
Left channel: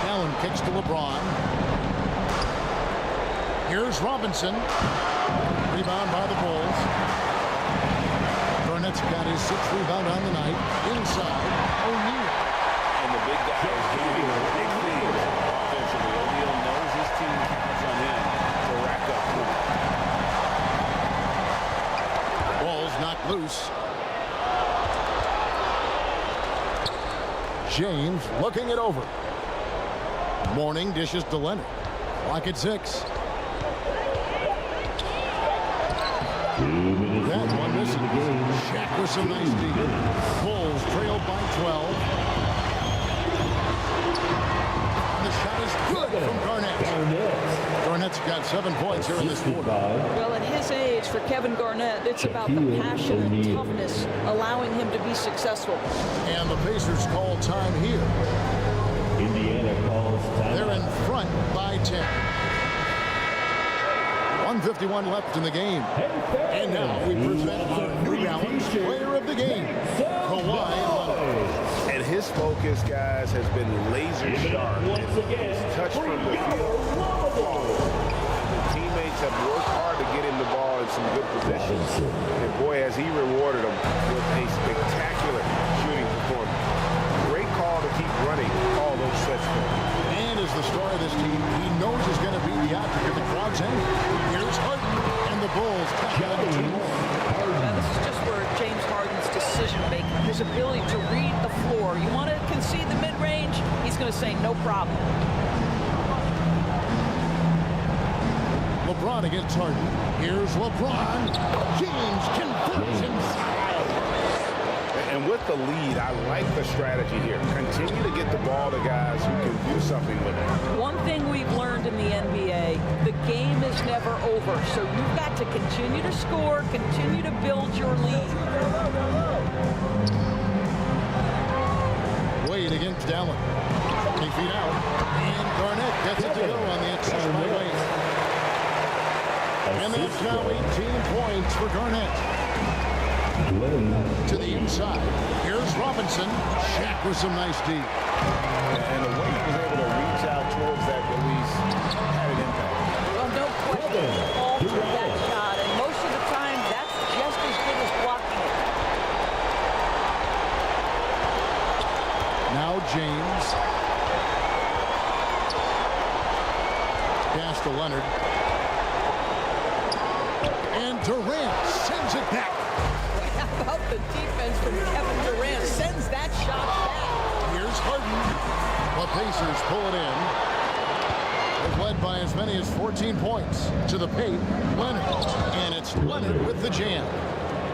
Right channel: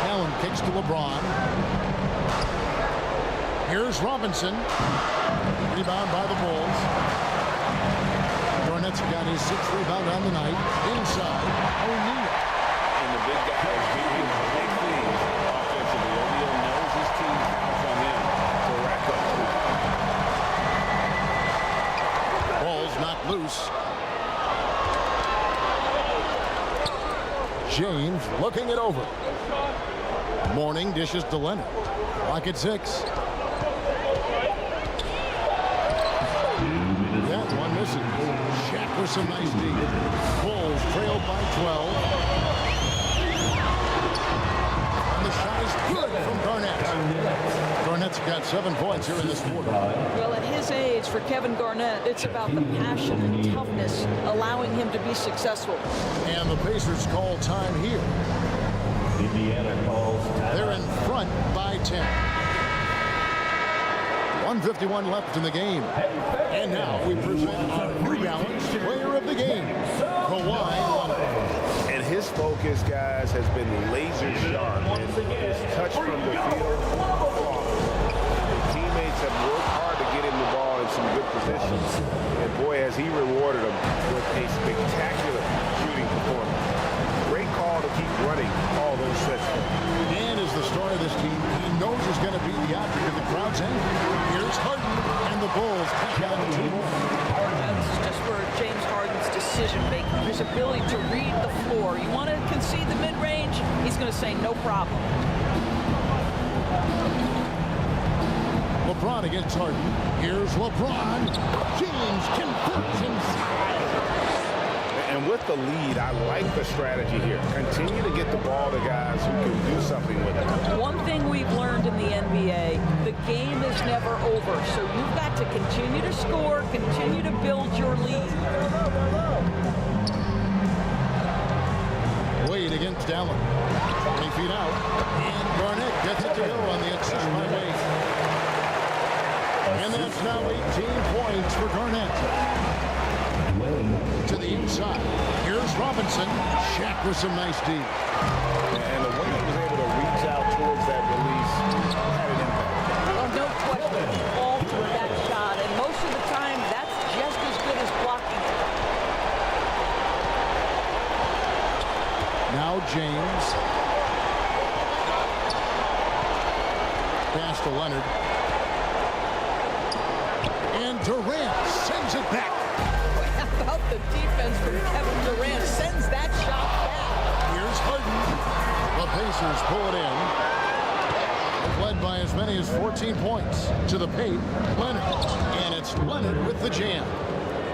Allen kicks to LeBron. Here's Robinson. Rebound by the Bulls. Garnett's got his 6th rebound on the night. Inside, O'Neal. And the big guy is doing big things offensively. O'Neal knows his team counts on him to rack up points. Ball's knocked loose. James looking it over. Mourning dishes to Leonard. Clock at 6. That one misses. Shaq with some nice D. Bulls trail by 12. And the shot is good from Garnett. Garnett's got 7 points here in this quarter. Well, at his age, for Kevin Garnett, it's about the passion and toughness allowing him to be successful. And the Pacers call time here. Indiana calls time. They're in front by 10. 1:51 left in the game. And now we present our New Balance Player of the Game, Kawhi Leonard. And his focus, guys, has been laser sharp. And his touch from the field, flawless. And the teammates have worked hard to get him the ball in some good positions. And boy, has he rewarded them with a spectacular shooting performance. Great call to keep running all those sets for him. And as the star of this team, he knows he's going to be the object of the crowd's anger. Here's Harden, and the Bulls tack on 2 more. Now, this is just where James Harden's decision-making, his ability to read the floor. You want to concede the mid-range? He's going to say no problem. LeBron against Harden. Here's LeBron. James converts inside. And with the lead, I like the strategy here. Continue to get the ball to guys who can do something with it. One thing we've learned in the NBA, the game is never over. So you've got to continue to score, continue to build your lead. Wade against Allen. 20 feet out. And Garnett gets it to go on the assist by Wade. And that's now 18 points for Garnett. To the inside. Here's Robinson. Shaq with some nice D. And the way he was able to reach out towards that release had an impact. Well, no question. He altered that shot. And most of the time, that's just as good as blocking it. Now James. Pass to Leonard. And Durant sends it back. How about the defense from Kevin Durant? Sends that shot back. Here's Harden. The Pacers pull it in. They've led by as many as 14 points. To the paint, Leonard. And it's Leonard with the jam.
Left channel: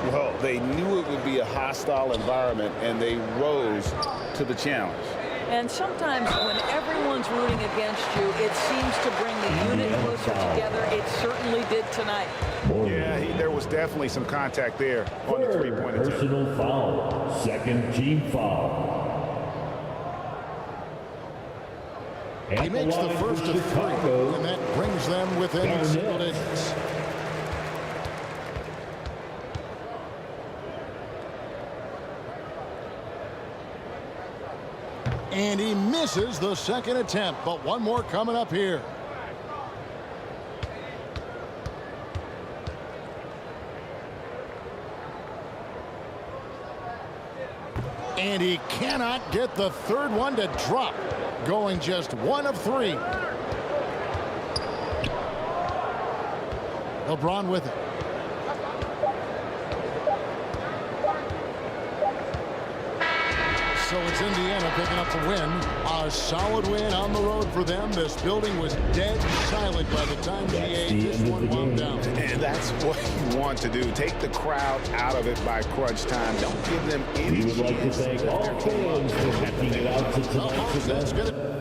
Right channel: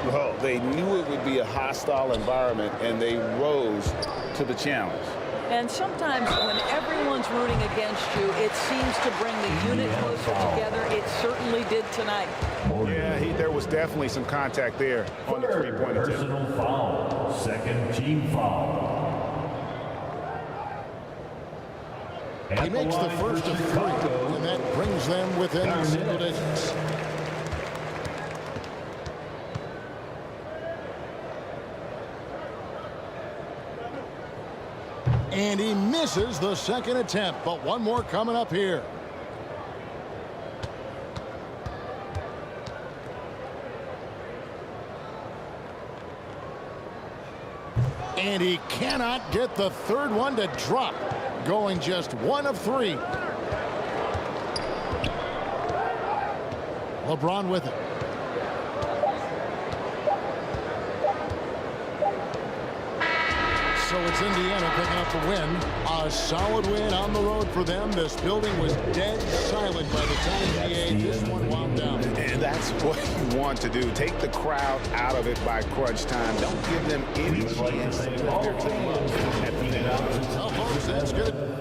Well, they knew it would be a hostile environment, and they rose to the challenge. And sometimes when everyone's rooting against you, it seems to bring the unit closer together. It certainly did tonight. Yeah, there was definitely some contact there on the three-point attempt. Personal foul. Second team foul. He makes the first of 3, and that brings them within single digits. And he misses the second attempt, but one more coming up here. And he cannot get the third one to drop, going just 1 of 3. LeBron with it. So it's Indiana picking up the win. A solid win on the road for them. This building was dead silent by the time this one wound down. And that's what you want to do. Take the crowd out of it by crunch time. Don't give them any chance to lift their team up at the finish. Well, folks, that's going to